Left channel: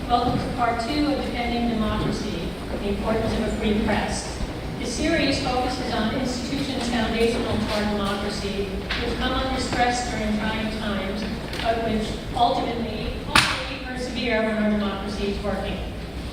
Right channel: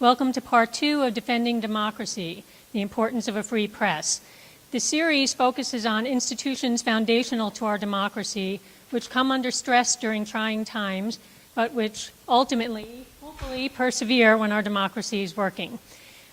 Welcome to part 2 of Defending Democracy, the importance of a free press. The series focuses on institutions foundational to our democracy, which come under stress during trying times, but which ultimately persevere when our democracy is working.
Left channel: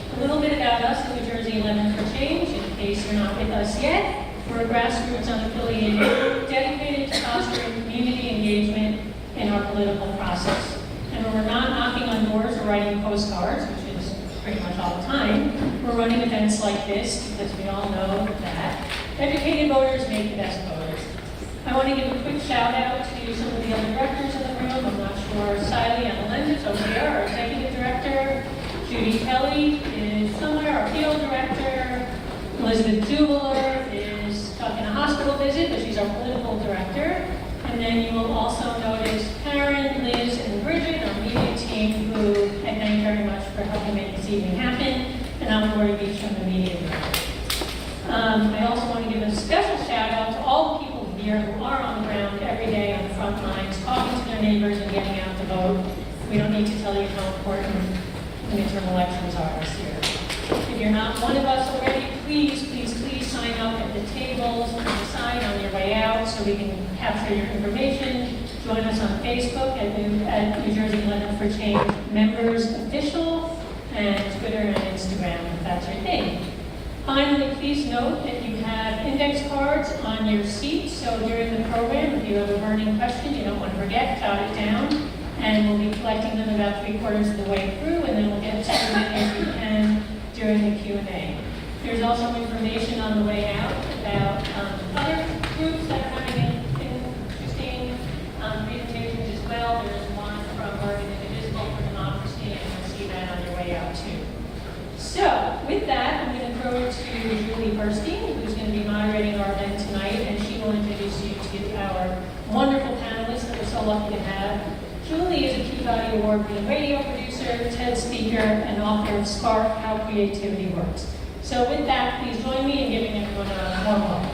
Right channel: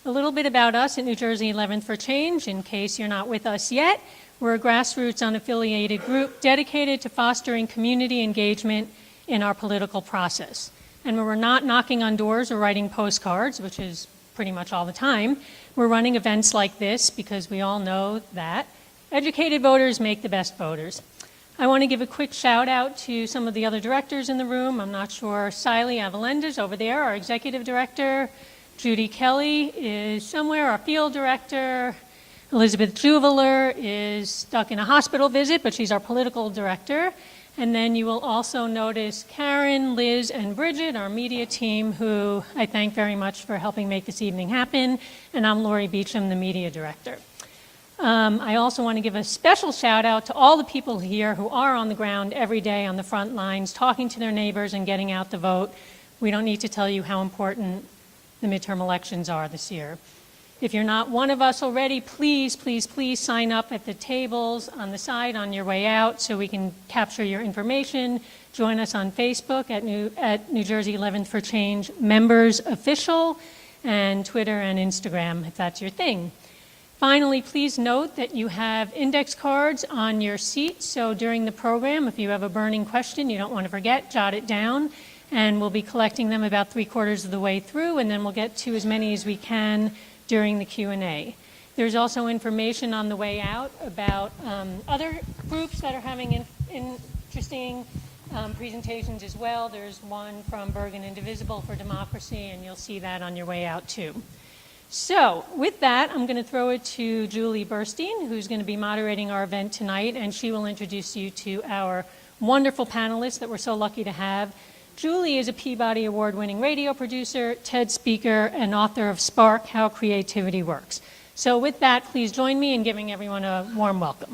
A little bit about us at New Jersey 11 for Change, in case you're not with us yet. We're a grassroots, unaffiliated group dedicated to fostering community engagement in our political process. And when we're not knocking on doors or writing postcards, which is pretty much all the time, we're running events like this because we all know that educated voters make the best voters. I want to give a quick shout out to some of the other directors in the room. I'm not sure, Siley Amelenda's over there, our executive director. Judy Kelly is somewhere, our field director. Elizabeth Juveler is stuck in a hospital visit, but she's our political director. And then you will also notice Karen, Liz, and Bridget, our media team, who I thank very much for helping make this evening happen. And I'm Lori Beecham, the media director. I also want to give a special shout out to all the people here who are on the ground every day on the front lines, talking to their neighbors and getting out to vote. We don't need to tell you how important the midterm elections are this year. If you're not one of us already, please, please, please sign up at the tables on the side on your way out so we can capture your information. Join us on Facebook at New Jersey 11 for Change Members Official, and Twitter and Instagram if that's your thing. Finally, please note that you have index cards on your seat, so during the program, if you have a burning question you don't want to forget, jot it down, and we'll be collecting them about 3/4 of the way through, and then we'll get to as many as we can during the Q&A. There's also information on the way out about other groups that are having interesting presentations as well. There's one from Indivisible for Democracy, and you'll see that on your way out too. So, with that, I'm going to throw it to Julie Burstein, who's going to be moderating our event tonight, and she will introduce you to our wonderful panelists that we're so lucky to have. Julie is a Peabody Award-winning radio producer, TED speaker, and author of Spark, How Creativity Works. So with that, please join me in giving everyone a warm welcome.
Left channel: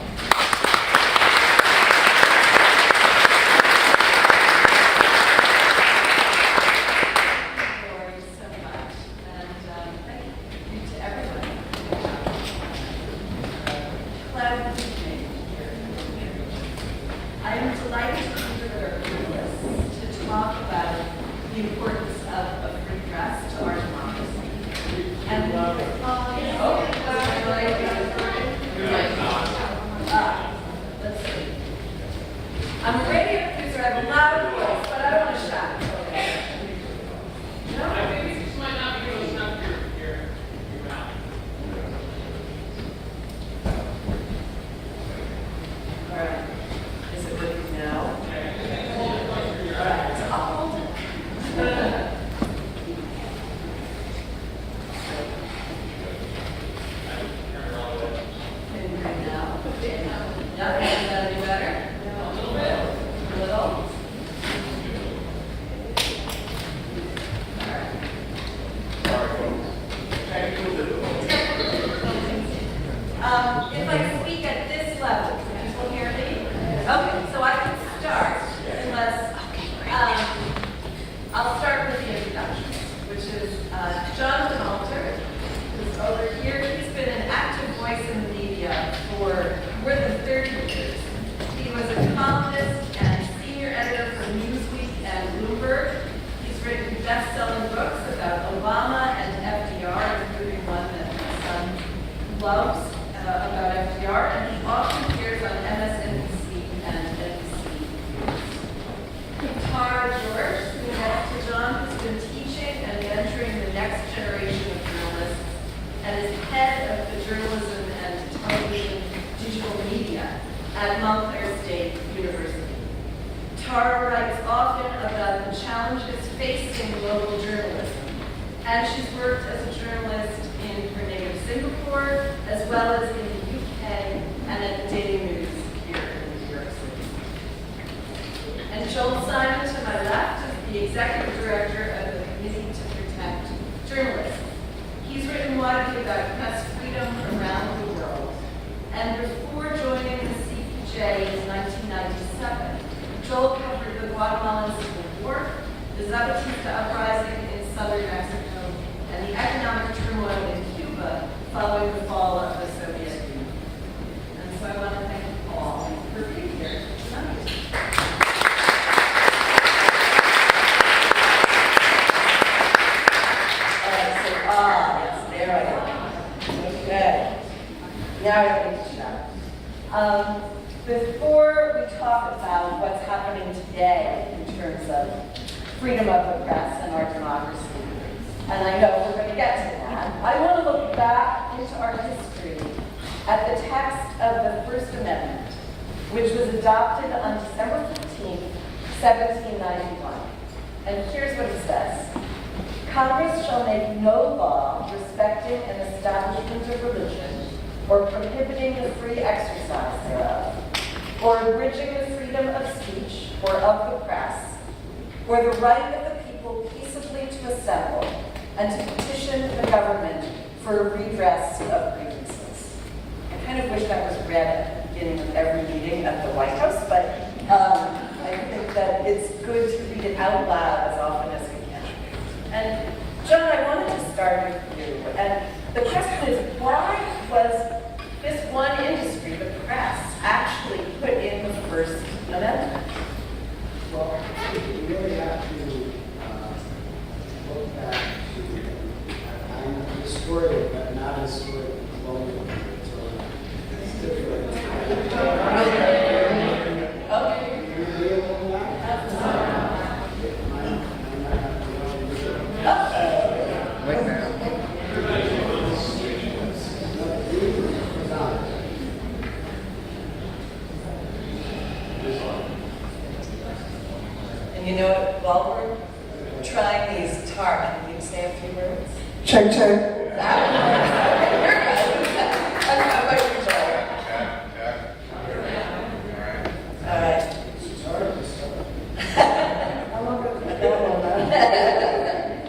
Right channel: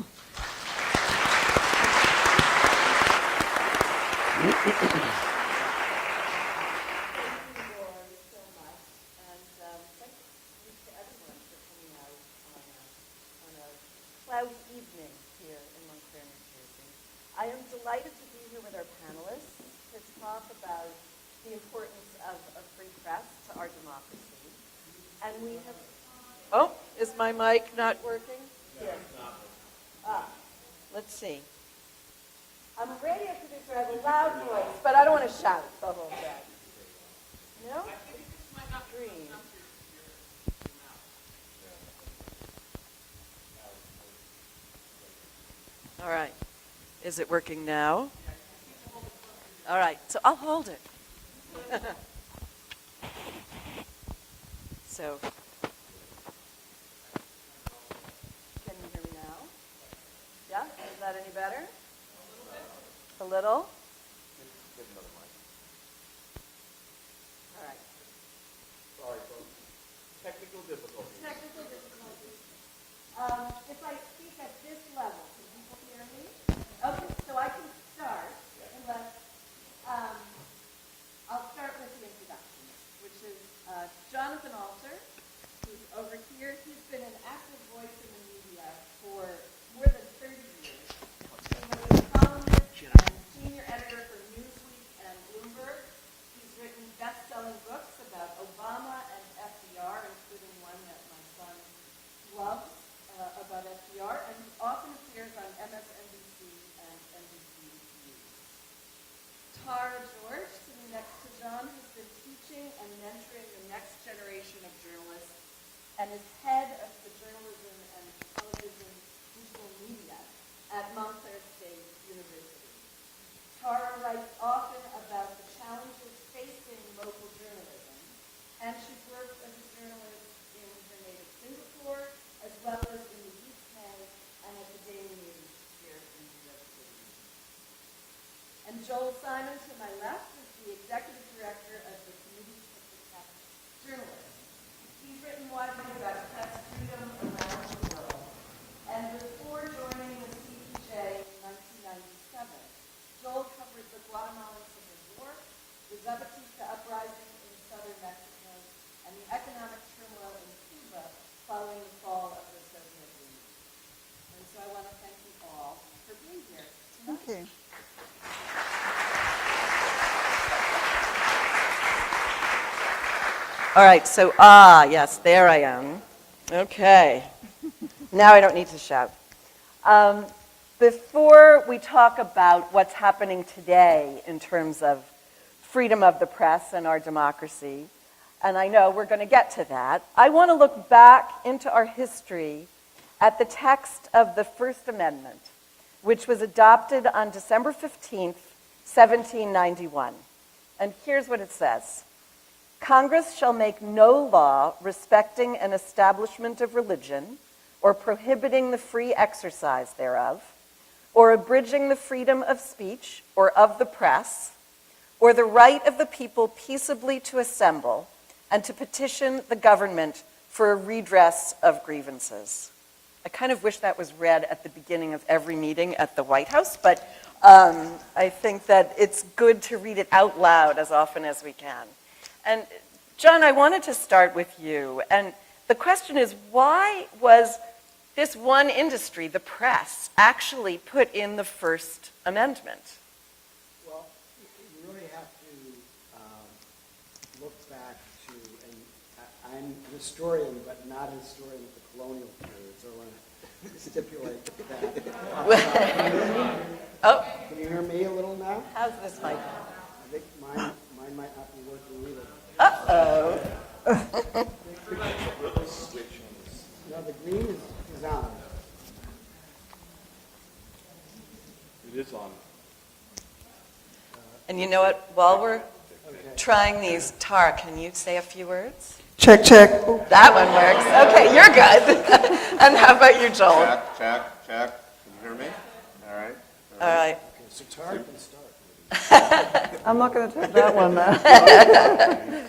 Loves about FDR, and he All right, so, yes, there I am. Okay. Now I don't need to shout. Before we talk about what's happening today in terms of freedom of the press and our democracy, and I know we're going to get to that, I want to look back into our history at the text of the First Amendment, which was adopted on December 15th, 1791. And here's what it says. Congress shall make no law respecting an establishment of religion or prohibiting the free exercise thereof, or abridging the freedom of speech or of the press, or the right of the people peaceably to assemble and to petition the government for a redress of grievances. I kind of wish that was read at the beginning of every meeting at the White House, but I think that it's good to read it out loud as often as we can. And John, I wanted to start with you. And the question is, why was this one industry, the press, actually put in the First Amendment? Well, I think you really have to look back to, I'm a historian, but not a historian colonial. Oh. And you know what, while we're trying these, Tar, can you say a few words? Check, check. That one works. Okay, you're good. And how about you, Joel? All right. I'm not going to take that one, man.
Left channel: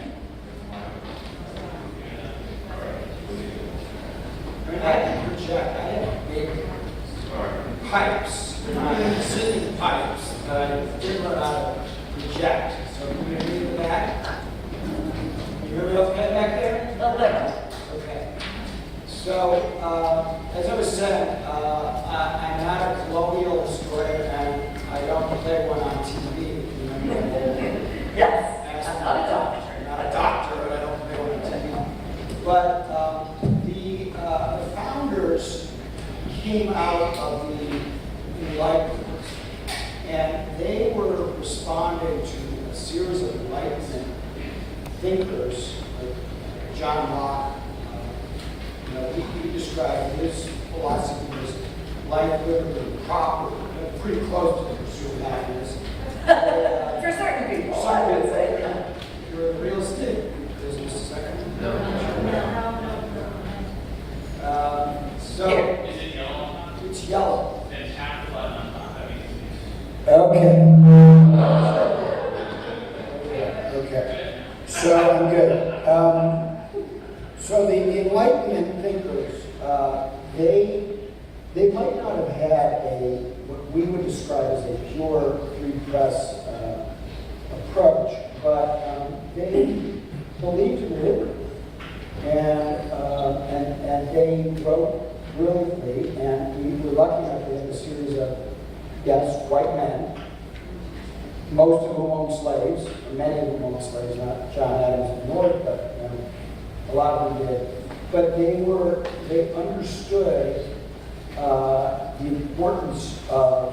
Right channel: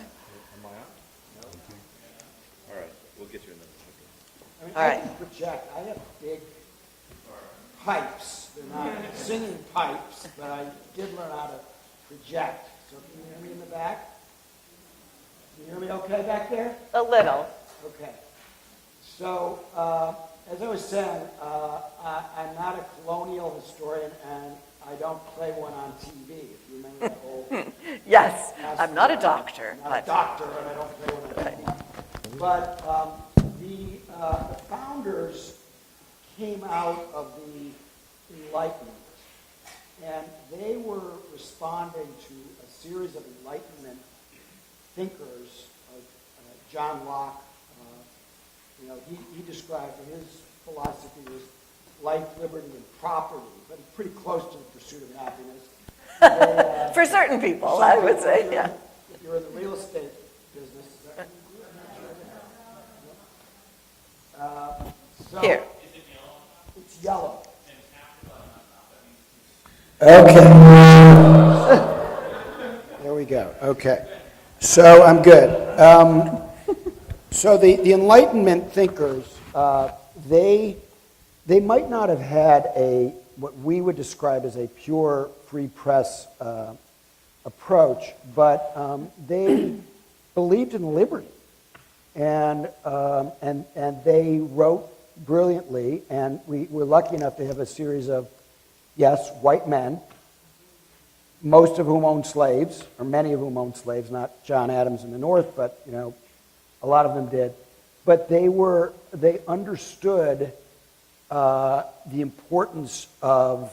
All right. Pipes, consistent pipes, figure out reject. So can you read that? You heard okay back there? A little. Okay. So, as I said, I'm not a colonial historian, and I don't put everyone on TV. Yes, I'm not a doctor. Not a doctor, I don't put everyone on TV. But the founders came out of the Enlightenment, and they were responding to a series of Enlightenment thinkers, like John Locke. He described his philosophy as life, liberty, and property, pretty close to the pursuit of happiness. For certain people, I would say, yeah. For real estate business, so Here. it's yellow. Okay. There we go. Okay. So I'm good. So the Enlightenment thinkers, they might not have had what we would describe as a pure free press approach, but they believed in liberty, and they wrote brilliantly, and we were lucky enough to have a series of, yes, white men, most of whom owned slaves, or many of whom owned slaves, not John Adams in the North, but a lot of them did. But they understood the importance of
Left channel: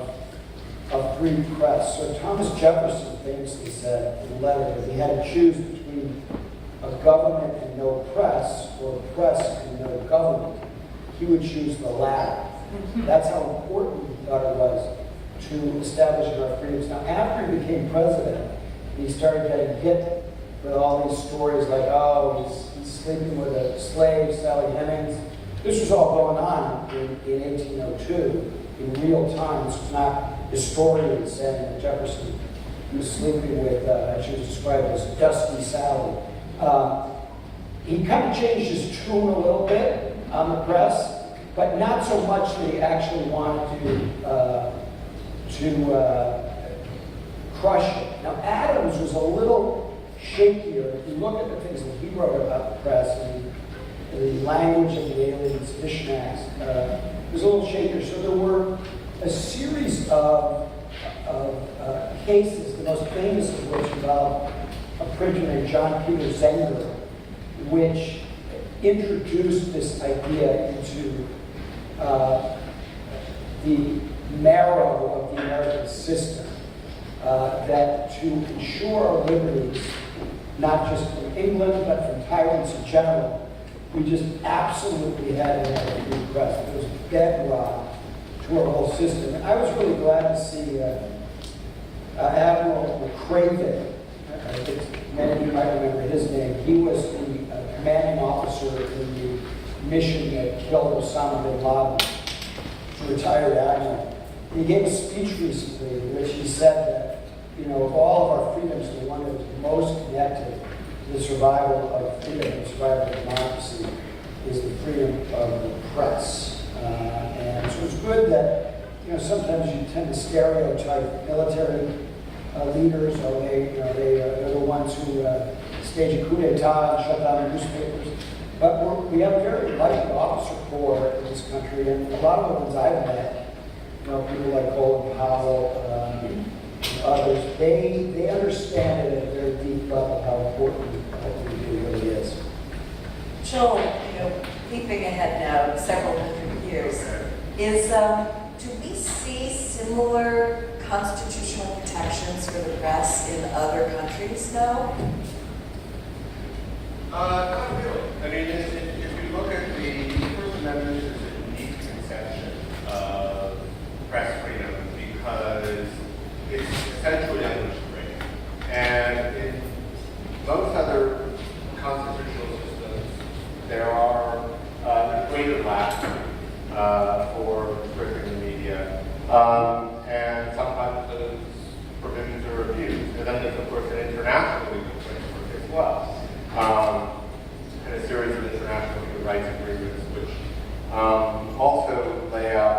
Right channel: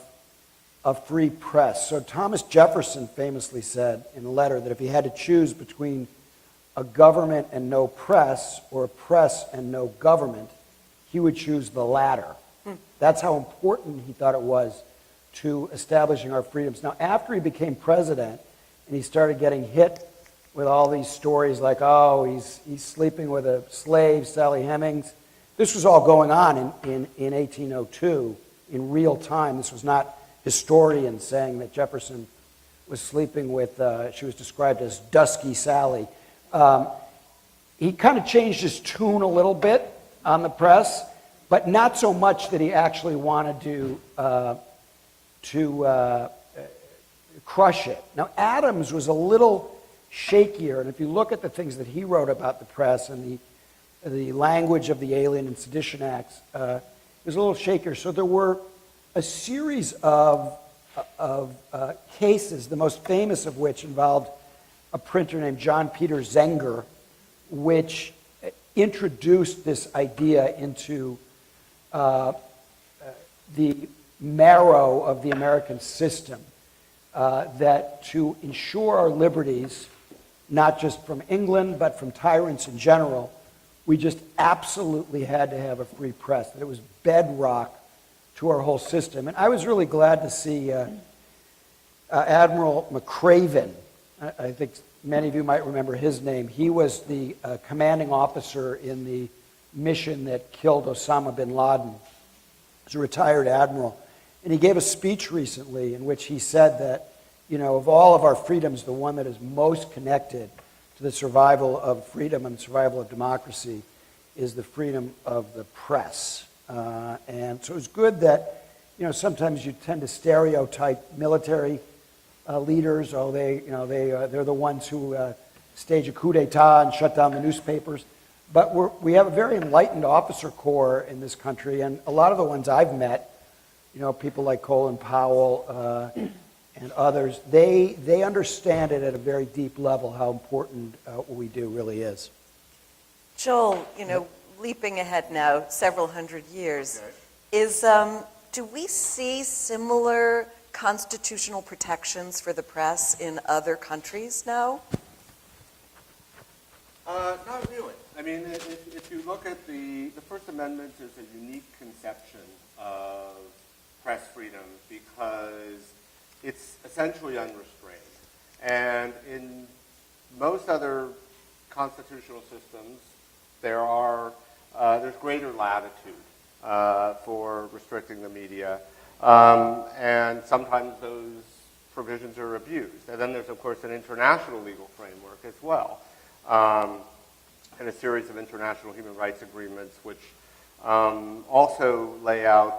a free press. So Thomas Jefferson famously said in a letter that if he had to choose between a government and no press, or press and no government, he would choose the latter. That's how important he thought it was to establishing our freedoms. Now, after he became president, he started getting hit with all these stories like, oh, he's sleeping with a slave, Sally Hemings. This was all going on in 1802 in real time. This was not historians saying that Jefferson was sleeping with, she was described as Dusky Sally. He kind of changed his tune a little bit on the press, but not so much that he actually wanted to crush it. Now, Adams was a little shakier, and if you look at the things that he wrote about the press and the language of the Alien and Sedition Acts, it was a little shakier. So there were a series of cases, the most famous of which involved a printer named John Peter Zenger, which introduced this idea into the marrow of the American system, that to ensure our liberties, not just from England, but from tyrants in general, we just absolutely had to have a free press. It was bedrock to our whole system. And I was really glad to see Admiral McCraven. I think many of you might remember his name. He was the commanding officer in the mission that killed Osama bin Laden. He's a retired admiral. And he gave a speech recently in which he said that, you know, of all of our freedoms, the one that is most connected to the survival of freedom and survival of democracy is the freedom of the press. And so it's good that, you know, sometimes you tend to stereotype military leaders, or they're the ones who stage a coup d'etat and shut down the newspapers. But we have a very enlightened officer corps in this country, and a lot of the ones I've met, you know, people like Colin Powell, others, they understand it at a very deep level how important what we do really is. Joel, you know, leaping ahead now several hundred years, do we see similar constitutional protections for the press in other countries now? Not really. I mean, if we look at the First Amendment, is a unique conception of press freedom because it's essentially language freedom. And in most other constitutional systems, there are greater lack for restricting the media. And sometimes those provisions are abused. And then there's, of course, an international legal framework as well. And a series of international human rights agreements which also lay out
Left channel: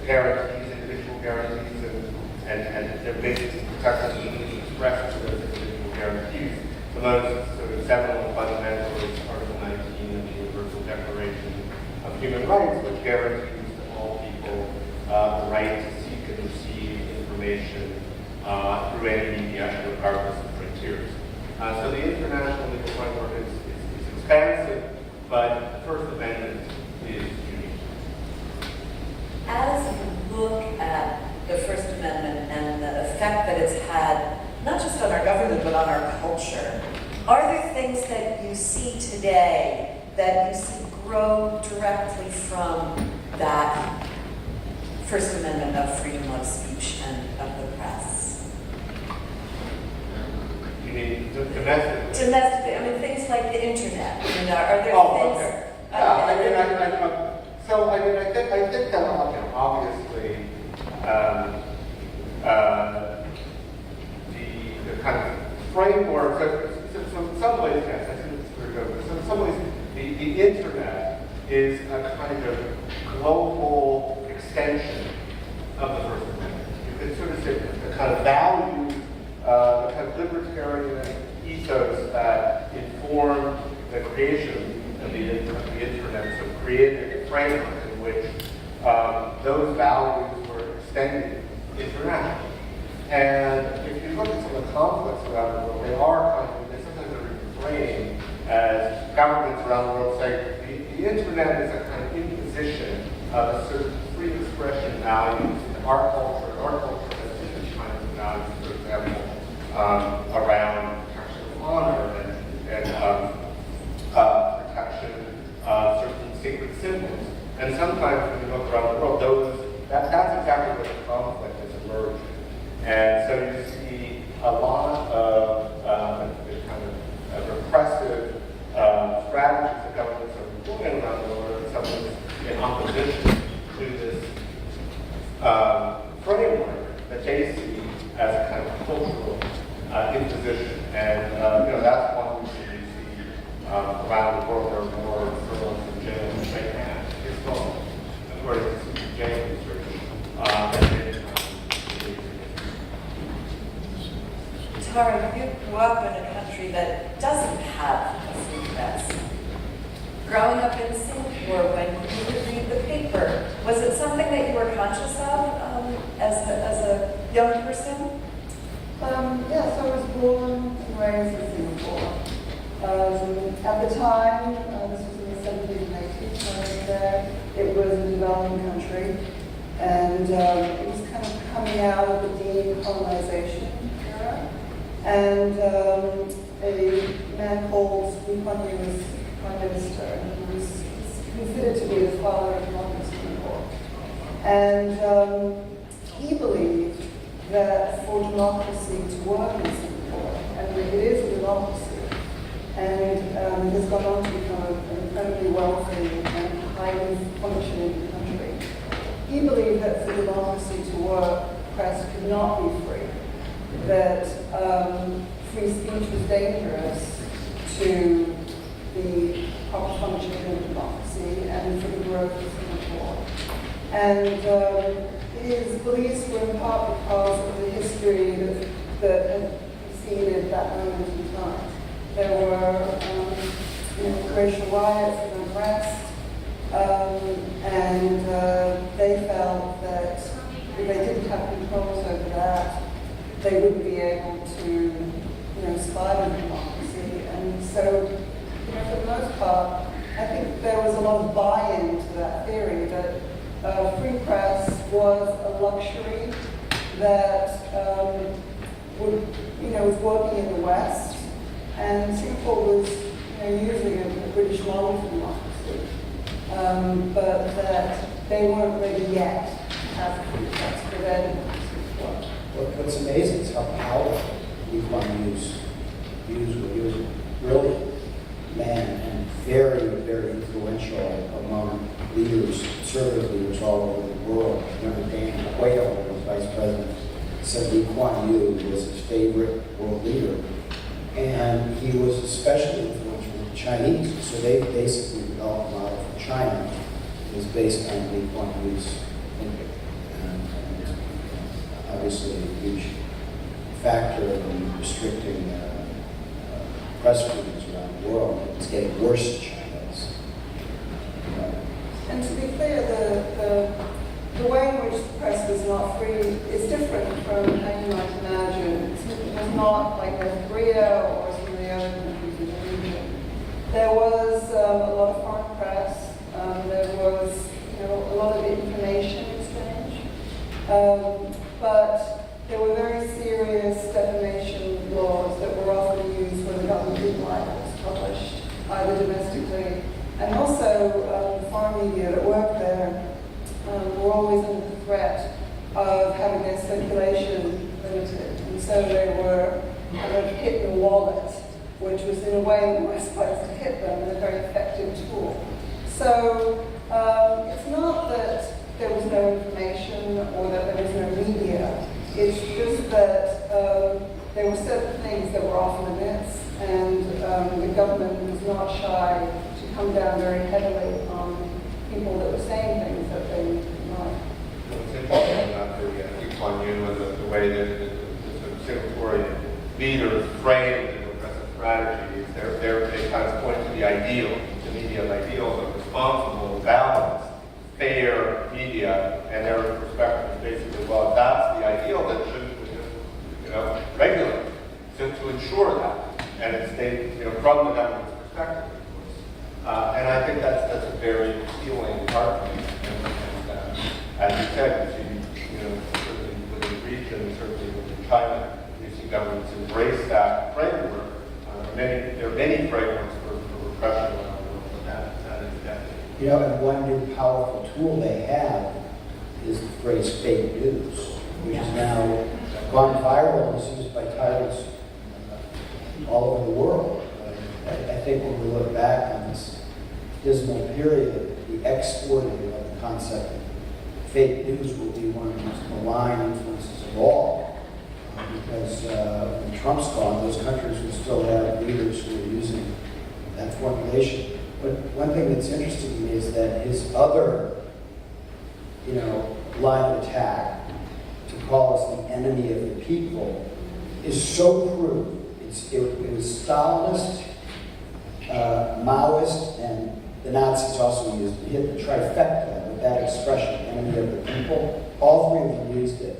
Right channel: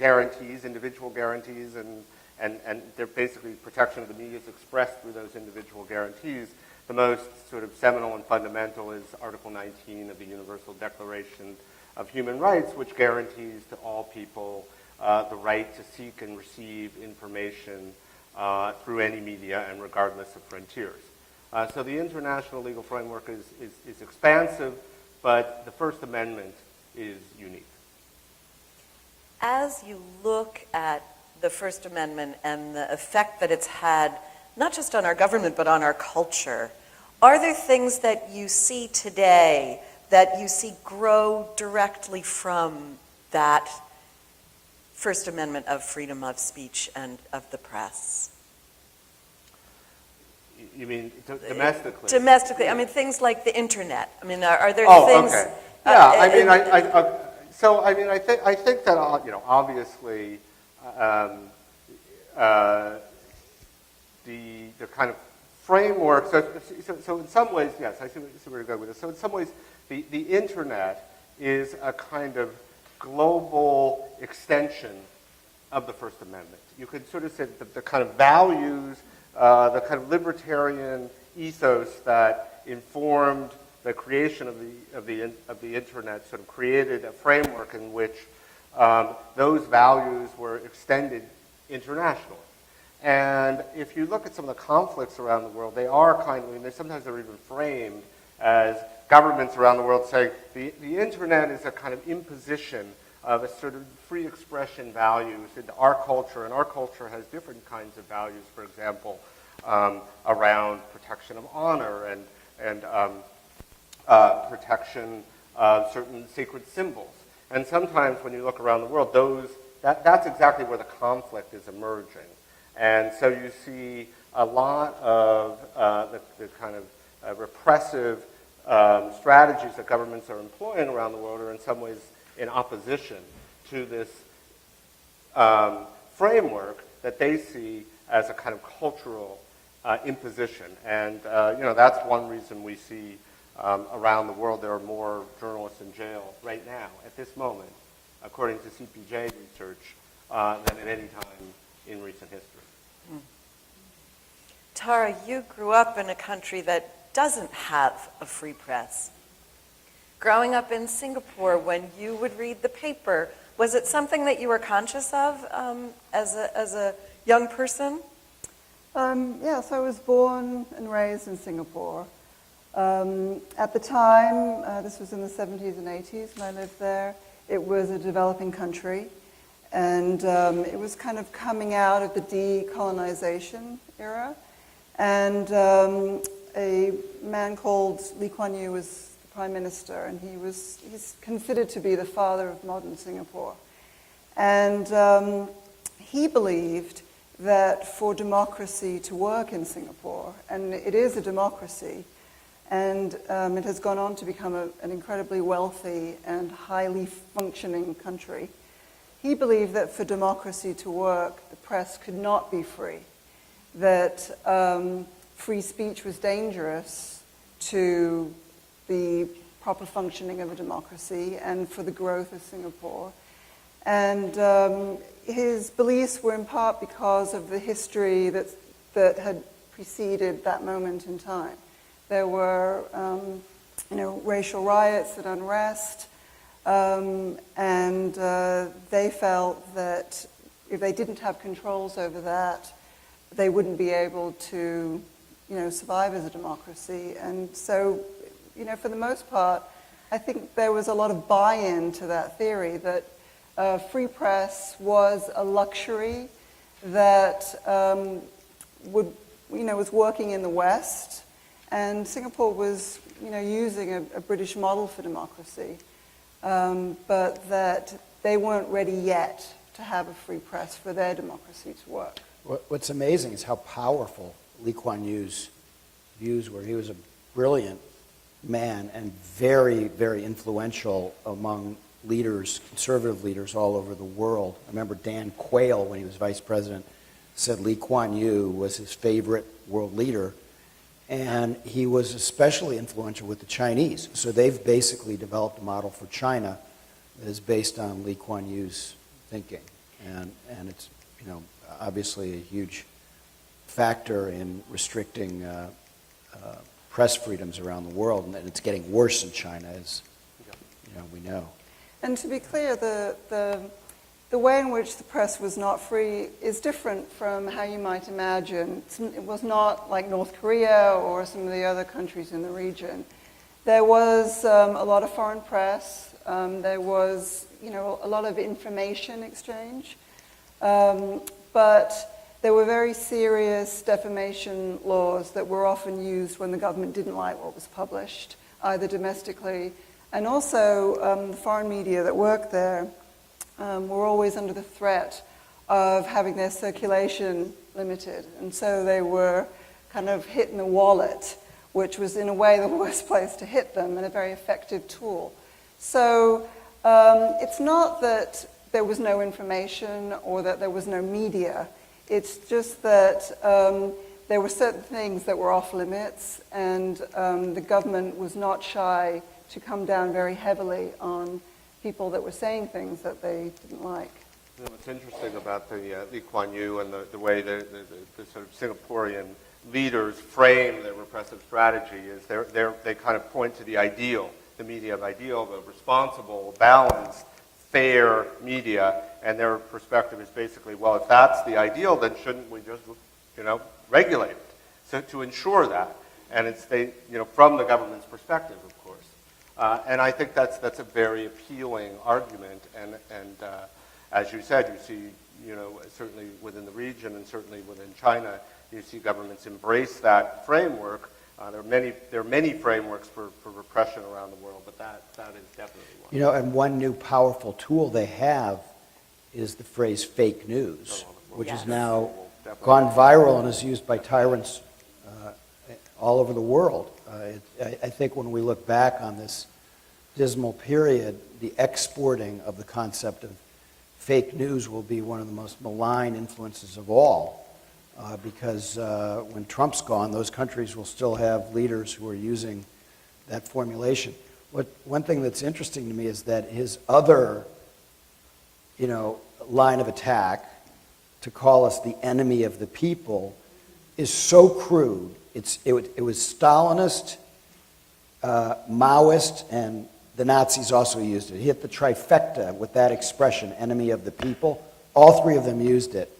guarantees, individual guarantees, and they're basically protecting the expression of those individual guarantees. The most sort of seminal and fundamental is Article 19 of the Universal Declaration of Human Rights, which guarantees to all people the right to seek and receive information through any media, regardless of frontiers. So the international legal framework is expansive, but the First Amendment is unique. As you look at the First Amendment and the effect that it's had, not just on our government, but on our culture, are there things that you see today that you see grow directly from that First Amendment of freedom of speech and of the press? You mean domestic? Domestically, I mean, things like the internet. You know, are there things? Okay. Yeah, I think that obviously the kind of framework. So in some ways, yes, I think this is where you're going. So in some ways, the internet is a kind of global extension of the First Amendment. You could sort of say the kind of values, the kind of libertarian ethos that informed the creation of the internet sort of created a framework in which those values were extended internationally. And if you look at some of the conflicts around the world, they sometimes framed as governments around the world saying the internet is a kind of imposition of a sort of free expression value in our culture. And our culture has different kinds of values, for example, around protection of honor and protection of certain sacred symbols. And sometimes when you look around the world, that's exactly what the conflict has emerged. And so you see a lot of the kind of repressive strategies that governments are employing around the world, and some of them in opposition to this framework that they see as a kind of cultural imposition. And that's one reason you see around the world there are more journalists in jail than they have at home, according to jail research. Tara, you grew up in a country that doesn't have a free press. Growing up in Singapore, when you would read the paper, was it something that you were conscious of as a young person? Yes, I was born and raised in Singapore. At the time, this was in the 70s and 80s when I was there, it was a developing country, and it was kind of coming out of the decolonization era. And a man called Lee Kuan Yew was prime minister, and he was considered to be the father of modern Singapore. And he believed that for democracy to work in Singapore, and it is a democracy, and it has gone on to become an incredibly wealthy and highly functioning country. He believed that for democracy to work, the press could not be free, that free speech was dangerous to the proper functioning of a democracy and for the growth of Singapore. And his beliefs were in part because of the history that had preceded that moment in time. There were racial riots and unrest, and they felt that if they didn't have controls over that, they wouldn't be able to survive in democracy. And so, for the most part, I think there was a lot of buy-in to that theory that free press was a luxury that was working in the West, and Singapore was using a British model for democracy, but that they weren't ready yet to have a free press for their democracy to work. What's amazing is how powerful Lee Kuan Yew's views were. He was a brilliant man and very, very influential among leaders, conservative leaders all over the world. I remember Dan Quayle, when he was vice president, said Lee Kuan Yew was his favorite world leader. And he was especially influential with the Chinese. So they've basically developed a model for China that is based on Lee Kuan Yew's thinking. And obviously a huge factor in restricting press freedoms around the world. And it's getting worse in China. And to be clear, the way in which the press was not free is different from how you might imagine. It was not like North Korea or some of the other countries in the region. There was a lot of foreign press. There was a lot of information exchange. But there were very serious defamation laws that were often used when the government didn't like what was published, either domestically. And also, foreign media that worked there were always under the threat of having their circulation limited. And so they were kind of hit in the wallet, which was in a way the worst place to hit them, and a very effective tool. So it's not that there was no information or that there was no media. It's just that there were certain things that were off limits, and the government was not shy to come down very heavily on people that were saying things that they didn't like. Talking about the Lee Kuan Yew and the way that the Singaporean leaders frame the repressive strategies, they kind of point to the ideal, the media ideal of responsible, balanced, fair media, and their perspective is basically, well, if that's the ideal, then shouldn't we just, regulate to ensure that? And it's from the government's perspective, of course. And I think that's a very appealing argument. And as you said, you see, with the region and certainly with China, you see governments embrace that framework. There are many frameworks for repression around the world. And one new powerful tool they have is the phrase fake news, which has now gone viral and is used by tyrants all over the world. I think when we look back on this dismal period, the exporting of the concept of fake news will be one of the most malign influences of all. Because when Trump's gone, those countries will still have leaders who are using that formulation. But one thing that's interesting to me is that his other, line of attack to call us the enemy of the people is so crude. It was Stalinist, Maoist, and the Nazis also used it. He had the trifecta with that expression, enemy of the people. All three of them used it.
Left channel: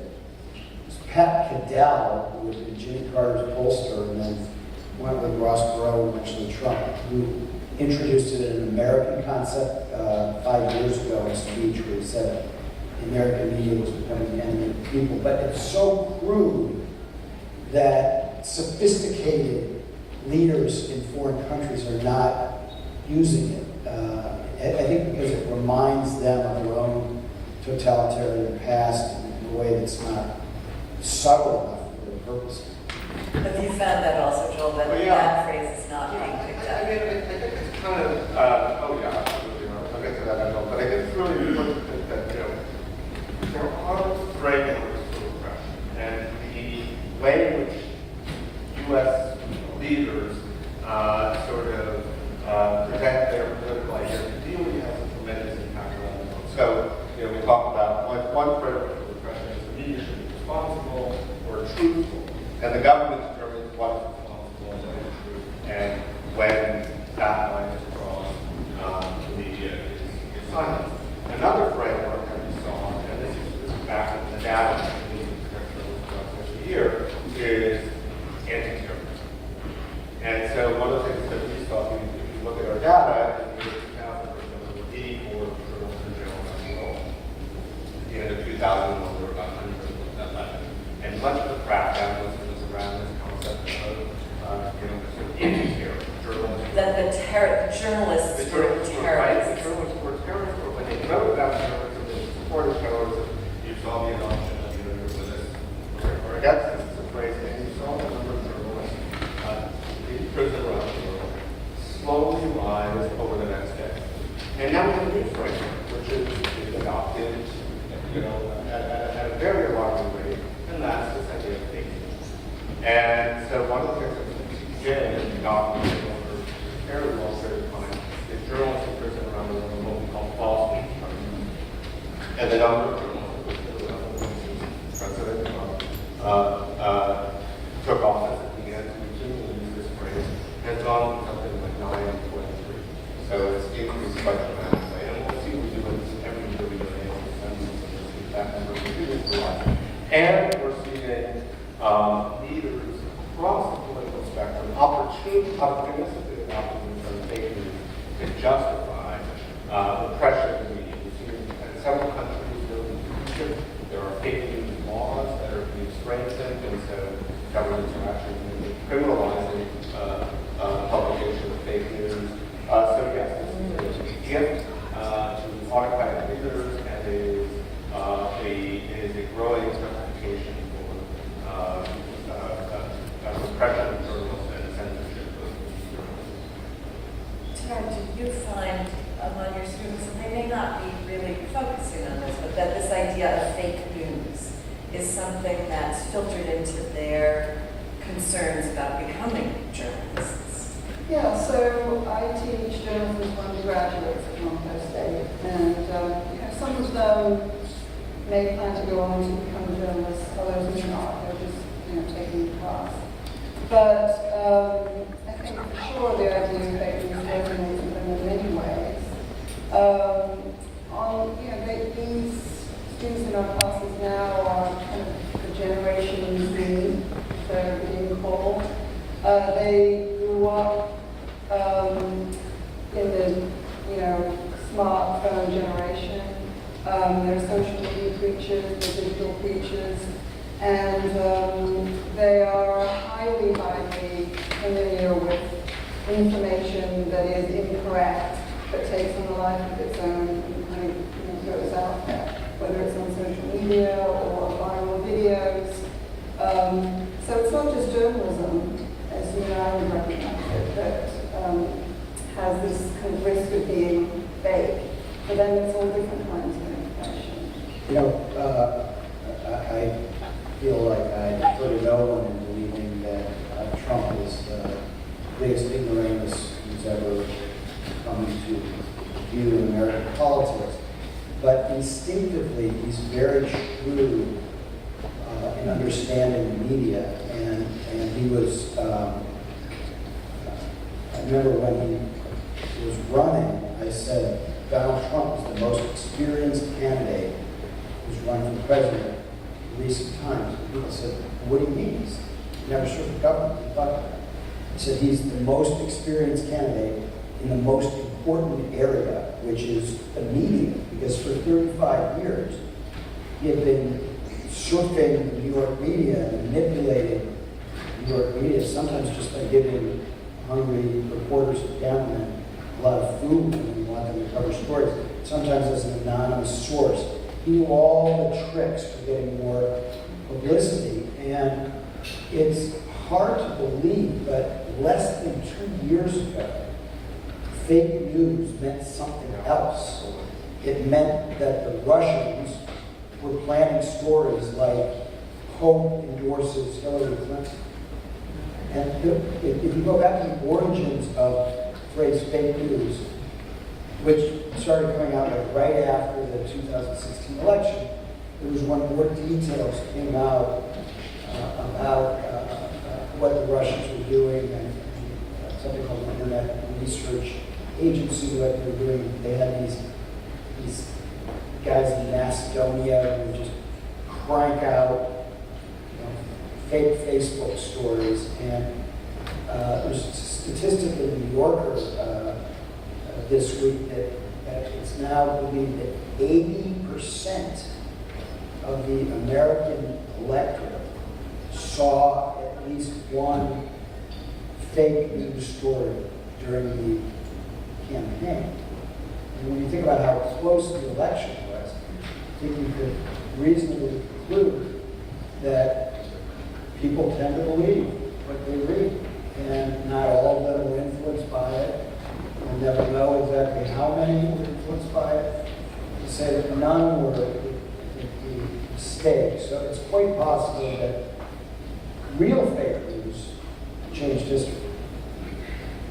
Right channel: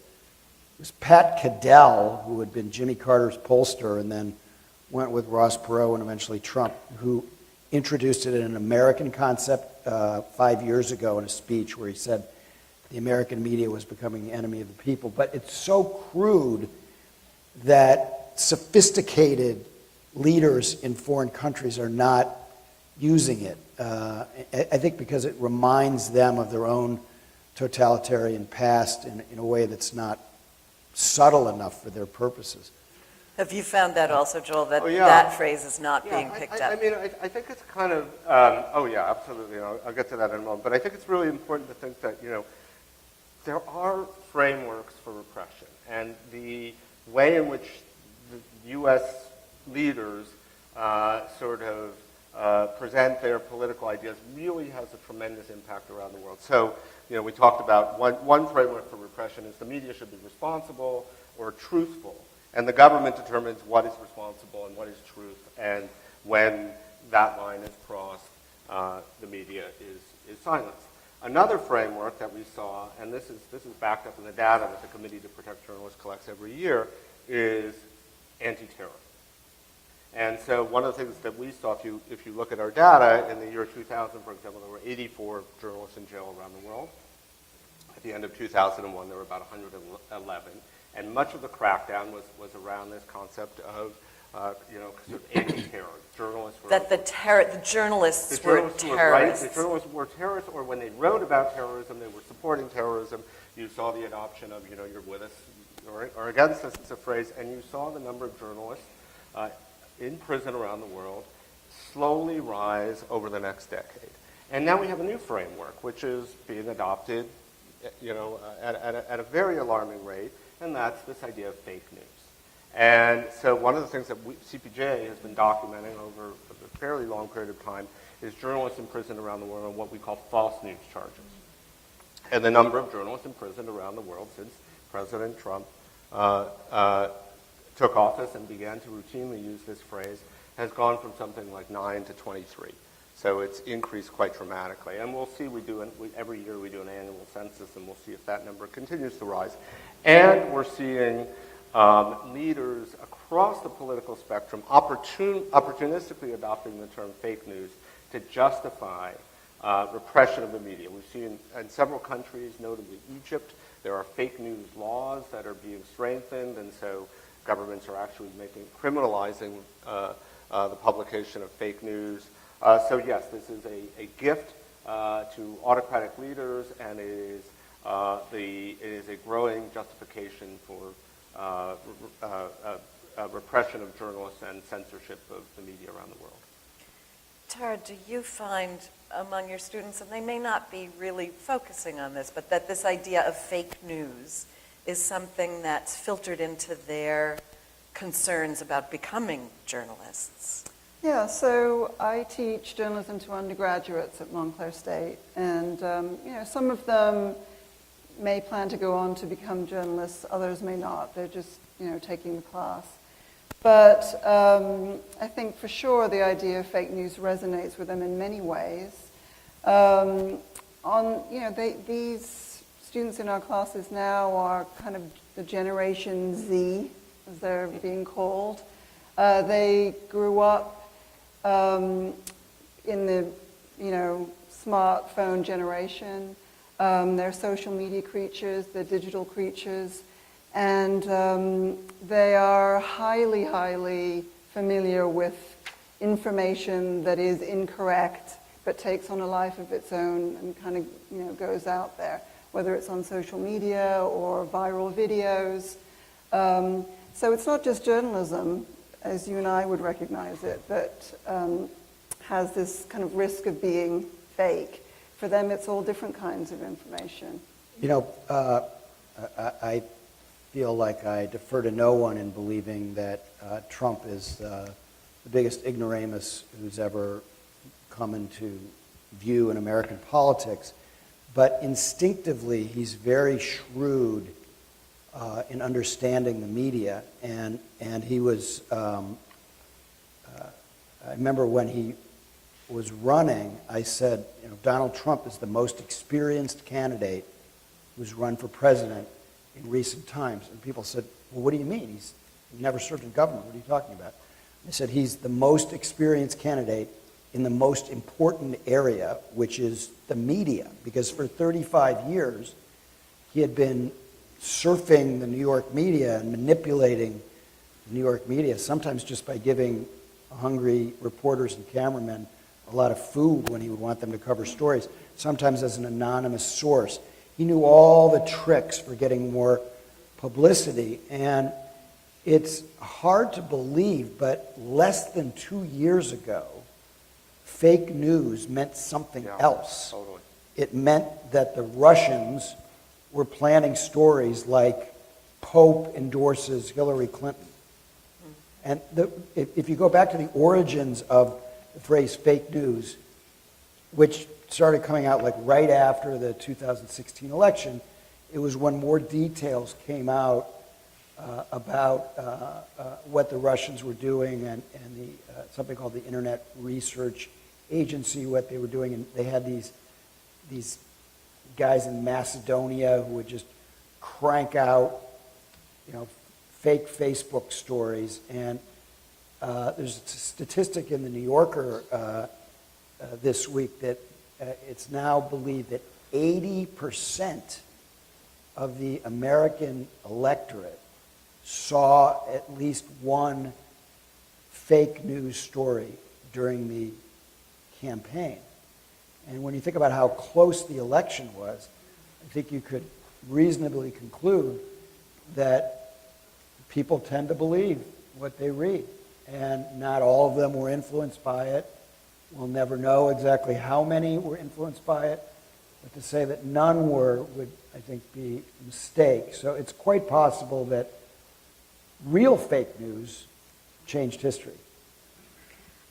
It was Pat Cadell, who had been Jimmy Carter's pollster and then went with Ross Perot and eventually Trump, who introduced it in an American concept 5 years ago in a speech where he said the American media was becoming the enemy of the people. But it's so crude that sophisticated leaders in foreign countries are not using it. I think because it reminds them of their own totalitarian past in a way that's not subtle enough for their purposes. Have you found that also, Joel, that Oh, yeah. that phrase is not being picked I up? think it's kind of, oh yeah, absolutely. I'll get to that in a moment. But I think it's really important that, there are frameworks for repression. And the way in which U.S. leaders sort of present their political ideas really has a tremendous impact around the world. So, we talked about one framework for repression is the media should be responsible or truthful. And the government determines what is responsible and what is true. And when that line is crossed, the silence. Another framework that we saw, and this is back to the data here, is anti-terrorism. And so one of the things that we saw, if you look at our data, in the year 2000, for example, there were 84 journalists in the world. At the end of 2000, there were about 100. And much of the crackdown was around the concept of That the journalists were terrorists. Journalists were terrorists, but when they wrote about terrorism, they supported terrorism, you saw the option or against this. It's a phrase, and you saw the number of journalists in prison around the world slowly rise over the next day. And now we have a new framework, which is adopted, at a very wide rate, and that's the state of safety. And so one of the things that we did in documenting over a very long period of time is journalists around the world, what we call policy determinants. And the number of journalists around the world, President Trump took office at the end of the year's race, and it gone from something like 9 to 23. So it's increased quite dramatically. And we'll see every year that we're continuing to rise. And we're seeing leaders across the political spectrum opportunistically adopting their fake news to justify repression of media. In several countries there are fake news laws that are being strengthened, and so governments are actually criminalizing publication of fake news. So yes, it's a gift to autocratic leaders, and it is a growing justification for repression of journalists and censorship of Tara, do you find among your students, and they may not be really focusing on this, but that this idea of fake news is something that's filtered into their concerns about becoming journalists? Yeah, so I teach journalism to undergraduates at Montclair State, and some of them may plan to go on to become journalists, others may not. They're just taking the class. But I think for sure the idea of fake news resonates with them in many ways. These students in our classes now are kind of the Generation Z, they're being called. They grew up in the smartphone generation. They're social media creatures, they're digital creatures, and they are highly, highly familiar with information that is incorrect but takes on a life of its own and kind of goes out there, whether it's on social media or viral videos. So it's not just journalism, as you and I would recognize it, that has this kind of risk of being fake. For them, it's all different kinds of information. I feel like I defer to no one in believing that Trump is the biggest ignoramus who's ever come into view in American politics. But instinctively, he's very shrewd in understanding the media. And he was, I remember when he was running, I said, Donald Trump is the most experienced candidate who's run for president in recent times. People said, well, what do you mean? He's never served the government. What are you talking about? said he's the most experienced candidate in the most important area, which is the media, because for 35 years, he had been surfing the New York media and manipulating New York media, sometimes just by giving hungry reporters to government a lot of food when he wanted them to cover stories, sometimes as an anonymous source. He knew all the tricks for getting more publicity, and it's hard to believe, but less than 2 years ago, fake news meant something else. It meant that the Russians were planning stories like Pope endorses Hillary Clinton. And if you go back to the origins of the phrase fake news, which started coming out like right after the 2016 election, it was when more details came out about what the Russians were doing and something called the Internet Research Agency, what they were doing. They had these guys in Macedonia who would just crank out fake Facebook stories. And there's a statistic in the New Yorker this week that it's now believed that 80% of the American electorate saw at least one fake news story during the campaign. And when you think about how close the election was, I think you could reasonably conclude that people tend to believe what they read, and not all of them were influenced by it. We'll never know exactly how many were influenced by it. To say that none were, I think, would be a mistake. So it's quite possible that real fake news changed history.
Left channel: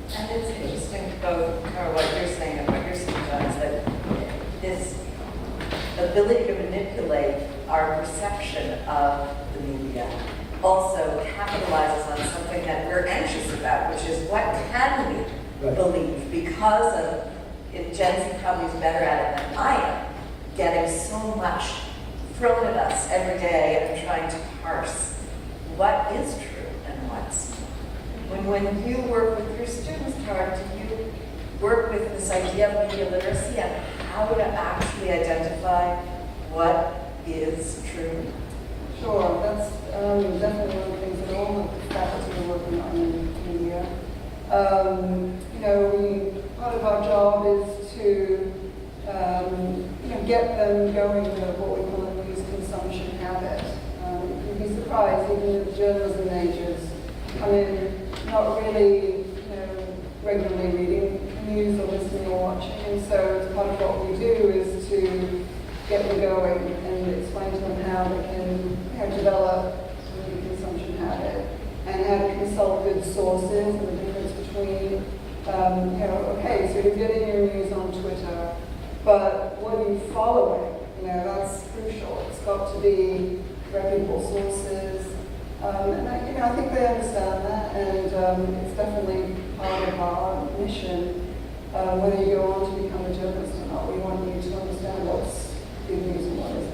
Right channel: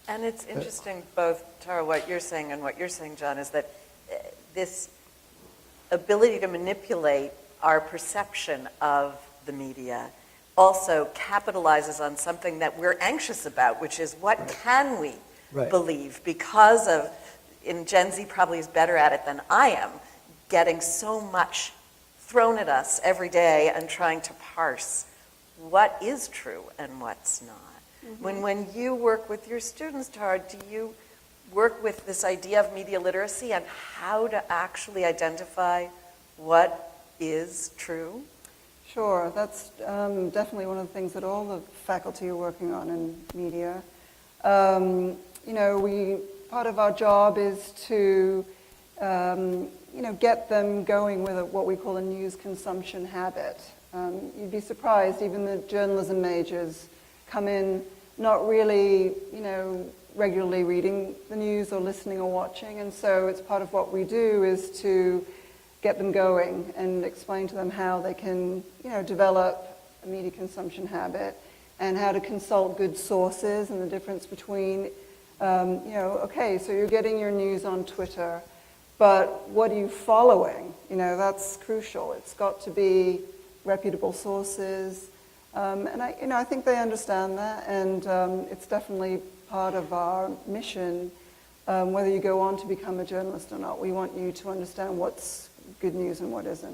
And it's interesting, both, Tara, what you're saying and what you're saying, John, is that this ability to manipulate our perception of the media also capitalizes on something that we're anxious about, which is what can we believe? Because of, and Gen Z probably is better at it than I am, getting so much thrown at us every day and trying to parse what is true and what's not. When you work with your students, Tara, do you work with this idea of media literacy and how to actually identify what is true? Sure, that's definitely one of the things that all the faculty are working on in media. Part of our job is to get them going with what we call a news consumption habit. You'd be surprised, even the journalism majors come in not really, regularly reading the news or listening or watching. And so as part of what we do is to get them going and explain to them how they can, develop a media consumption habit and how to consult good sources and the difference between, okay, so you're getting your news on Twitter, but what are you following? That's crucial. It's got to be reputable sources. And I think they understand that, and it's definitely part of our mission. Whether you go on to become a journalist or not, we want you to understand what's good news and what isn't.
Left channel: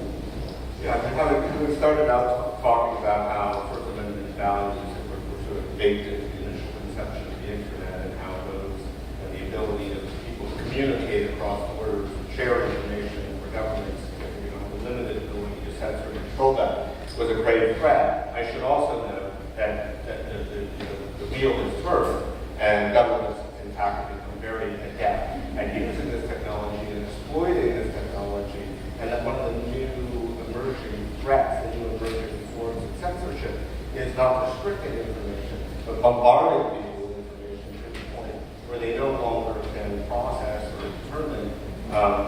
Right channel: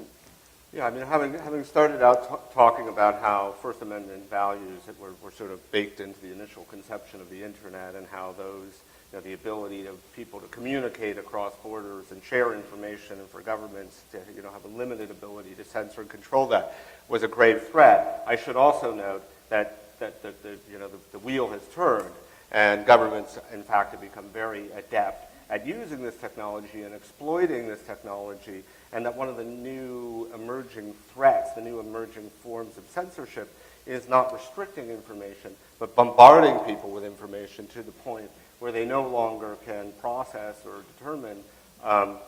Yeah, we started out talking about how First Amendment values were sort of baked into the initial conception of the internet and how those, the ability of people to communicate across borders, share information for governments, limited ability to censor and control that was a great threat. I should also note that the wheel is turned, and governments, in fact, have become very adept at using this technology and exploiting this technology, and that one of the new emerging threats and new emerging forms of censorship is not restricting information, but bombarding people with information to the point where they no longer can process or determine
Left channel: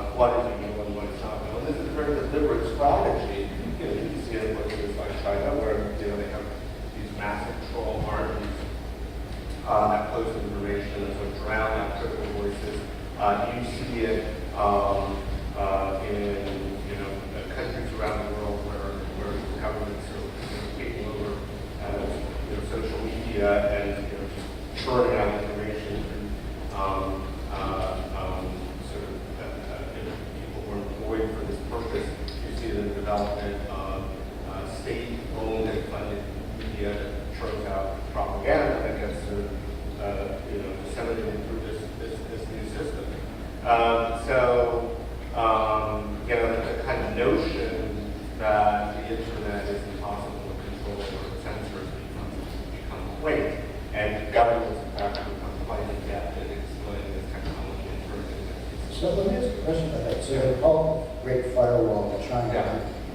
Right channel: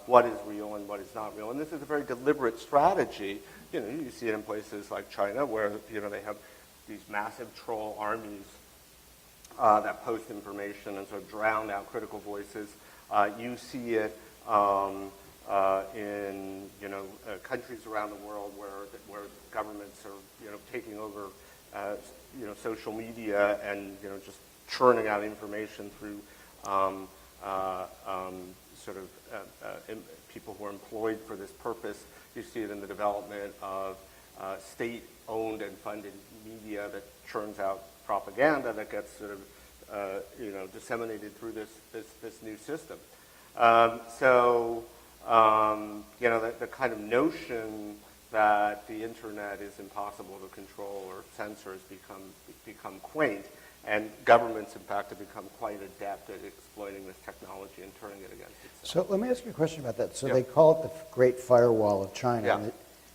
what is being known and what is not known. This is a very deliberate strategy. You see it in places like China, where they have these massive control armies that post information and drown out critical voices. You see it in countries around the world where governments are taking over social media and churning out information. People who are employed for this purpose. You see the development question about that. So they call it the Great Firewall of China. Yeah.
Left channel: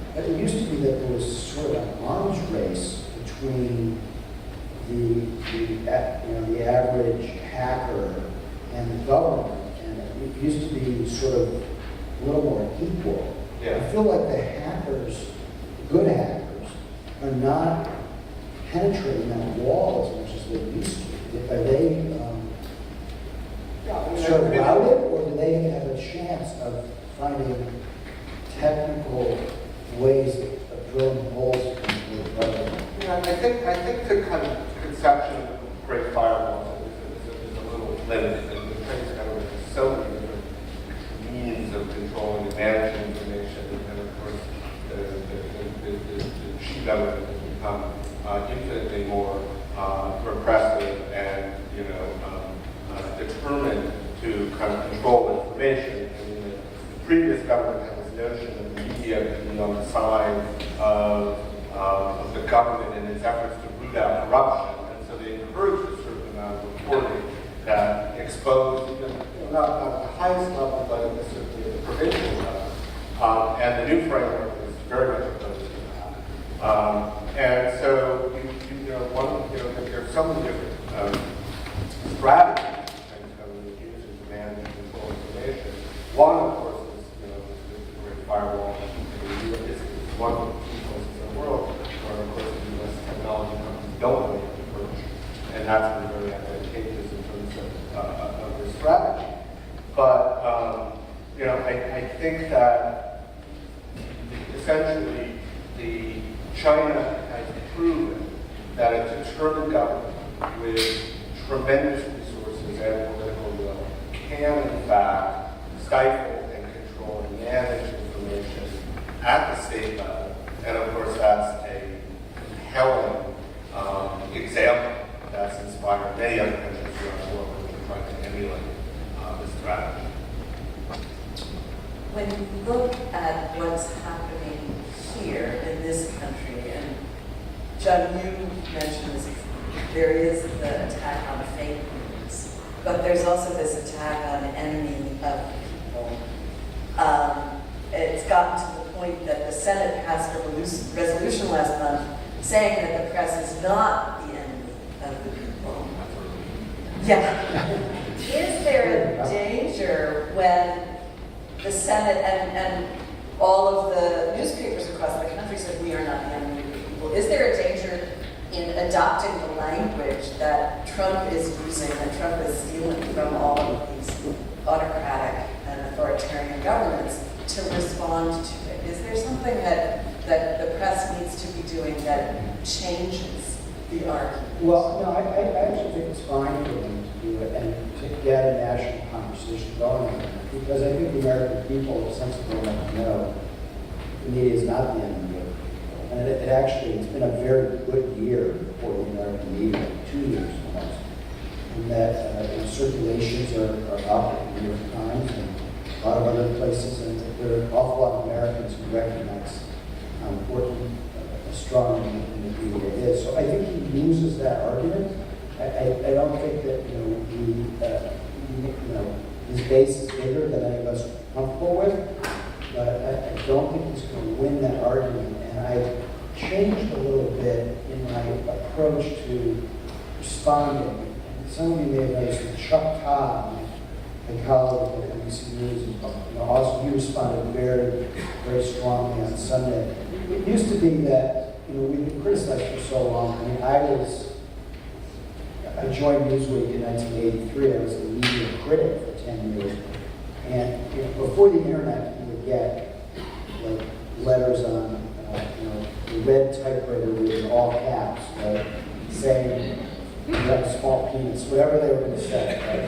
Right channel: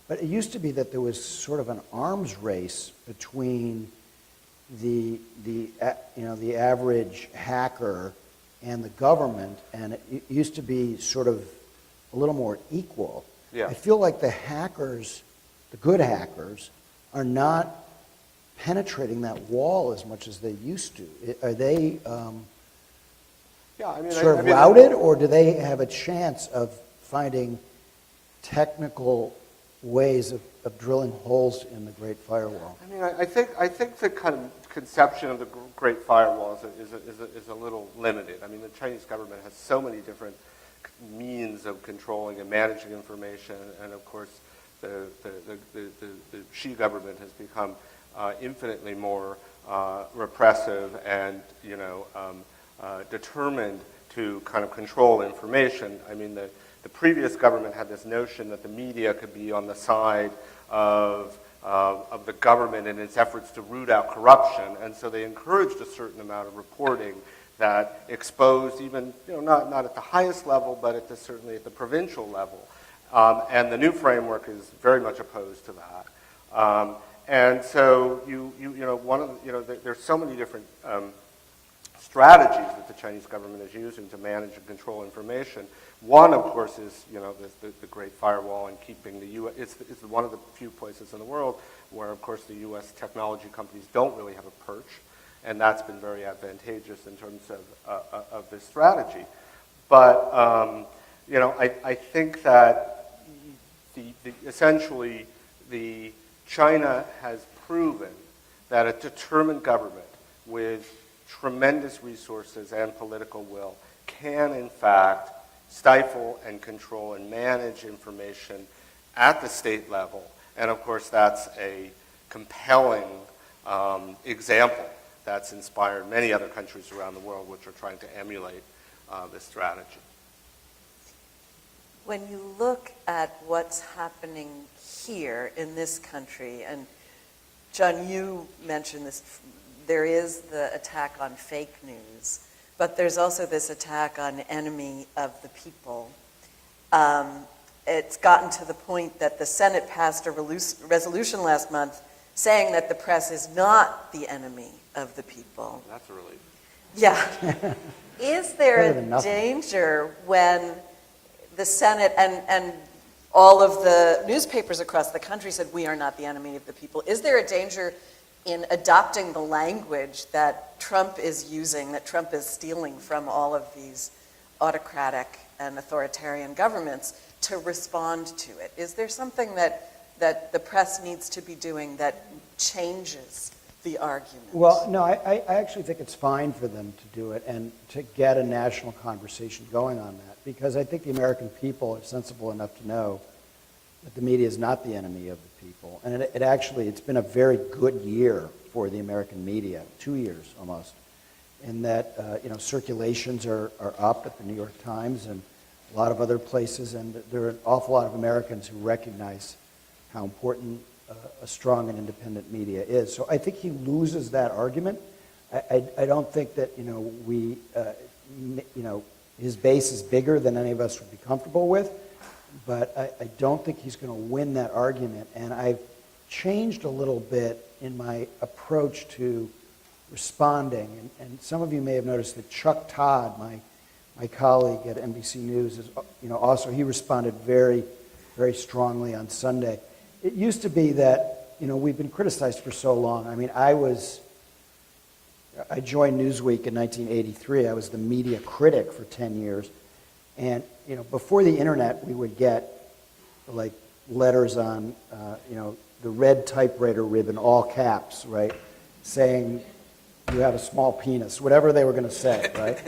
But it used to be that there was sort of an arms race between the average hacker and the government, and it used to be sort of a little more equal. Yeah. I feel like the hackers, good hackers, are not penetrating that wall as much as they used to. Are they sort of routed, or do they have a chance of finding technical ways of drilling holes in the firewall? Yeah, I think the kind of conception of the Great Firewall is a little limited. The Chinese government has so many different means of controlling and managing information, and of course, the Xi government has become infinitely more repressive and determined to kind of control information. I mean, the previous government had this notion that the media could be on the side of the government in its efforts to root out corruption, and so they encouraged a certain amount of reporting that exposed even, not at the highest level, but at the provincial level. And the new framework is very much opposed to that. And so there's so many different strategies that the Chinese government is using to manage and control information. One, of course, is the Great Firewall. It's one of the few places in the world where, of course, the U.S. technology companies don't want to approach, and that's been very advantageous in terms of this strategy. But I think that essentially China has proven that a determined government with tremendous resources and political will can, in fact, stifle and control and manage information at the state level. And of course, that's a compelling example that's inspired many other countries around the world which are trying to emulate this strategy. When you look at what's happening here in this country, and John, you mentioned this, there is the attack on fake news, but there's also this attack on enemy of people. It's gotten to the point that the Senate passed a resolution last month saying that the press is not the enemy of the people. Yeah. Is there a danger when the Senate and all of the newspapers across the country said we are not the enemy of the people? Is there a danger in adopting the language that Trump is using, that Trump is stealing from all of these autocratic and authoritarian governments to respond to it? Is there something that the press needs to be doing that changes the argument? Well, no, I actually think it's fine for them to do it and to get a national conversation going on it. Because I think the American people are sensible enough to know the media is not the enemy of the people. And it's been a very good year for the American media, 2 years almost. In that circulations are up in the New York Times and a lot of other places. And there are an awful lot of Americans who recognize how important strong the media is. So I think he loses that argument. I don't think that his base is bigger than any of us are comfortable with, but I don't think he's going to win that argument. And I changed a little bit in my approach to responding. And some of you may have noticed that Chuck Todd, my colleague at NBC News, also he responded very, very strongly on Sunday. It used to be that we've been criticized for so long. I mean, I joined Newsweek in 1983. I was the media critic for 10 years. And before the internet, we would get like letters on, the red typewriter with all caps, right? Saying you have a small penis, whatever they were going to say, right?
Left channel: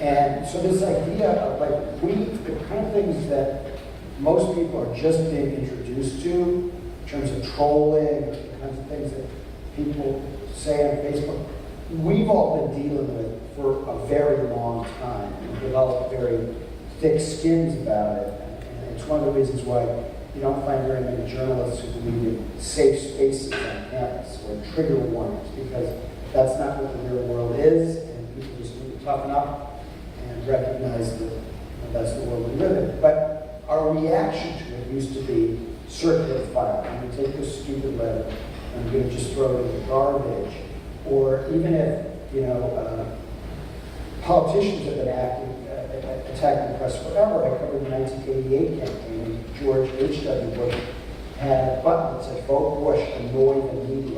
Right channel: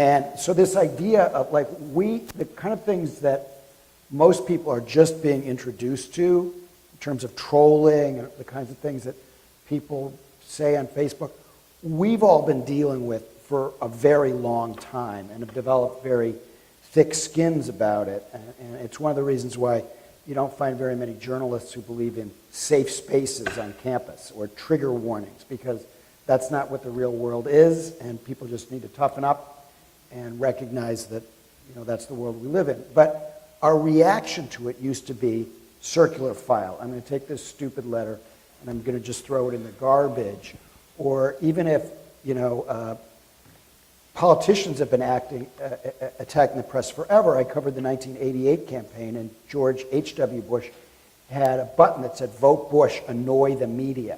And so this idea of the kind of things that most people are just being introduced to in terms of trolling or the kinds of things that people say on Facebook, we've all been dealing with for a very long time and developed very thick skins about it. And it's one of the reasons why you don't find very many journalists who believe in safe spaces on campus or trigger warnings, because that's not what the real world is, and people just need to toughen up and recognize that that's the world we live in. But our reaction to it used to be circular file. I'm going to take this stupid letter and I'm going to just throw it in the garbage. Or even if, politicians have been attacking the press forever. I covered the 1988 campaign, and George H.W. Bush had a button that said, "Vote Bush, annoy the media."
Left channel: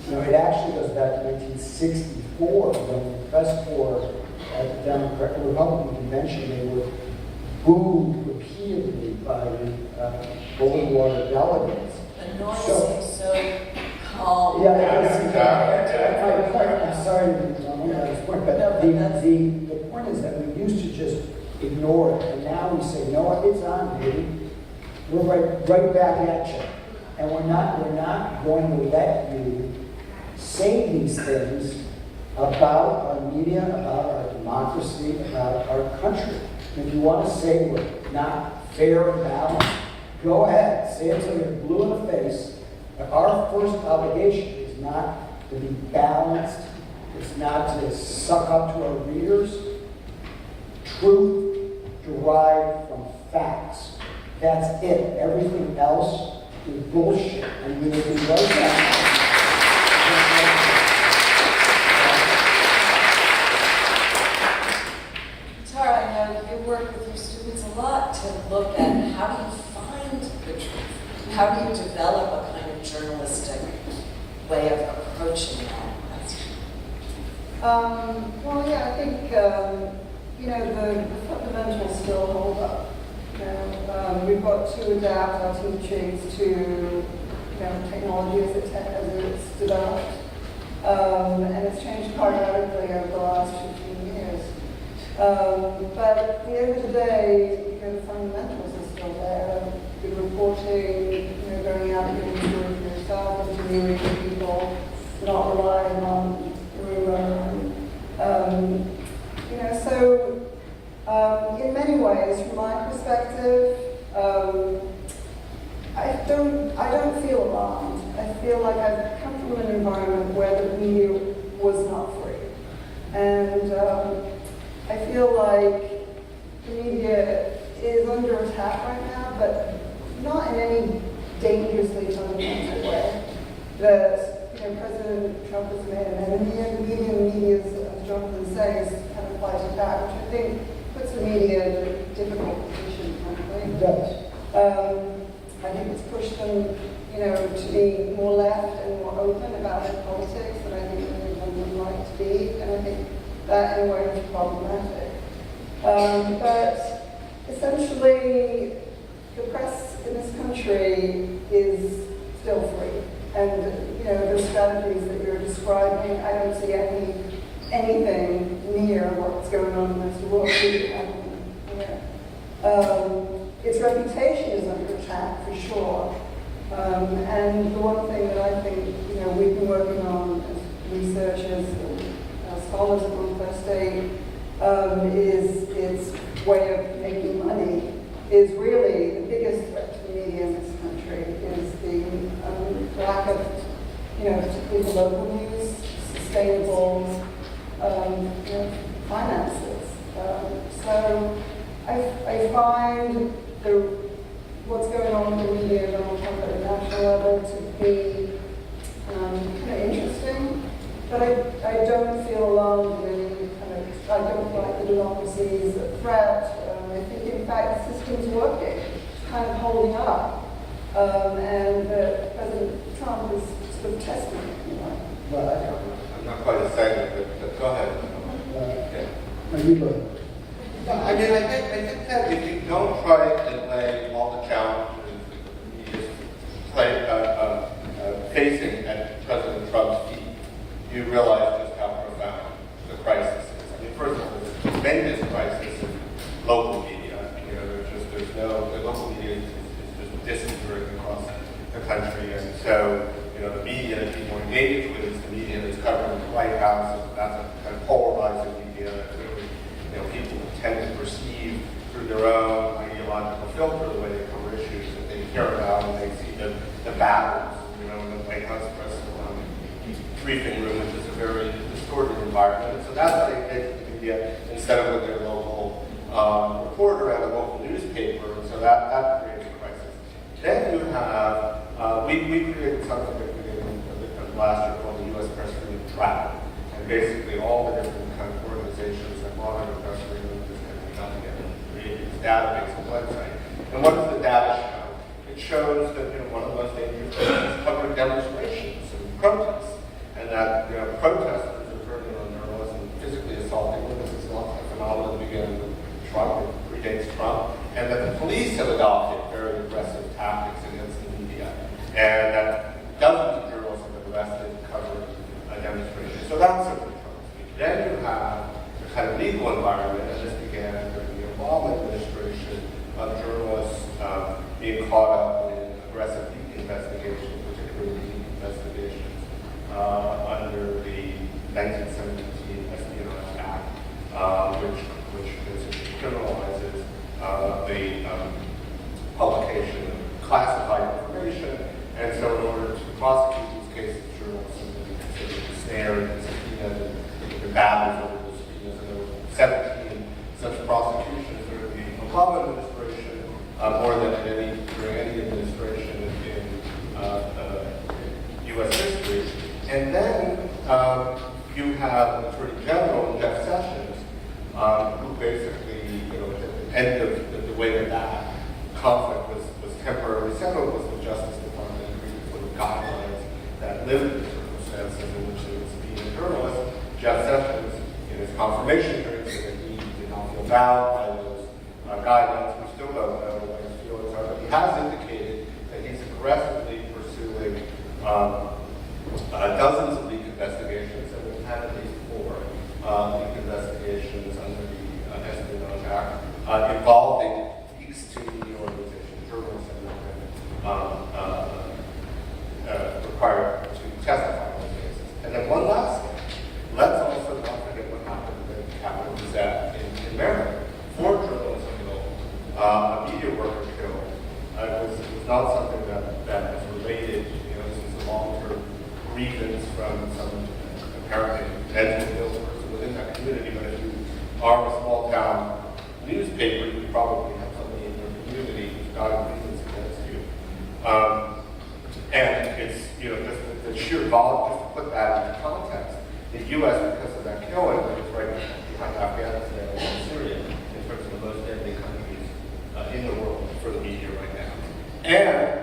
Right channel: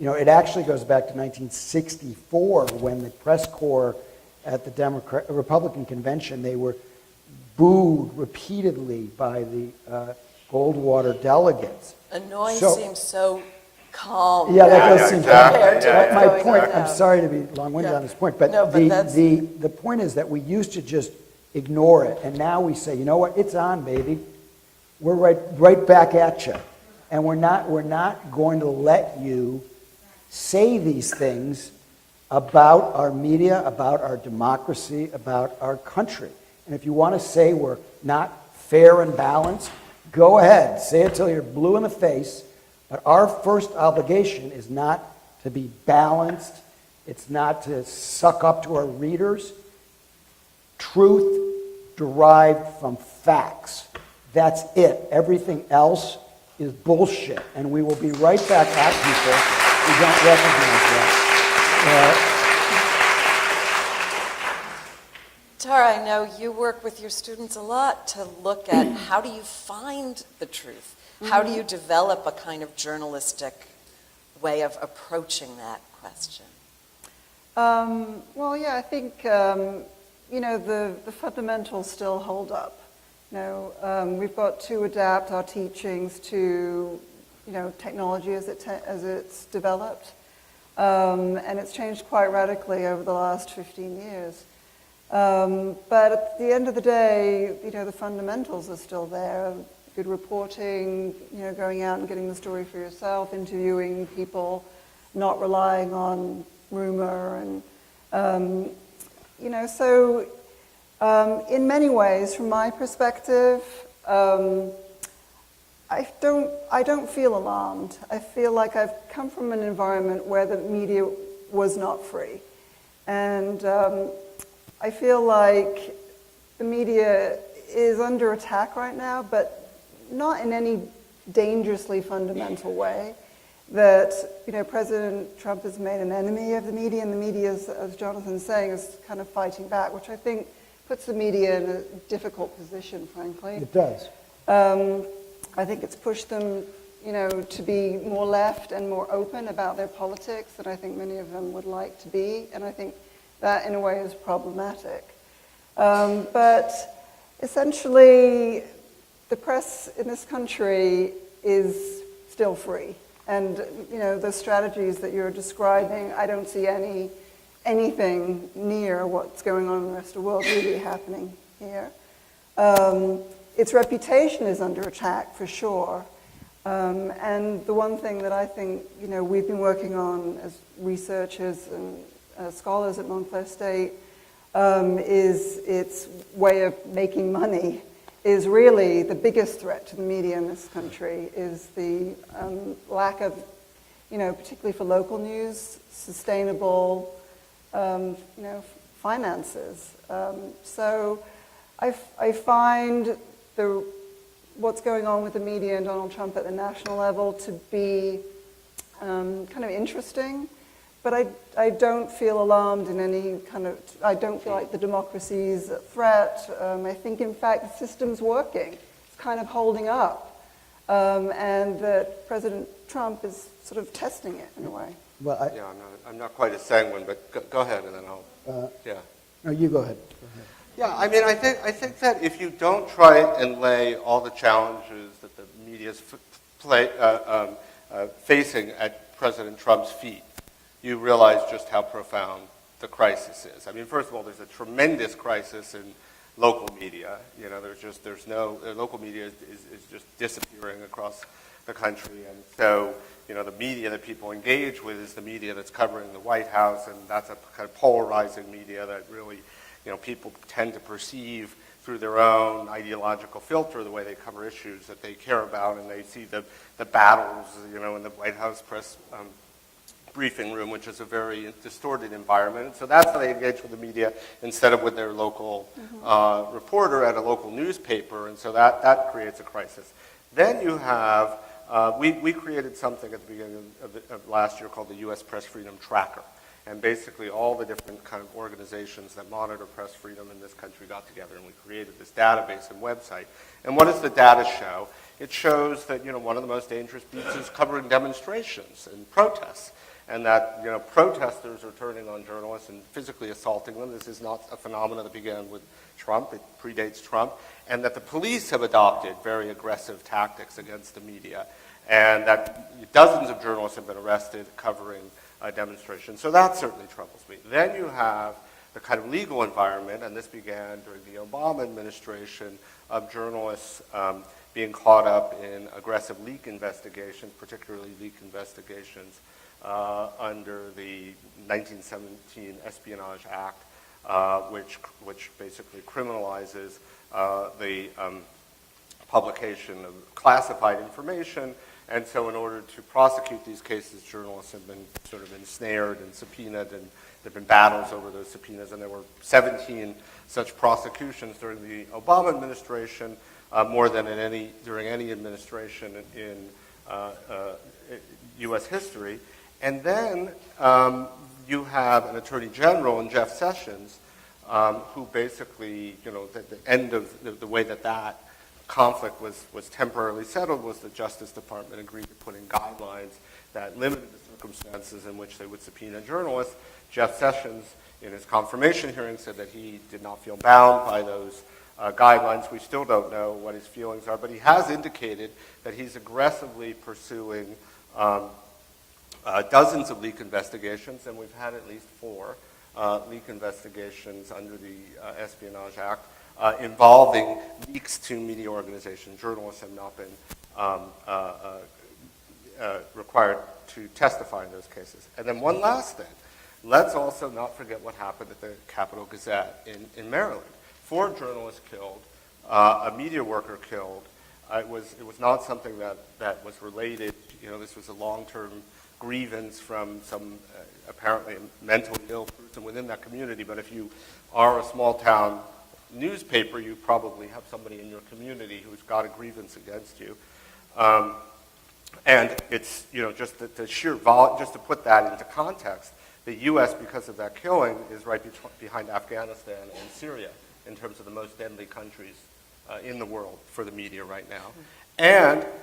It actually goes back to 1964 when the press corps at the Republican convention, they were booed repeatedly by the Goldwater delegates. Annoying seems so calm. Yeah, that does seem exactly. my point. I'm sorry to be long-winded on this point, but, No, but the point is that we used to just ignore it, and now we say, "No, it's on, baby. We're right back at you," and we're not going to let you say these things about our media, about our democracy, about our country. And if you want to say we're not fair and balanced, go ahead, say it till you're blue in the face. But our first obligation is not to be balanced. It's not to suck up to our readers. Truth derived from facts. That's it. Everything else is bullshit. And we will be right back at people who don't recognize that. Tara, I know you work with your students a lot to look at how do you find the truth? How do you develop a kind of journalistic way of approaching that question? Well, yeah, I think, the fundamentals still hold up. We've got to adapt our teachings to, technology as it's developed. And it's changed quite radically over the last 15 years. But at the end of the day, the fundamentals are still there. Good reporting, going out and doing the work yourself, interviewing people, not relying on rumor. In many ways, from my perspective, I don't feel alarmed. I feel like I've come from an environment where the media was not free. And I feel like the media is under attack right now, but not in any dangerously fundamental way. That, President Trump has made an enemy of the media, and the media, as Jonathan says, kind of fighting back, which I think puts the media in a difficult position, frankly. It does. I think it's pushed them, to be more left and more open about their politics than I think many of them would like to be, and I think that in a way is problematic. But essentially, the press in this country is still free. And, the strategies that you're describing, I don't see anything near what's going on in the world really happening here. Its reputation is under attack, for sure. And the one thing that I think, we've been working on as researchers and scholars at Montclair State is its way of making money is really the biggest threat to the media in this country is the lack of, particularly for local news, sustainable finances. So I find what's going on with the media and Donald Trump at the national level to be kind of interesting, but I don't feel alarmed in any kind of, I don't feel like the democracy is a threat. I think, in fact, the system's working, kind of holding up. And that President Trump is sort of testing it in a way. Well, I'm not quite a segue, but go ahead. no, you go ahead. Yeah, I mean, I think that if you don't try and lay all the challenges the media is facing at President Trump's feet, you realize just how profound the crisis is. I mean, first of all, there's a tremendous crisis in local media. The local media is just disappearing across the country, and so the media that people engage with is the media that's covering the White House, and that's a kind of polarizing media that really, people tend to perceive through their own ideological filter the way they cover issues that they care about, and they see the battles, in the White House press briefing room, which is a very distorted environment. So that's how they engage with the media instead of with their local reporter at a local newspaper, and so that creates a crisis. Then you have, we created something at the beginning of last year called the U.S. Press Freedom Tracker, and basically all the different kind of organizations that monitor press freedom in this country got together and created this database and website. And what does the data show? It shows that one of the most dangerous things is covering demonstrations and protests, and that protesters are turning on journalists and physically assaulting them. This is not a phenomenon that began with Trump, or predates Trump, and that the police have adopted very aggressive tactics against the media, and that dozens of journalists have been arrested covering demonstrations. So that certainly troubles me. Then you have the kind of legal environment, and this began under the Obama administration, of journalists being caught up in aggressive leak investigations, particularly leak investigations under the 1917 Espionage Act, which basically criminalizes the publication of classified information. And so in order to prosecute these cases, journalists have been sort of ensnared and subpoenaed in the battles over the subpoenas. And there were 17 such prosecutions during the Obama administration, more than during any administration in U.S. history. And then you have an Attorney General, Jeff Sessions, who basically, at the end of the way that conflict was temporarily settled, was the Justice Department agreed to put in guidelines that limited the circumstances in which there was subpoena journalists. Jeff Sessions, in his confirmation hearing, said that he did not feel bound by those guidelines. We still don't know what his feelings are, but he has indicated that he's aggressively pursuing dozens of leak investigations, and we've had at least 4 leak investigations under the Espionage Act involving leaks to media organizations. Journalists have not been required to testify in those cases. And then one last thing, let's also not forget what happened at the Capitol Gazette in Maryland. 4 journalists killed, a media worker killed. It was not something that was related. This was a long-term grievance from some apparently mental illness within that community. But if you are a small-town newspaper, you probably have somebody in the community who's got a grievance against you. And it's just the sheer volume. Just to put that into context, the U.S. because of that killing is right behind Afghanistan and Syria in terms of the most deadly countries in the world for the media right now. And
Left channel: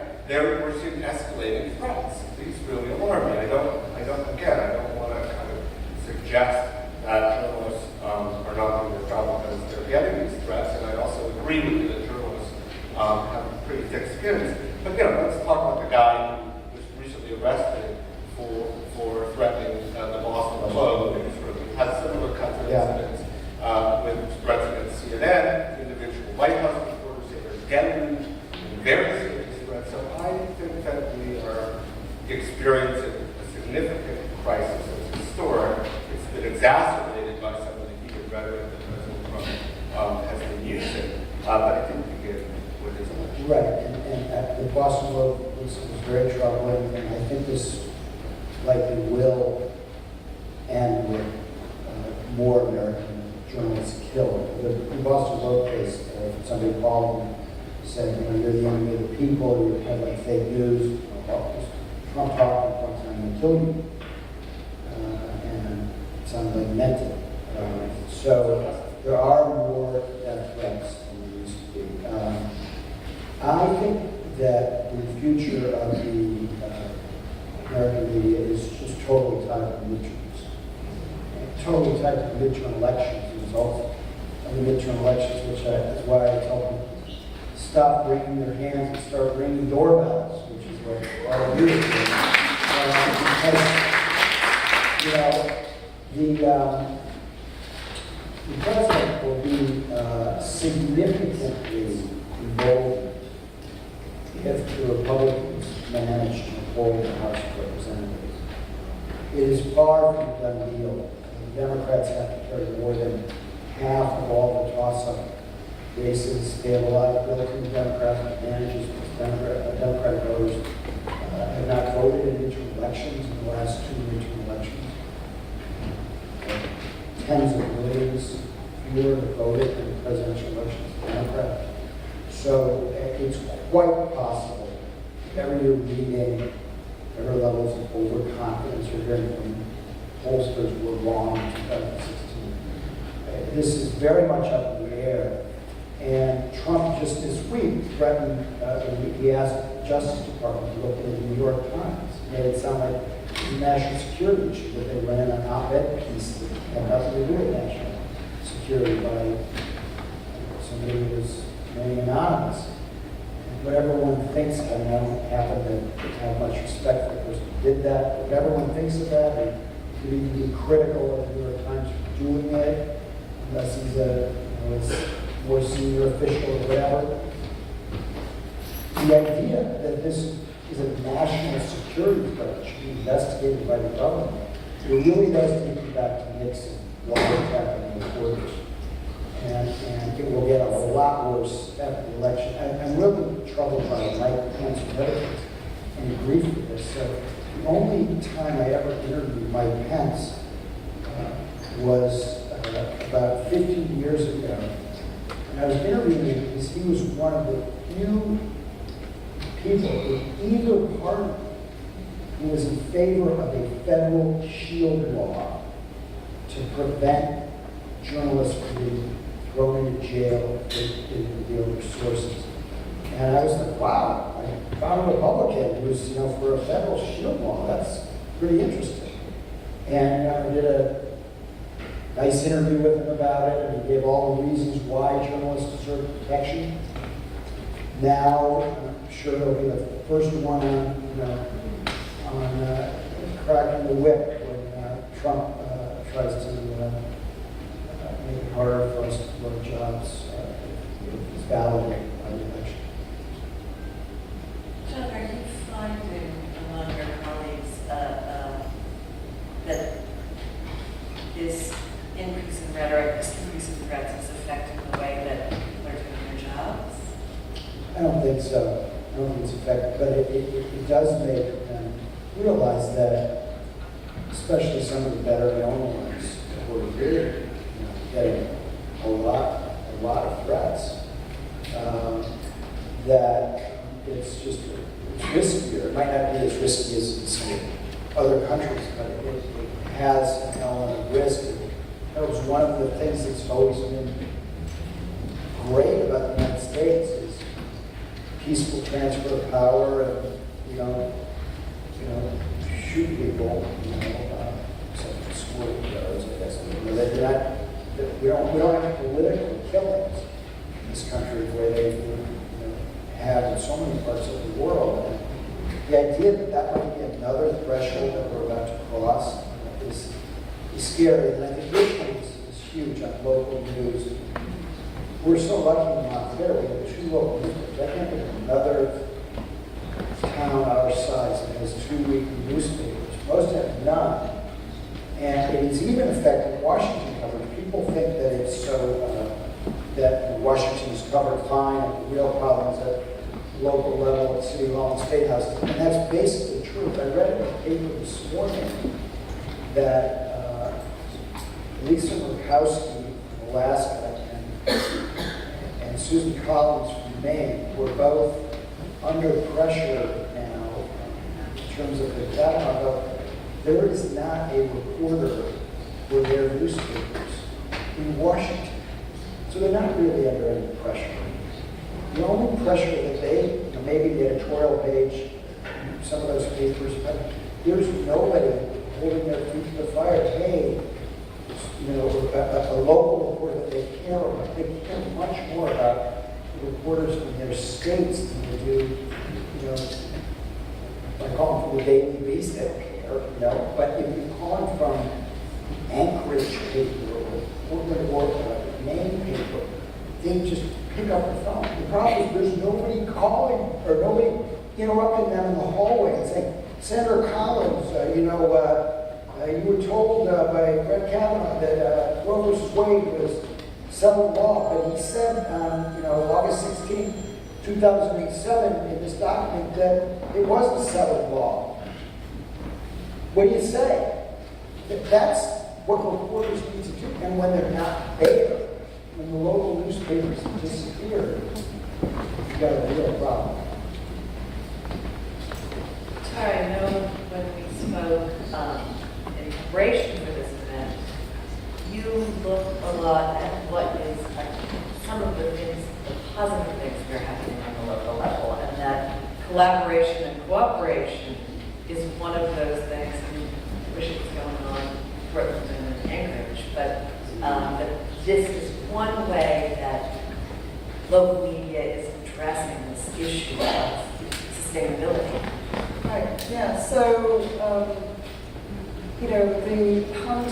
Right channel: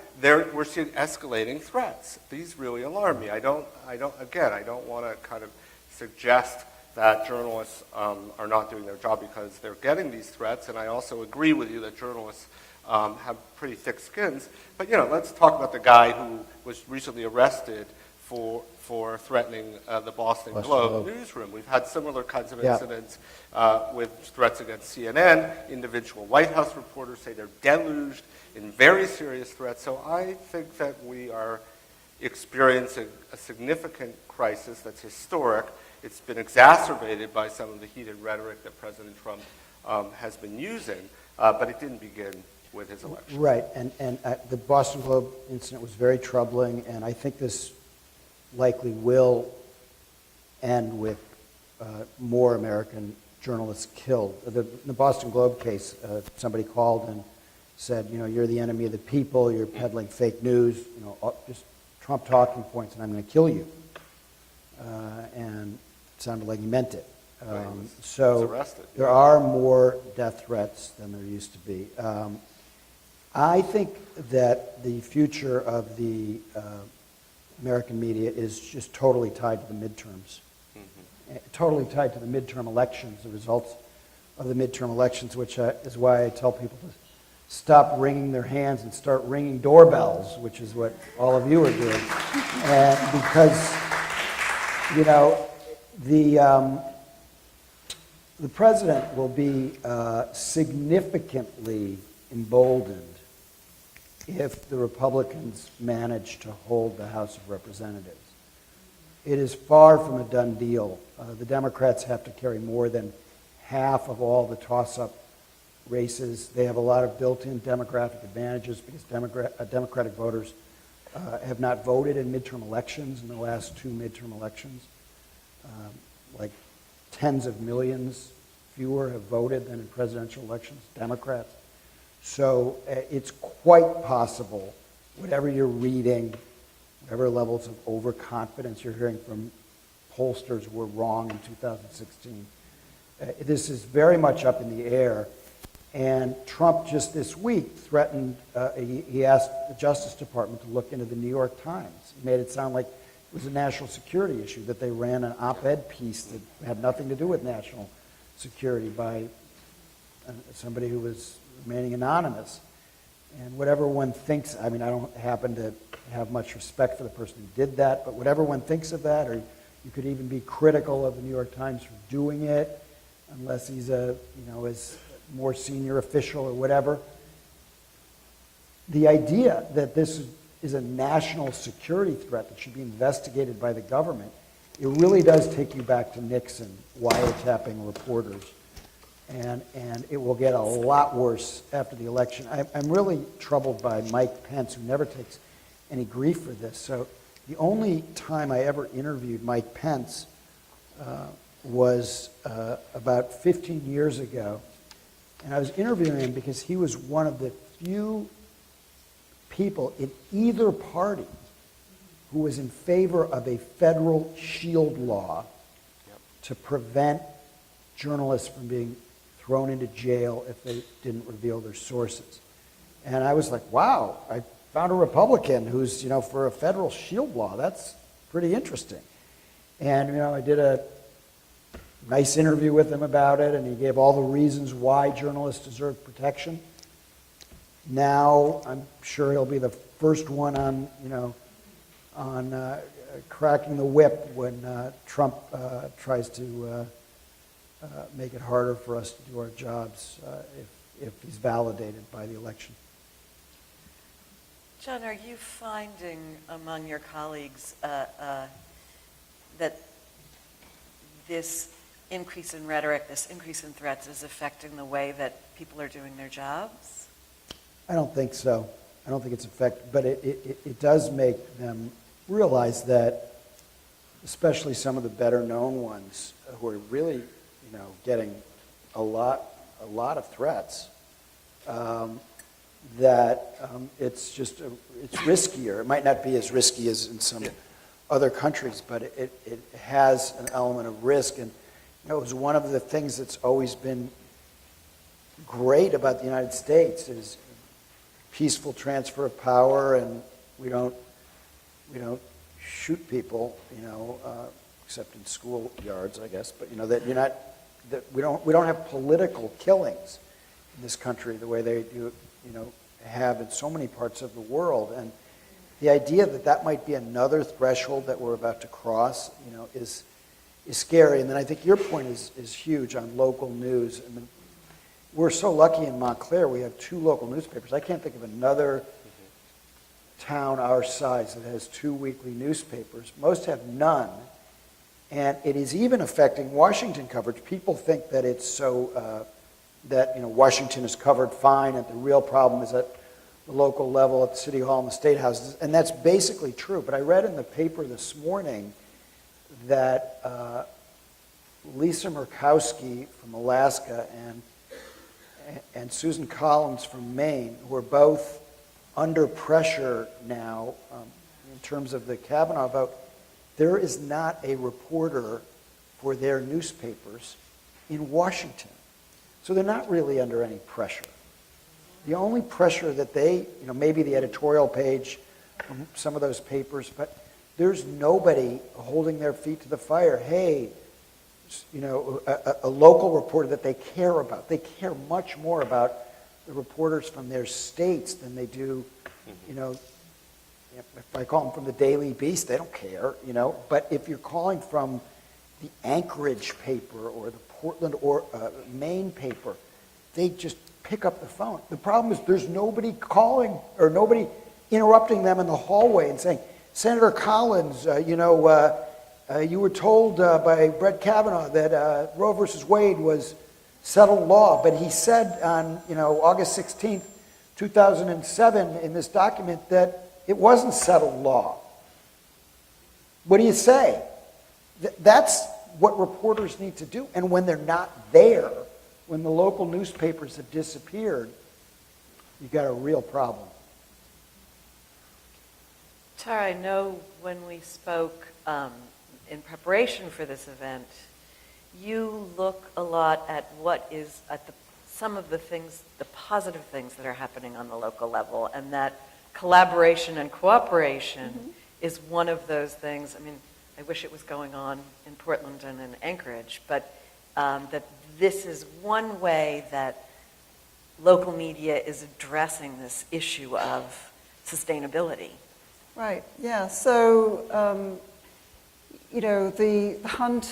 we're seeing escalating threats. These really alarm me. I don't want to kind of suggest that journalists are not doing their job because they're getting these threats, and I also agree with you that journalists have pretty thick skins. But let's talk about the guy who was recently arrested for threatening the Boston Globe newsroom. He had similar kinds of incidents with threats against CNN. Individual White House reporters say they're deluged in very serious threats. So I think that we are experiencing a significant crisis that's historic. It's been exacerbated by some of the heated rhetoric that President Trump has been using, but it didn't begin with his election. Right, and the Boston Globe is very troubling, and I think this likely will end with more American journalists killed. The Boston Globe case, somebody called and said, you're the enemy of the people, you have like fake news. Trump talked one time to kill you, and it sounded like he meant it. So there are more death threats than there used to be. I think that the future of the American media is just totally tied to midterms. Totally tied to midterm elections, results of the midterm elections, which is why I tell people stop wringing their hands and start ringing doorbells, which is what all of you are doing. Because, the president will be significantly emboldened if the Republicans manage to hold the House of Representatives. It is far from a done deal. The Democrats have to carry more than half of all the toss-up races. They have a lot of built-in Democratic advantages. Democratic voters have not voted in midterm elections in the last 2 midterm elections. Tens of millions fewer have voted in the presidential So it's quite possible, whatever you're reading, whatever levels of overconfidence you're hearing from pollsters were wrong, because this is very much up in the air. And Trump just this week threatened, he asked the Justice Department to look into the New York Times. Made it sound like a national security issue, that they ran an op-ed piece that had nothing to do with national security by somebody who was mainly anonymous. And whatever one thinks, I don't happen to have much respect for the person who did that, but whatever one thinks of that, or could even be critical of the New York Times for doing it, unless he's a more senior official or whatever. The idea that this is a national security threat which should be investigated by the government, it really does take you back to Nixon. Why is it happening with reporters? And it will get a lot worse after the election. I'm really troubled by Mike Pence, who never takes any grief for this. So the only time I ever interviewed Mike Pence was about 15 years ago. And I was interviewing him because he was one of the few people in either party who was in favor of a federal shield law to prevent journalists from being thrown into jail if they didn't reveal their sources. And I was like, wow, I found a Republican who's, for a federal shield law. That's pretty interesting. And, I did a nice interview with him about it, and he gave all the reasons why journalists deserve protection. Now, I'm sure he'll be the first one on cracking the whip when Trump tries to make it harder for us to do our jobs. It's validated by the election. John, are you finding among your colleagues that this increase in rhetoric, this increase in threats is affecting the way that people are doing their jobs? I don't think so. I don't think it's effective, but it does make them realize that, especially some of the better known ones, who are really getting a lot of threats, that it's riskier. It might not be as risky as in some other countries, but it has an element of risk. It was one of the things that's always been great about the United States is peaceful transfer of power, and we don't, shoot people, except in school guards, I guess. But, we don't have political killings in this country the way they have in so many parts of the world. And the idea that might be another threshold that we're about to cross is scary. And then I think your point is huge on local news. We're so lucky in Montclair, we have 2 local newspapers. I can't think of another town our size that has 2 weekly newspapers. Most have none. And it is even affecting Washington coverage. People think that it's so, that Washington is covered fine, and the real problem is at the local level, at the City Hall and State House. And that's basically true. But I read in the paper this morning that Lisa Murkowski from Alaska and Susan Collins from Maine were both under pressure now in terms of the Kavanaugh vote. There is not a reporter for their newspapers in Washington. So they're not really under any pressure. The only pressure that they, maybe the editorial page, some of those papers, but there's nobody holding their feet to the fire. Hey, a local reporter that they care about. They care much more about the reporters from their states than they do, if I call them the Daily Beast, they don't care, But if you're calling from Anchorage paper or Portland or Maine paper, they just pick up the phone. The problem is there's nobody calling or nobody interrupting them in the hallway and saying, Senator Collins, you were told by Brett Kavanaugh that Roe versus Wade was settled law, but he said on August 16, 2007 in this document that it wasn't settled law. What do you say? That's what reporters need to do. And when they're not there, when the local newspapers have disappeared, we've got a real problem. Tara, I know when we spoke in preparation for this event, you looked a lot at what is some of the things, the positive things that are happening on the local level, and that collaboration and cooperation is one of those things. I wish it was going on in Portland and in Anchorage, but that this is one way that local media is addressing this issue of sustainability. Right, yeah, so, the hunt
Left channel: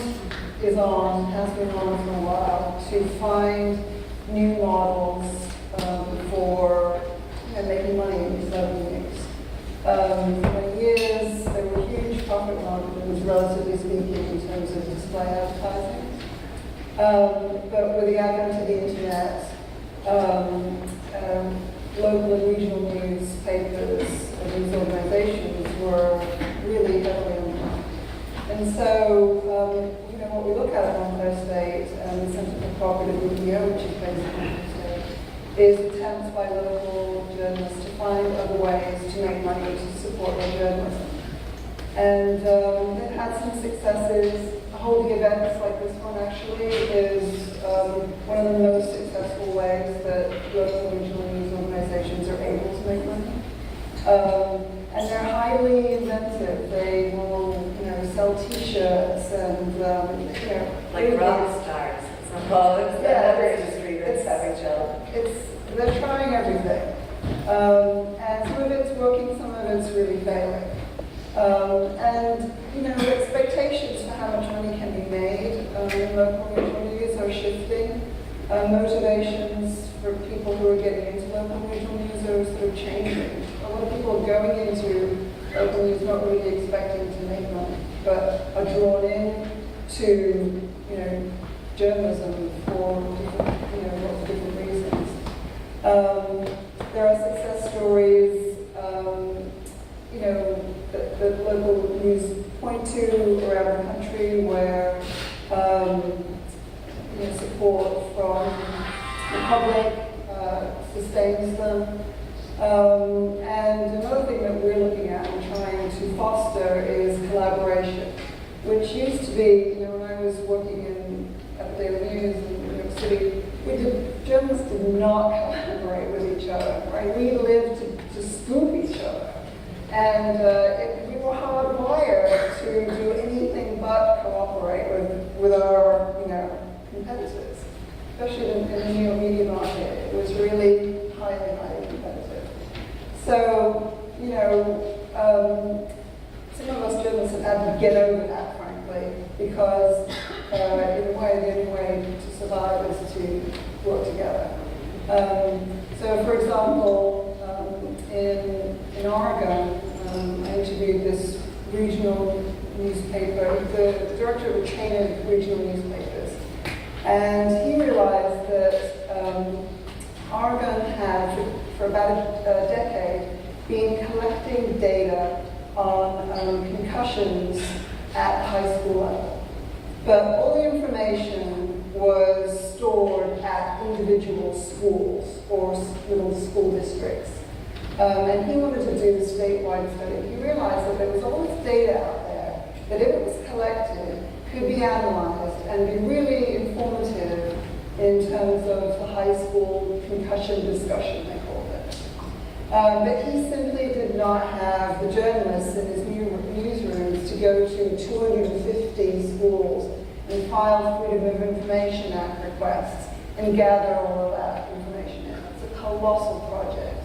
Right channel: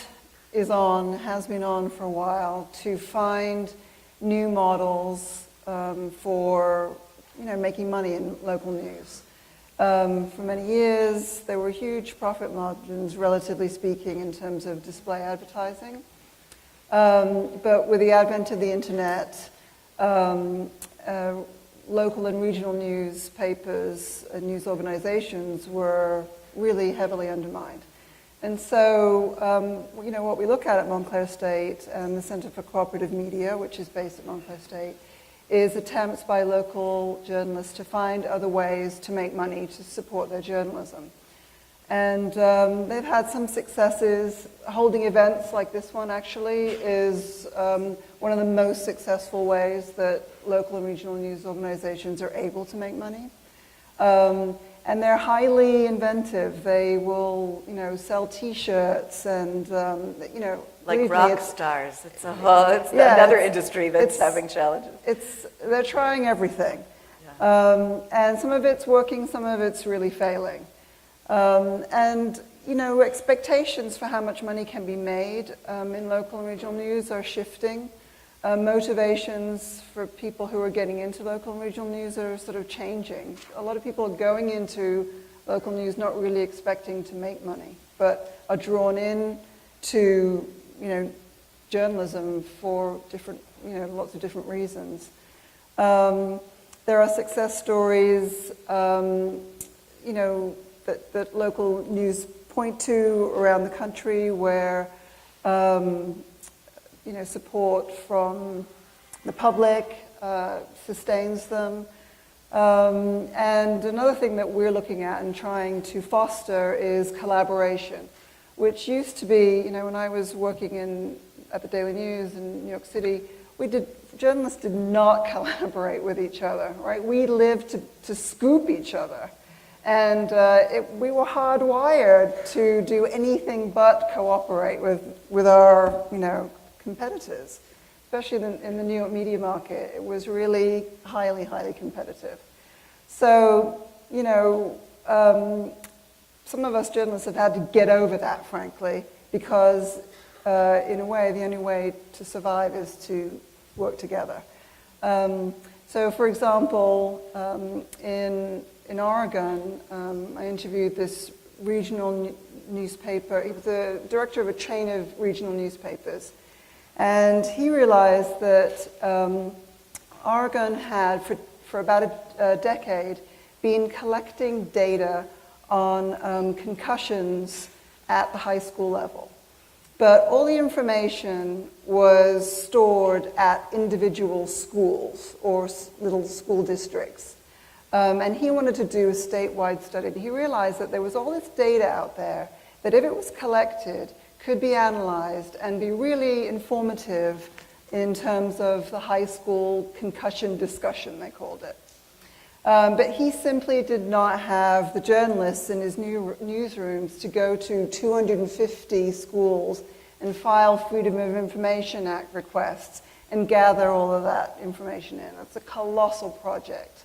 is on, has been on for a while, to find new models for making money in local news. For many years, there were huge profit margins, relatively speaking, in terms of display advertising. But with the advent of the internet, local and regional newspapers and news organizations were really heavily undermined. And so, what we look at Montclair State and the Center for Cooperative Media, which is based in Montclair State, is attempts by local journalists to find other ways to make money to support their journalism. And they've had some successes. Holding events like this one actually is one of the most successful ways that local and regional news organizations are able to make money. And they're highly inventive. They will, sell T-shirts and, Like really rock stars. Well, it's another industry that's having challenge. They're trying everything. And some of it's working, some of it's really failing. Expectations for how much money can be made in local and regional news are shifting. Motivations for people who are getting into local and regional news are sort of changing. A lot of people are going into local news not really expecting to make money, but are drawn in to, journalism for different, lots of different reasons. There are success stories, that local news point to around the country where, support from the public sustains them. And another thing that we're looking at and trying to foster is collaboration, which used to be, when I was working at the Daily News in New York City, journalists did not collaborate with each other, right? We lived to scoop each other. And we were hardwired to do anything but cooperate with our, competitors, especially in the New York media market. It was really highly, highly competitive. So, some of us journalists have had to get over that, frankly, because in a way, the only way to survive is to work together. So, for example, in Oregon, I interviewed this regional newspaper, the director of a chain of regional newspapers, and he realized that Oregon had, for about a decade, been collecting data on concussions at the high school level. But all the information was stored at individual schools or little school districts. And he wanted to do a statewide study. He realized that there was all this data out there that if it was collected, could be analyzed and be really informative in terms of the high school concussion discussion, they called it. But he simply did not have the journalists in his newsrooms to go to 250 schools and file Freedom of Information Act requests and gather all of that information in. It's a colossal project.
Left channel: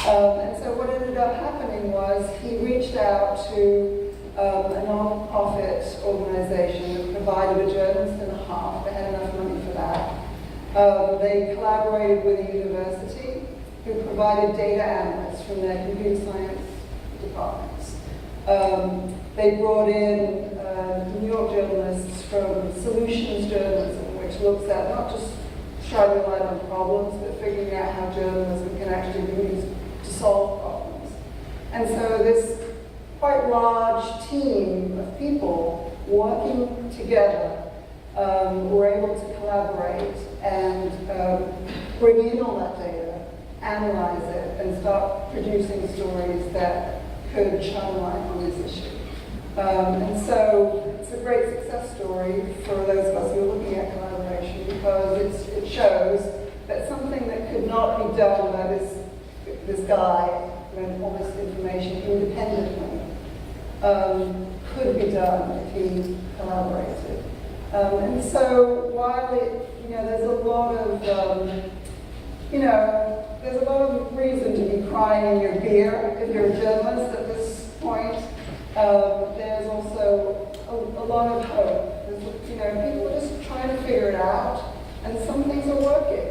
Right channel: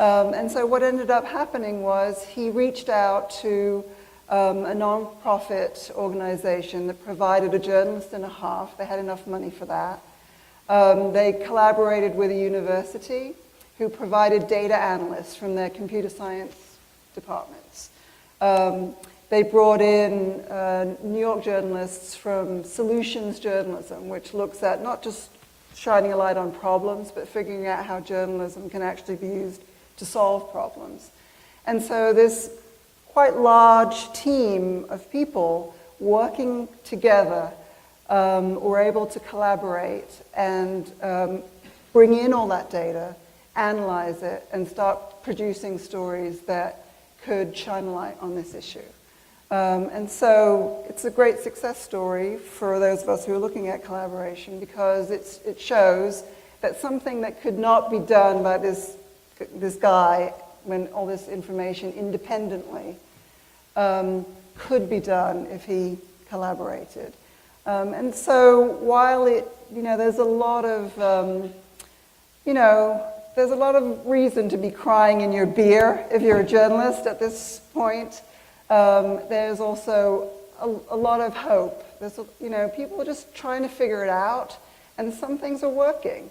And so what ended up happening was he reached out to a non-profit organization that provided a journalist and a half. They had enough money for that. They collaborated with a university who provided data analysts from their computer science departments. They brought in New York journalists from solutions journalism, which looks at not just shining a light on problems, but figuring out how journalism can actually be used to solve problems. And so this quite large team of people working together were able to collaborate and bring in all that data analyze it and start producing stories that could shine light on this issue. And so it's a great success story for those of us who are looking at collaboration, because it shows that something that could not be done by this guy, when all this information independently, could be done if he collaborated. And so while there's a lot of, there's a lot of reason to be crying in your beer if you're a journalist at this point. There's also a lot of hope. There's, people are just trying to figure it out, and some things are working.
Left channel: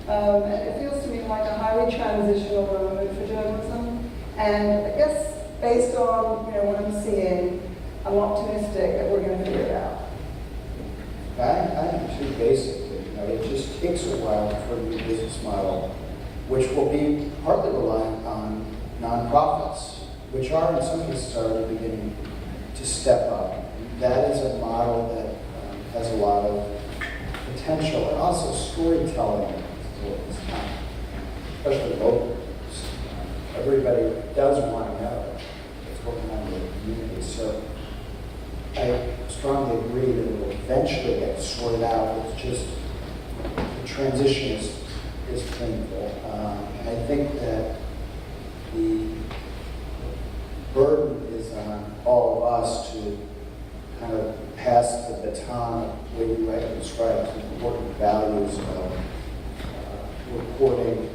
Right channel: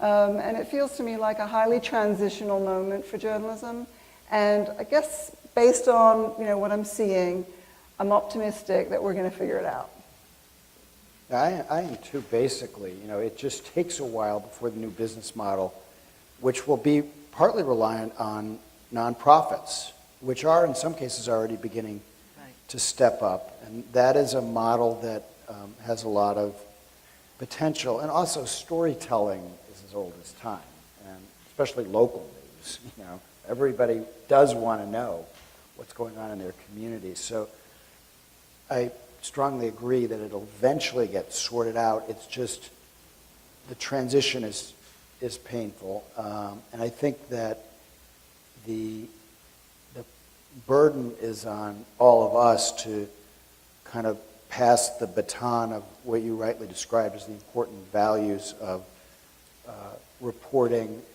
And it feels to me like a highly transitional moment for journalism. And I guess based on what I'm seeing, I'm optimistic that we're going to figure it out. I think too, basically, it just takes a while for the new business model, which will be partly reliant on nonprofits, which are in some cases already beginning to step up. And that is a model that has a lot of potential, and also storytelling is time, especially local. Everybody does want to know what's going on in the community. So I strongly agree that it will eventually get sorted out. It's just the transition is painful. I think that the burden is on all of us to kind of pass the baton of what you rightly describe as the important values of reporting,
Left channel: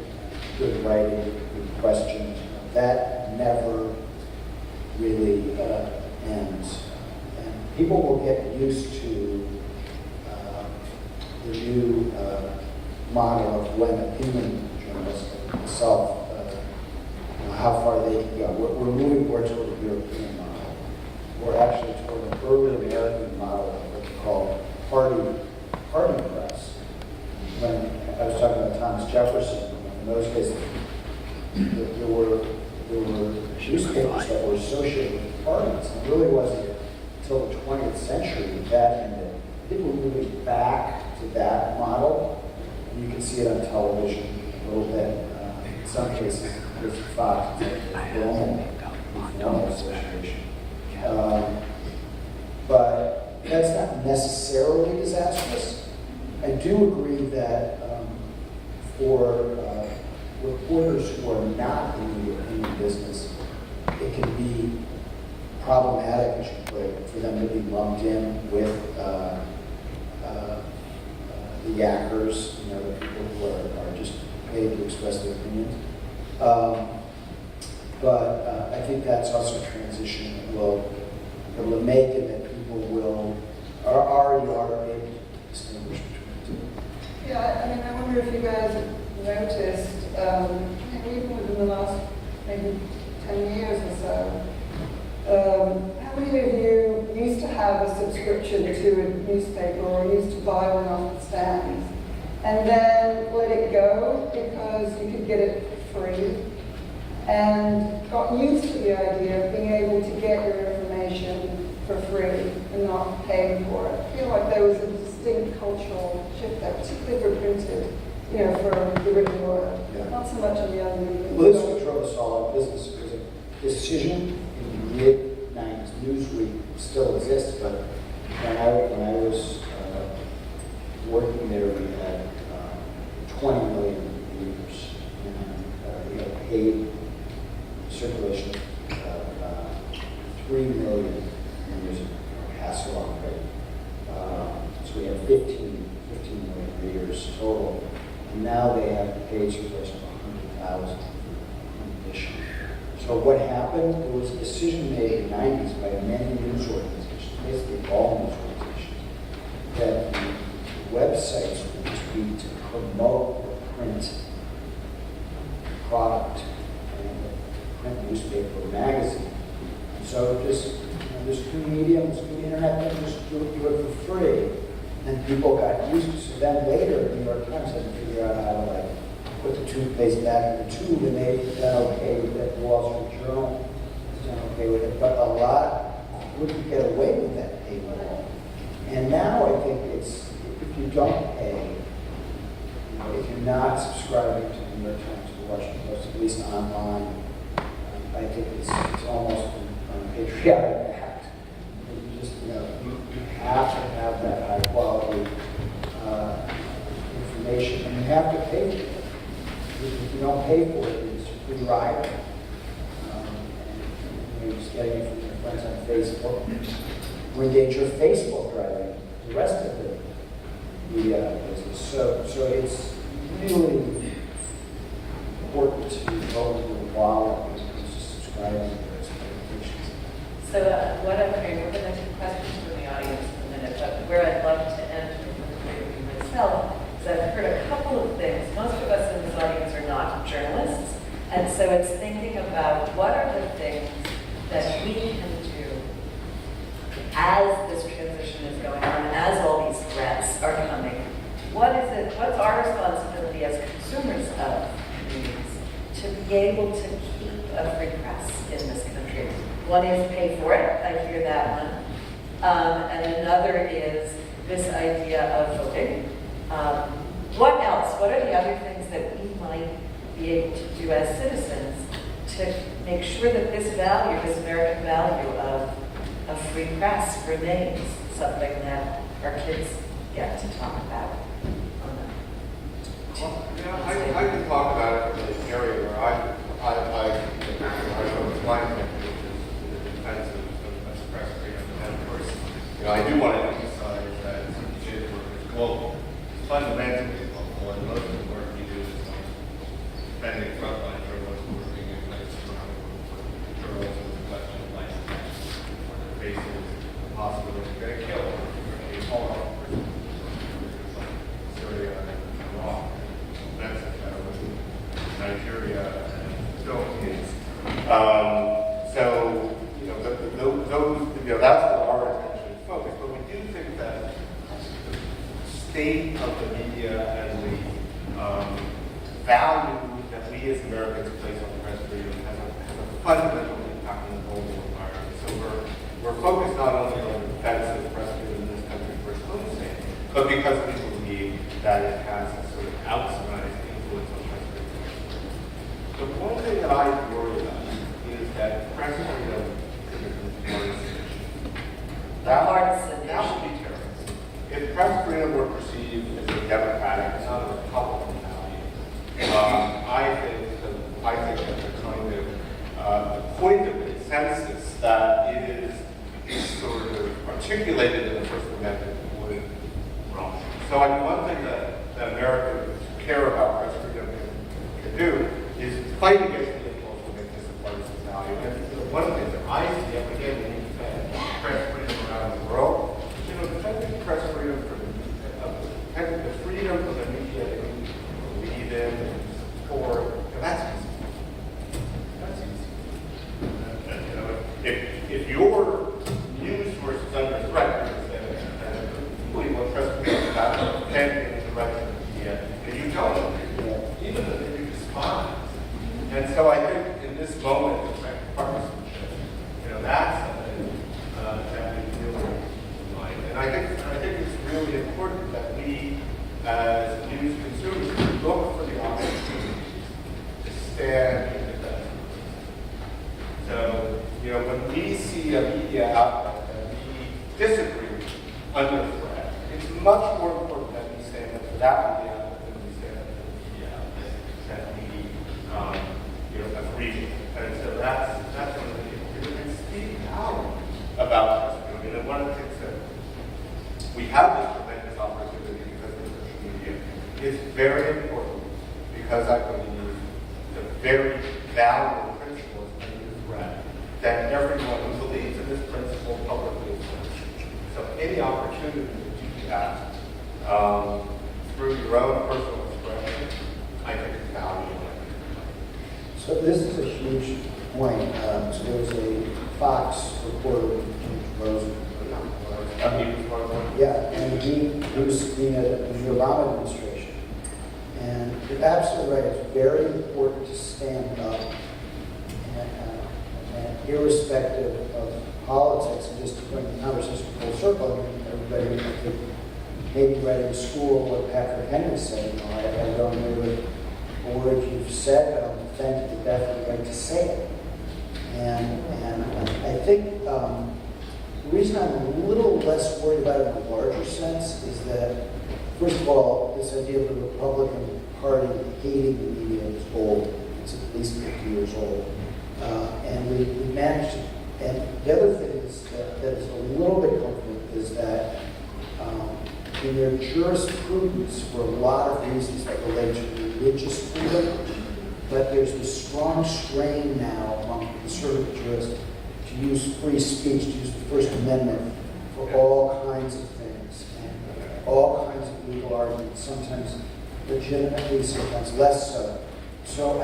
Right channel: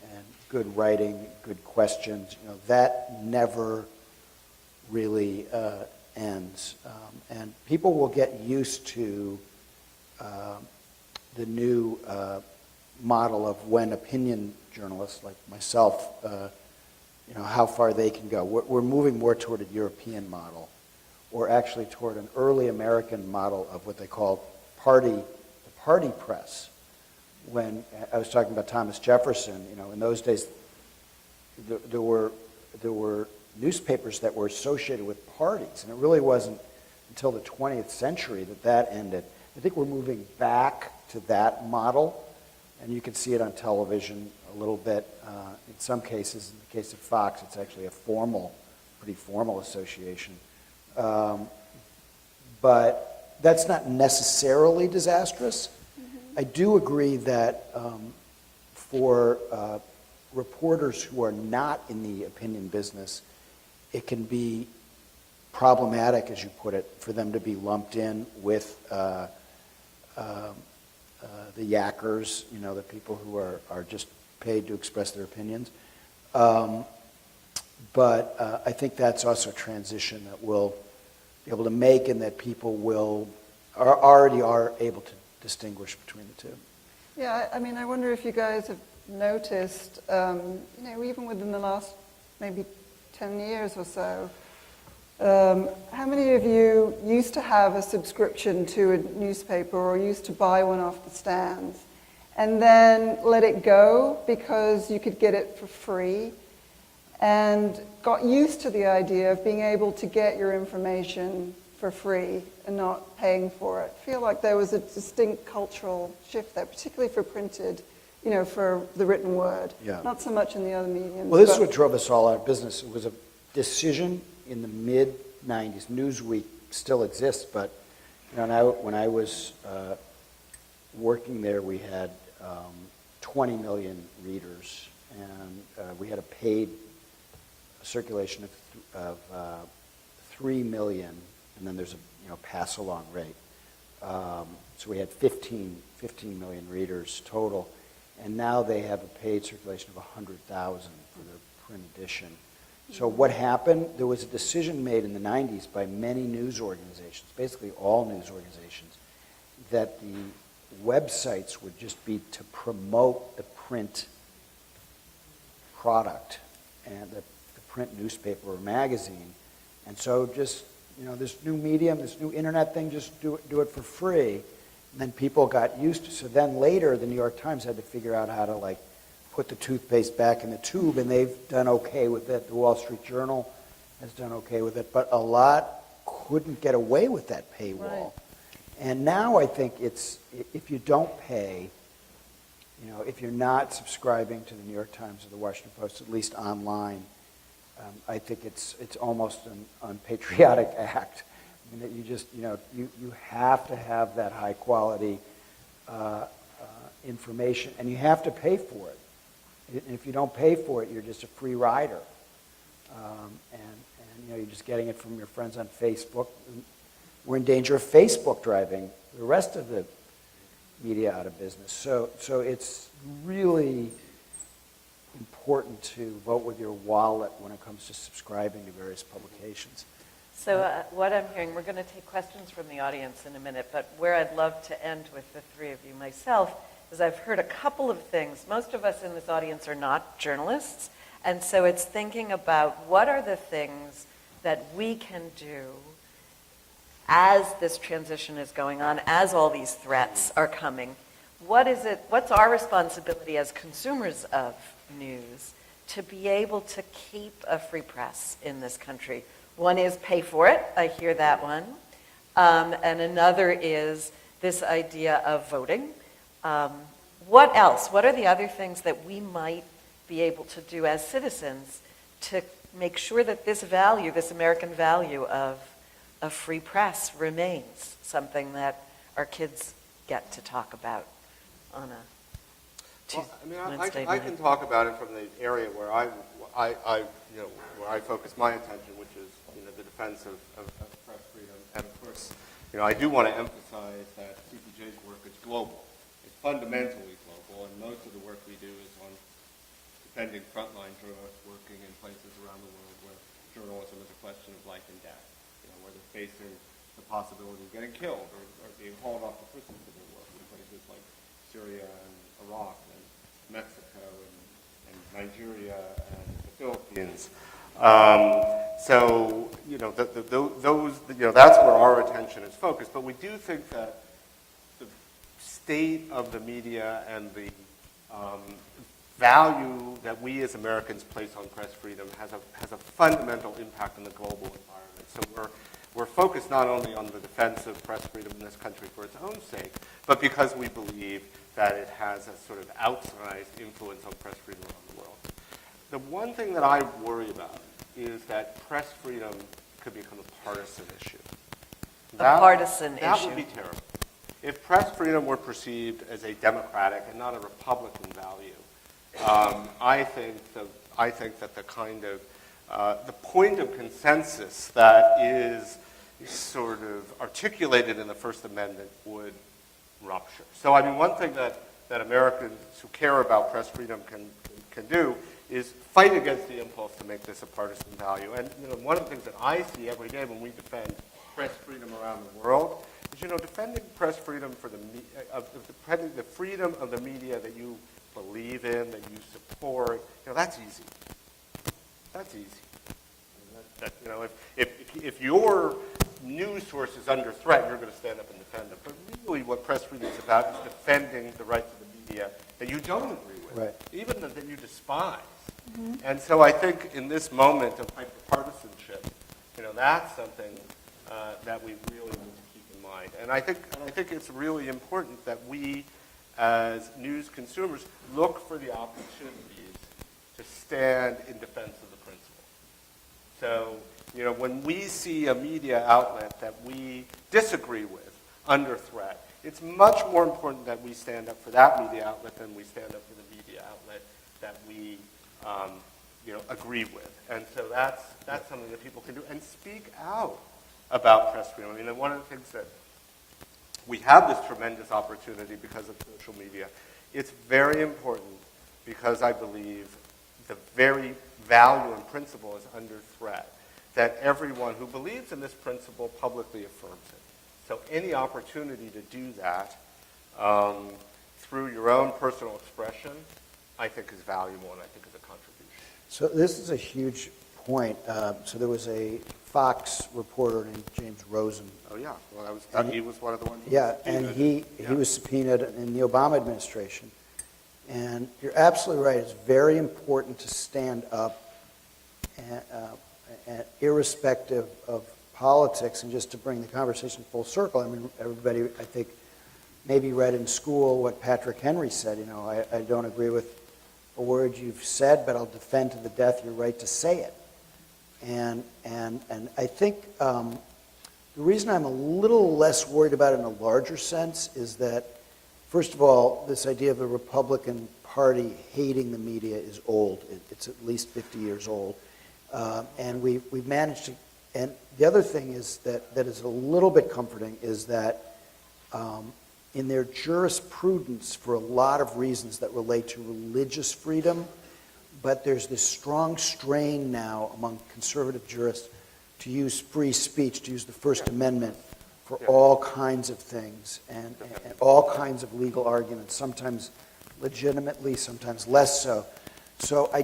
good writing, good questions. That never really ends. And people will get used to the new model of when opinion journalists like myself, how far they can go. We're moving more toward a European model, or actually toward an early American model of what they call party press. When I was talking about Thomas Jefferson, in those days, there were newspapers that were associated with parties. It really wasn't until the 20th century that ended. I think we're moving back to that model, and you can see it on television a little bit. In some cases, it's Fox, it's like formal association. But that's not necessarily disastrous. I do agree that for reporters who are not in the business, it can be problematic, as you put it, for them to be lumped in with the yackers, the people who are just paid to express their opinions. But I think that's also a transition that we'll be able to make, and that people already are able to distinguish between the two. Yeah, I mean, I wonder if you guys have noticed, even within the last maybe 10 years or so, how many of you used to have a subscription to a newspaper or used to buy one off the stand and then let it go because you could get it for free, and got used to the idea of being able to get your information for free and not paying for it? I feel like there was a distinct cultural shift there, particularly for printed, for the written word. Yeah. Not so much in the other media. Well, this is what drove us all out of business. It was a decision in the mid-90s. Newsweek still exists, but when I was working there, we had 20 million readers, and we had a paid circulation of 3 million readers a pass-along rate. So we had 15 million readers total. And now they have a paid circulation of 100,000 additional. So what happened? There was a decision made in the 90s by many news organizations, basically all news organizations, that websites would just be to promote the print product and the print newspaper or magazine. So just, this new medium, this new internet thing, just do it for free. And then people got used to it. So then later, the New York Times had to figure out how to put the toothpaste back in the tube, and they've done okay with it. The Wall Street Journal has done okay with it, but a lot couldn't get away with that paywall. And now I think it's, if you don't pay, if you're not subscribing to the New York Times Washington Post, at least online. I think it's almost an unpatriotic act. You just, you have to have that high quality information. You have to pay for it. If you don't pay for it, it's a free ride. And you just get it from your friends on Facebook. Or engage your Facebook driving the rest of the business. So it's really important to roll into a wallet and subscribing to various publications. So we're going to take questions from the audience in a minute, but where I'd love to end with myself is I've heard a couple of things. Most of us in the audience are not journalists, and so it's thinking about what are the things that we can do as this transition is going on, as all these threats are coming. What's our responsibility as consumers of news to be able to keep a free press in this country? One is pay for it, I hear that one. And another is this idea of voting. What else? What are the other things that we might be able to do as citizens to make sure that this value, this American value of a free press remains something that our kids get to talk about? I can talk about an area where I know it's my opinion, which is the defense of press freedom. And of course, I do want to emphasize that it will fundamentally helpful, and most of the work we do is defending frontline journalists working in journalism, professional life, cases, hospitals, very careful, all Syria and Iraq. Nigeria, and Philippines. So, that's where our attention is focused. But we do think that the state of the media and the value that we as Americans place on press freedom has a fundamental impact on the whole environment. So we're focused not only on the defense of press freedom in this country for its own sake, but because we believe that it has a sort of outside influence on press freedom. So the one thing that I would worry about is that press freedom A partisan that issue. would be terrible. If press freedom were perceived as a democratic, not a Republican value, I think that there's coming to a point of consensus that is sort of articulated in the First Amendment would run. So one thing that Americans who care about press freedom can do is fight against the impulse to make this a partisan value. And one of the things that I think press freedom around the world, defending press freedom defending the freedom of the media that you believe in and support, that's easy. If your news source is under threat, doing what press freedom is about, defending the right of the media, and you don't, even if you respond. And so I think in this moment of partisanship, that's something that we do. And I think it's really important that we, as news consumers, look for the opportunity to stand in defense. So, when we see a media outlet that we disagree with under threat, it's much more important that we stand up for that media outlet than we stand up for the media outlet that we agree with. And so that's one of the things we're going to speak out about testimony. And one of the things that we have this tremendous opportunity because of social media. It's very important because I believe the very valuable principle is under threat that everyone who believes in this principle publicly is. So any opportunity to do that through your own personal expression, I think is valuable. So this is a huge point. So there was a Fox reporter, James Rosen. Yeah, and he was subpoenaed in the Obama administration. And you're absolutely right. It's very important to stand up and irrespective of politics. And just to bring the conversation full circle, everybody maybe read in school what Patrick Henry said. I don't agree with a word you've said, but I'll defend to the death the right to say it. And I think the reason I'm a little less worried about it in a larger sense is that, first of all, this idea of a Republican Party hating the media is old. It's at least 50 years old. And we managed, and the other thing is that is a little bit comforting is that in their jurisprudence, for a lot of reasons that relate to religious freedom, but there's this strong strain now among conservative jurists to use free speech, to use the First Amendment for all kinds of things and all kinds of legal arguments, sometimes legitimately, sometimes less so. So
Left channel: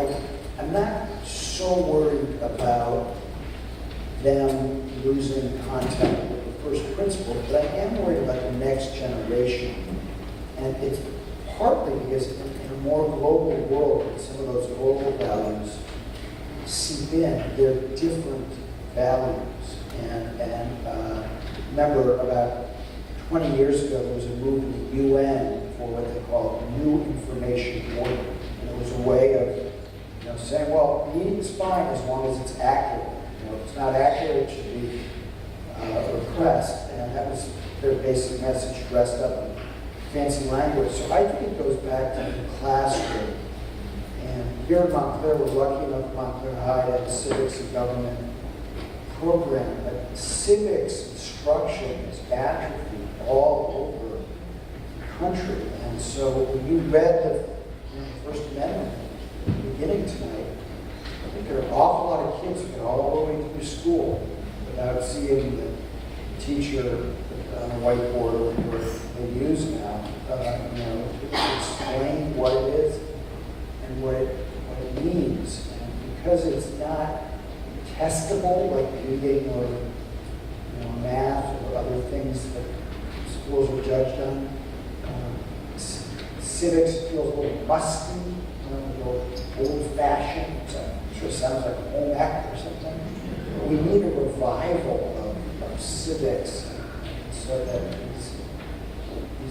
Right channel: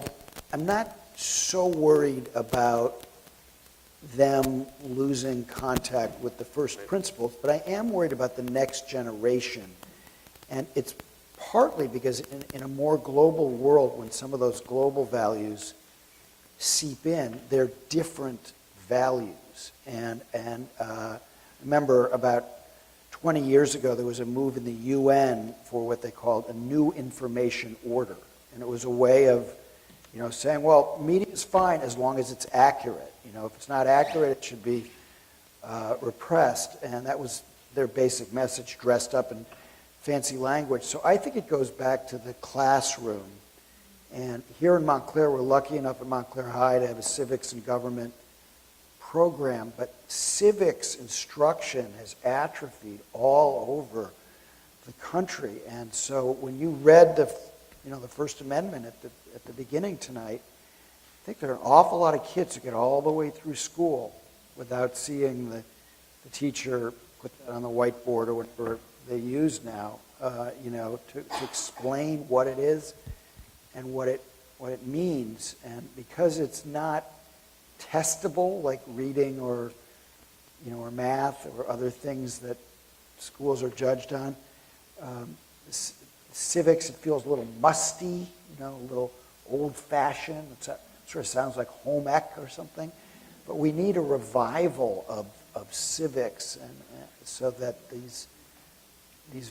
I'm not so worried about them losing contact with the first principles, but I am worried about the next generation. And it's partly because in a more global world, when some of those global values seep in, they're different values. And remember, about 20 years ago, there was a move in the UN for what they call a new information order. It was a way of, saying, well, media's fine as long as it's accurate. If it's not accurate, it should be repressed. And that was their basic message, dressed up in fancy language. So I think it goes back to the classroom. And here in Montclair, we're lucky enough at Montclair High to have civics and government program, but civics instruction is atrophied all over the country. And so when you read the First Amendment at the beginning tonight, I think there are an awful lot of kids who get all the way through school without seeing the teacher on a whiteboard or whatever they use now, to explain what it is and what it means. And because it's not testable like reading or math or other things that schools are judged on, civics feels a little musty, a little old-fashioned. I'm sure it sounds like a home ec or something. But we need a revival of civics so that these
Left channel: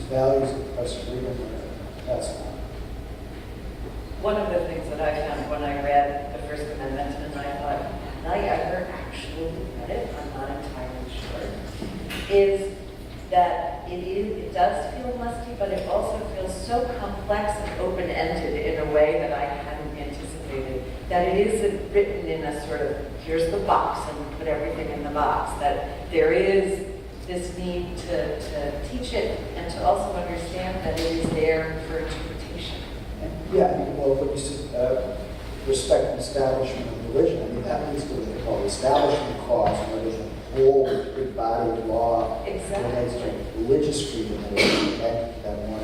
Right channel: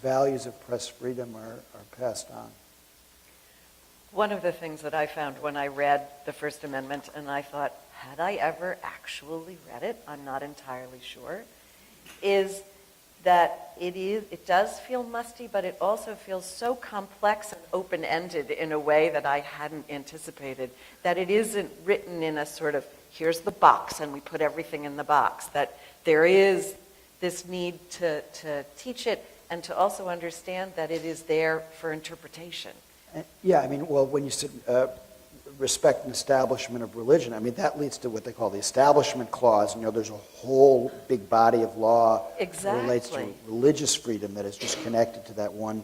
values of press freedom are passed on. One of the things that I found when I read the First Amendment, and I thought, had I ever actually read it? I'm not entirely sure. Is that it does feel musty, but it also feels so complex and open-ended in a way that I hadn't anticipated. That it isn't written in a sort of, here's the box and we put everything in the box. That there is this need to teach it and to also understand that it is there for interpretation. Yeah, when you say respect and establishment of religion, that leads to what they call the Establishment Clause. There's a whole big body of law that relates to religious freedom that is just connected to that one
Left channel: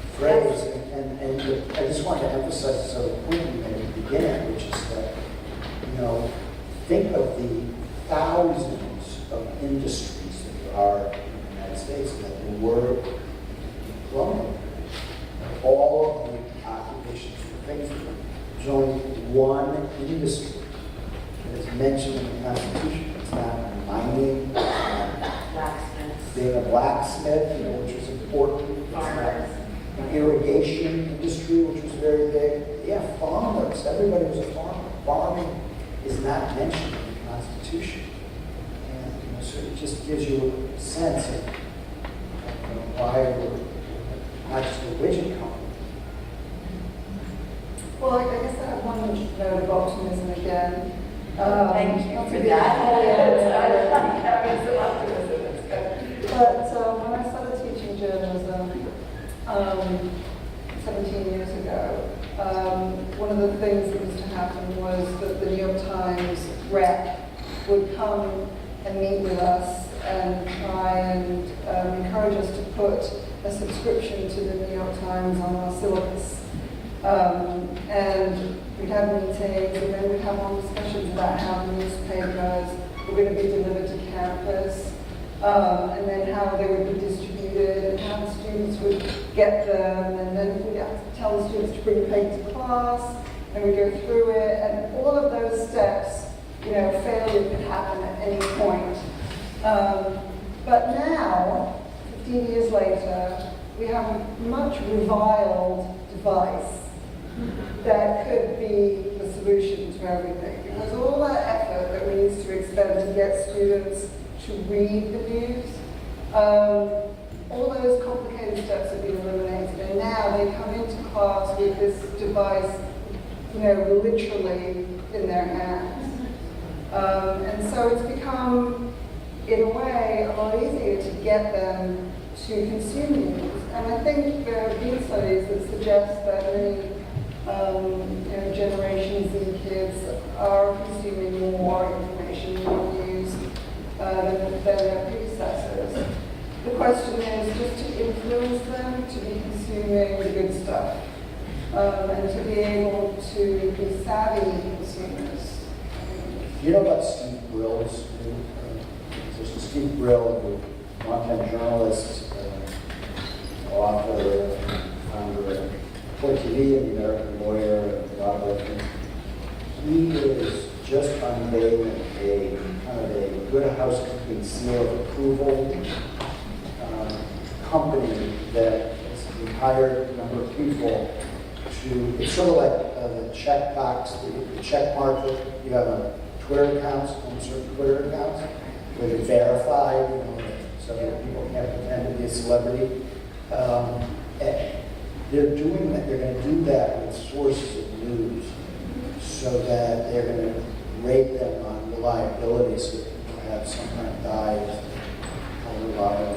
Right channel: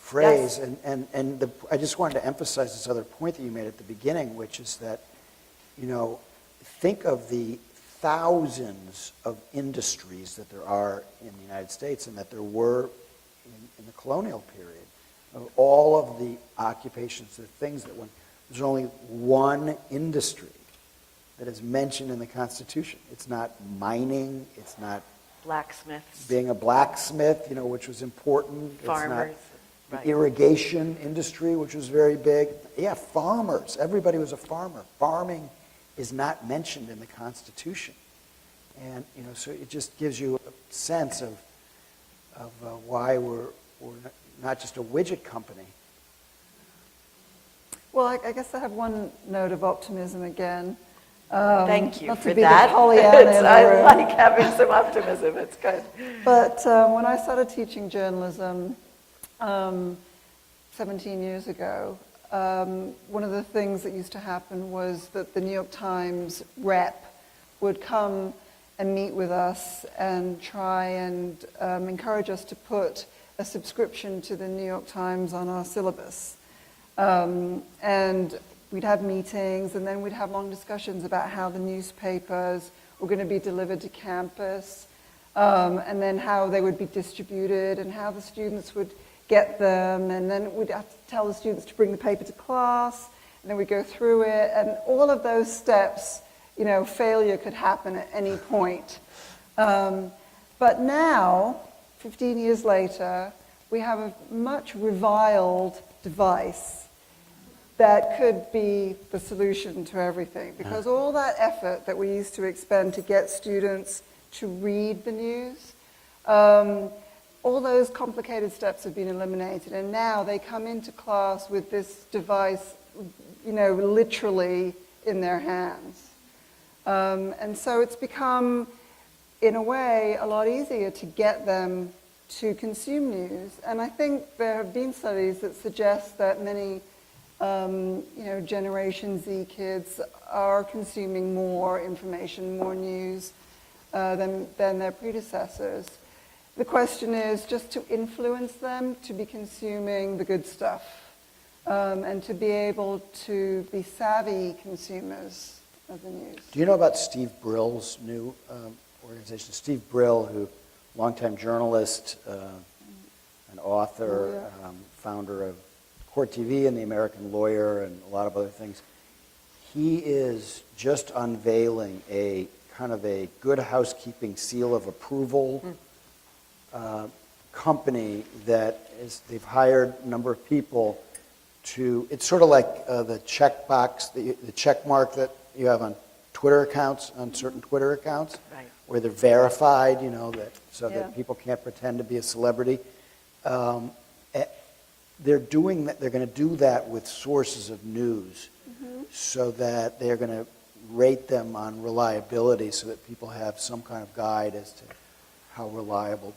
phrase. Yes. And I just wanted to emphasize this other point you made at the beginning, which is that, think of the thousands of industries that there are in the United States and that there were in colonial. All of the occupations and things. There's only one industry that is mentioned in the Constitution. It's not mining, it's not Blacksmiths. being a blacksmith, which was important. Farmers. Irrigation industry, which was very big. Yeah, farmers. Everybody was a farmer. Farming is not mentioned in the Constitution. And so it just gives you a sense of why we're not just a widget company. Well, I guess I have one note of optimism again. Thank you not to for be that. Pollyanna I or- like having some optimism. It's good. But when I started teaching journalism 17 years ago, one of the things that used to happen was that the New York Times rep would come and meet with us and try and encourage us to put a subscription to the New York Times on our syllabus. And we'd have meetings, and then we'd have all discussions about how newspapers were going to be delivered to campus, and then how they would be distributed, and how the students would get them, and then we'd have to tell the students to bring the paper to class, and we'd go through it, and all of those steps, failure could happen at any point. But now, 15 years later, we have a much reviled device that could be the solution to everything. Because all that effort that we need to expend to get students to read the news, all those complicated steps have been eliminated, and now they come into class with this device, literally in their hands. And so it's become, in a way, a lot easier to get them to consume news. And I think there have been studies that suggest that many Generation Z kids are consuming more information, more news than their predecessors. The question is just to influence them to be consuming the good stuff and to be able to be savvy consumers. Do you know about Steve Brill's new position? Steve Brill, longtime journalist, author, founder of Report TV and the American Lawyer, and a lot of other things. He is just unveiling a kind of a good housekeeping seal of approval company that has hired a number of people to, it's sort of like the check box, the check mark that you have on Twitter accounts, on certain Twitter accounts, where they're verified, so that people can't pretend to be a celebrity. And they're doing that, they're going to do that with sources of news, so that they're going to rate them on reliability, so that people have some kind of guide as to how reliable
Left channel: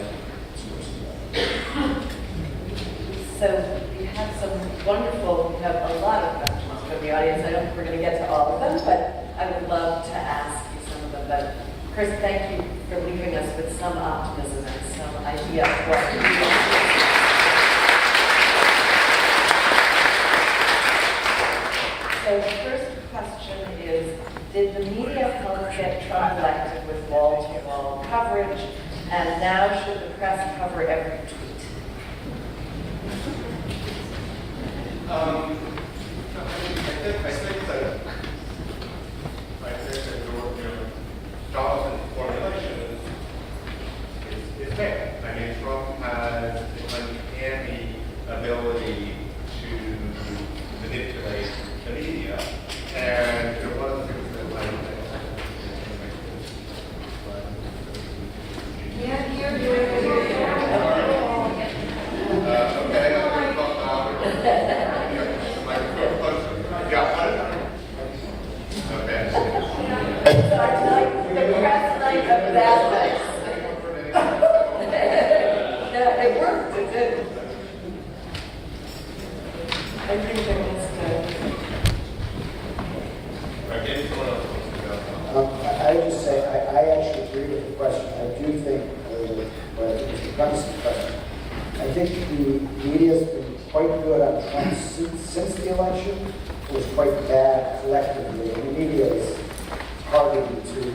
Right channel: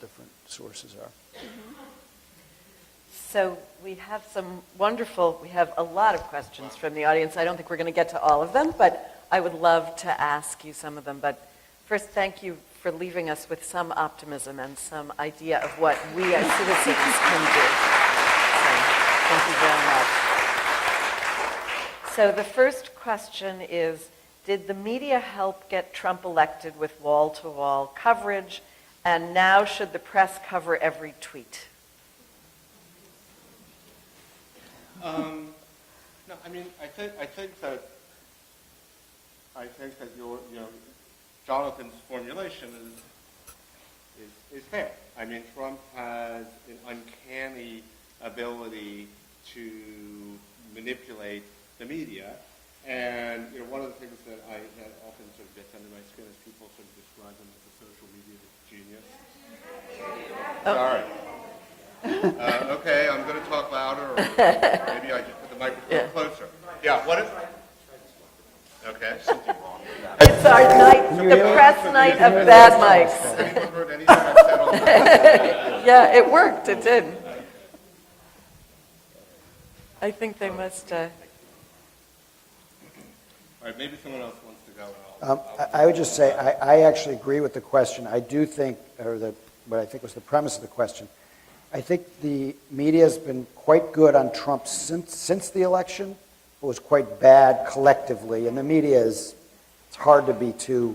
sources are. So we have we have a lot of questions from the audience. I don't think we're going to get to all of them, but I would love to ask you some of them. But first, thank you for leaving us with some optimism and some idea of what we as citizens can do. So the first question is, did the media help get Trump elected with wall-to-wall coverage, and now should the press cover every tweet? I think that Donald's formulation is fair. I mean, Trump has an uncanny ability to manipulate the media, and it wasn't It's our night, the press night of bad mice. Yeah, it worked, it did. I think they must I would just say, I actually agree with the question. I do think, the premise of the question, I think the media's been quite good on Trump since the election. It was quite bad collectively, and the media is, it's hard to be too,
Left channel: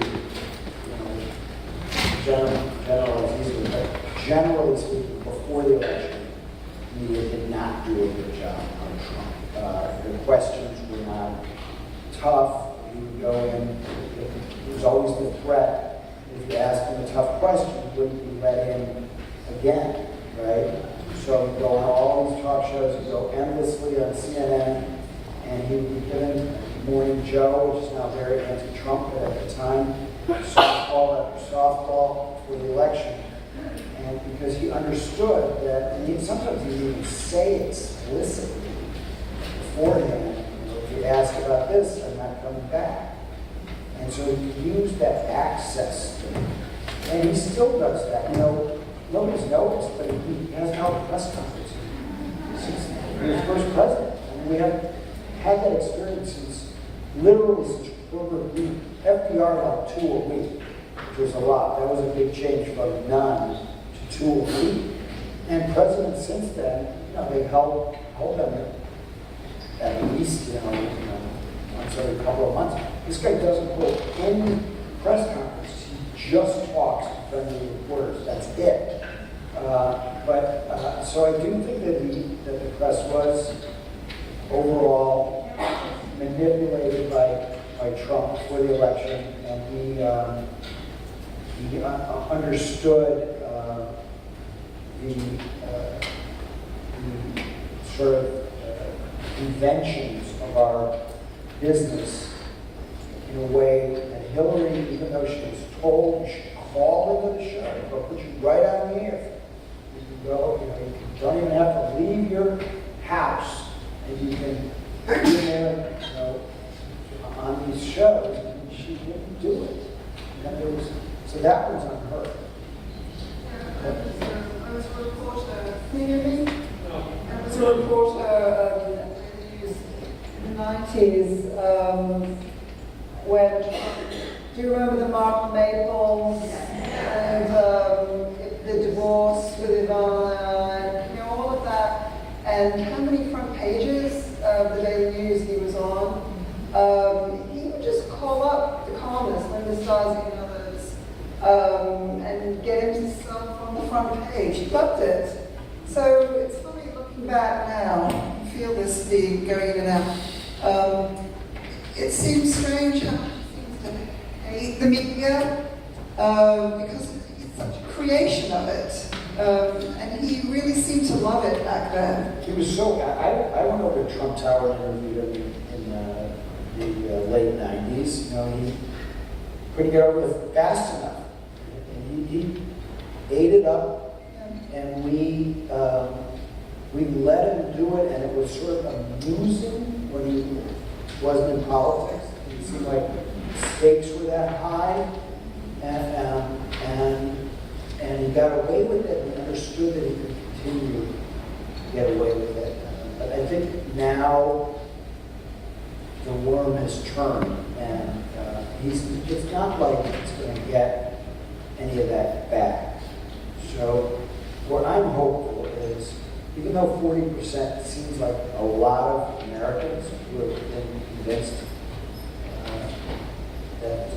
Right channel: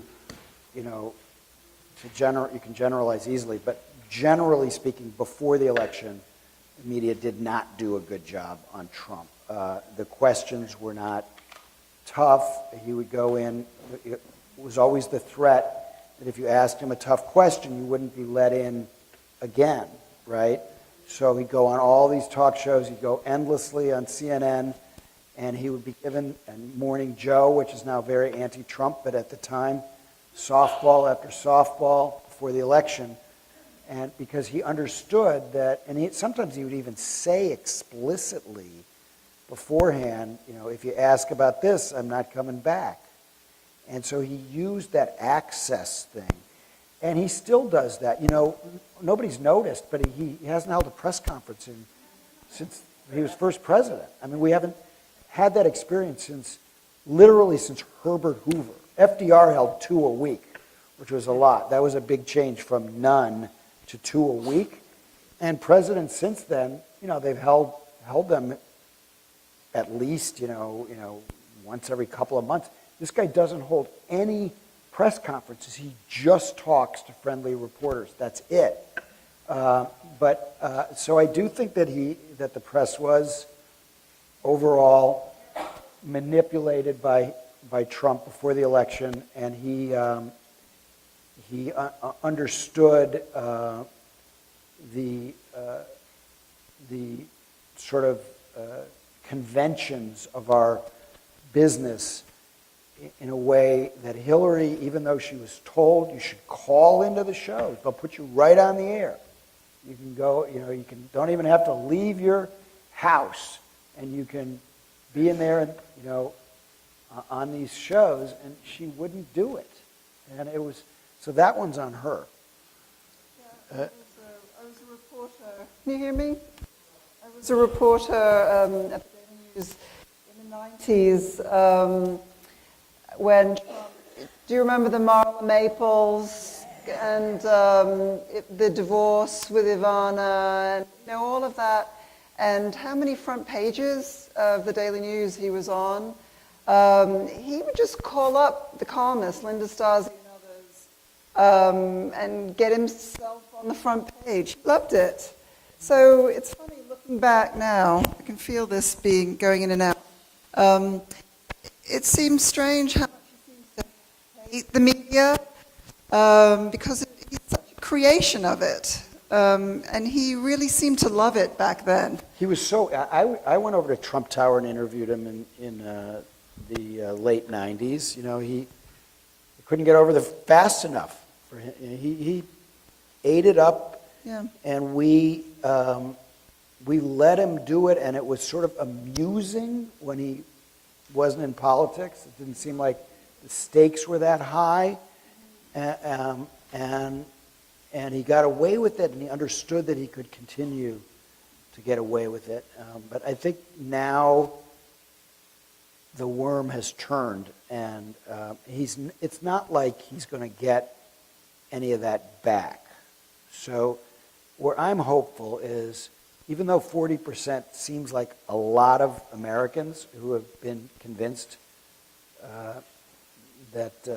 generalize easily, but generally speaking, before the election, the media did not do a good job on Trump. The questions were not tough. He would go in, it was always the threat that if you asked him a tough question, you wouldn't be let in again, right? So he'd go on all these talk shows, he'd go endlessly on CNN, and he would be given Morning Joe, which is now very anti-Trump, but at the time, softball after softball before the election. And because he understood that, and sometimes he'd even say explicitly beforehand, if you ask about this, I'm not coming back. And so he used that access, and he still does that. Nobody's noticed, but he hasn't held a press conference since he was first president. I mean, we haven't had that experience literally since Herbert Hoover. FDR held 2 a week, which was a lot. That was a big change from none to 2 a week. And presidents since then, they've held them at least, once every couple of months. This guy doesn't hold any press conferences. He just talks to friendly reporters. That's it. So I do think that the press was overall manipulated by Trump before the election, and he understood the sort of conventions of our business in a way that Hillary, even though she was told you should call into the show, they'll put you right on the air. You can go, you don't even have to leave your house, and you can go in there, on these shows, and she wouldn't do it. And there was, so that one's on her. I was a reporter. Can you hear me? I was a reporter in the 90s when, do you remember the Mark Maples and the divorce with Ivana, and all of that, and how many front pages of the Daily News he was on? He would just call up the columnists, Linda Starsby and others, and get him to start on the front page. He loved it. So it's funny looking back now. I can feel this being going in and out. It seems strange how the media, because it's a creation of it. And he really seemed to love it back then. He was so, I went over to Trump Tower and interviewed him in the late 90s. He couldn't get over there fast enough. He ate it up, Yeah. and we let him do it, and it was sort of amusing when he wasn't in politics. It seemed like stakes were that high, and he got away with it and understood that he could continue to get away with it. But I think now the worm has turned, and it's not like he's going to get any of that back. So what I'm hopeful is, even though 40% seems like a lot of Americans who have been convinced that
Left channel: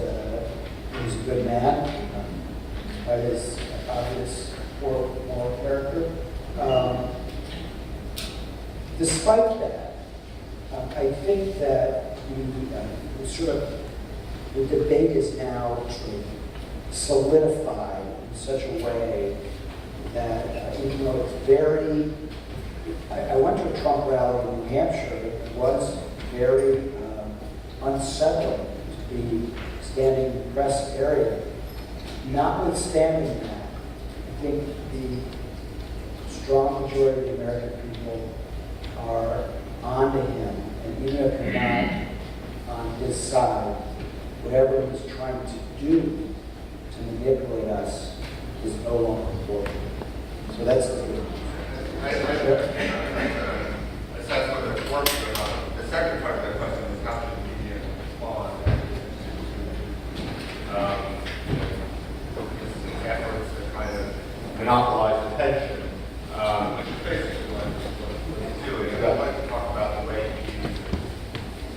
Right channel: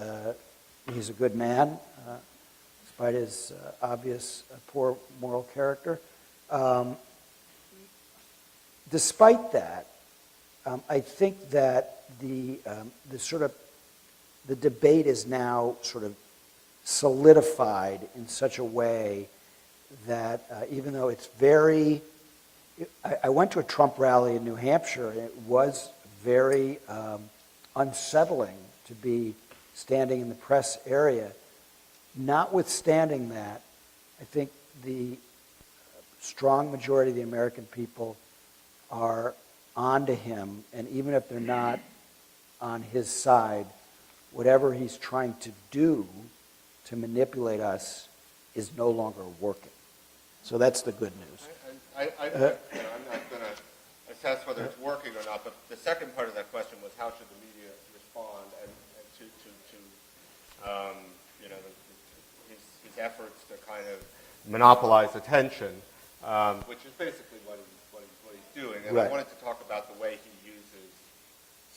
he's a good man, despite his obvious poor moral character, despite that, I think that the debate is now sort of solidified in such a way that even though it's very, I went to a Trump rally in New Hampshire. It was very unsettling to be standing in the press area. Notwithstanding that, I think the strong majority of the American people are on to him, and even if they're not on his side, whatever he's trying to do to manipulate us is no longer working. So that's the good news. Monopolize attention. Basically what we do is I like to talk about the way we use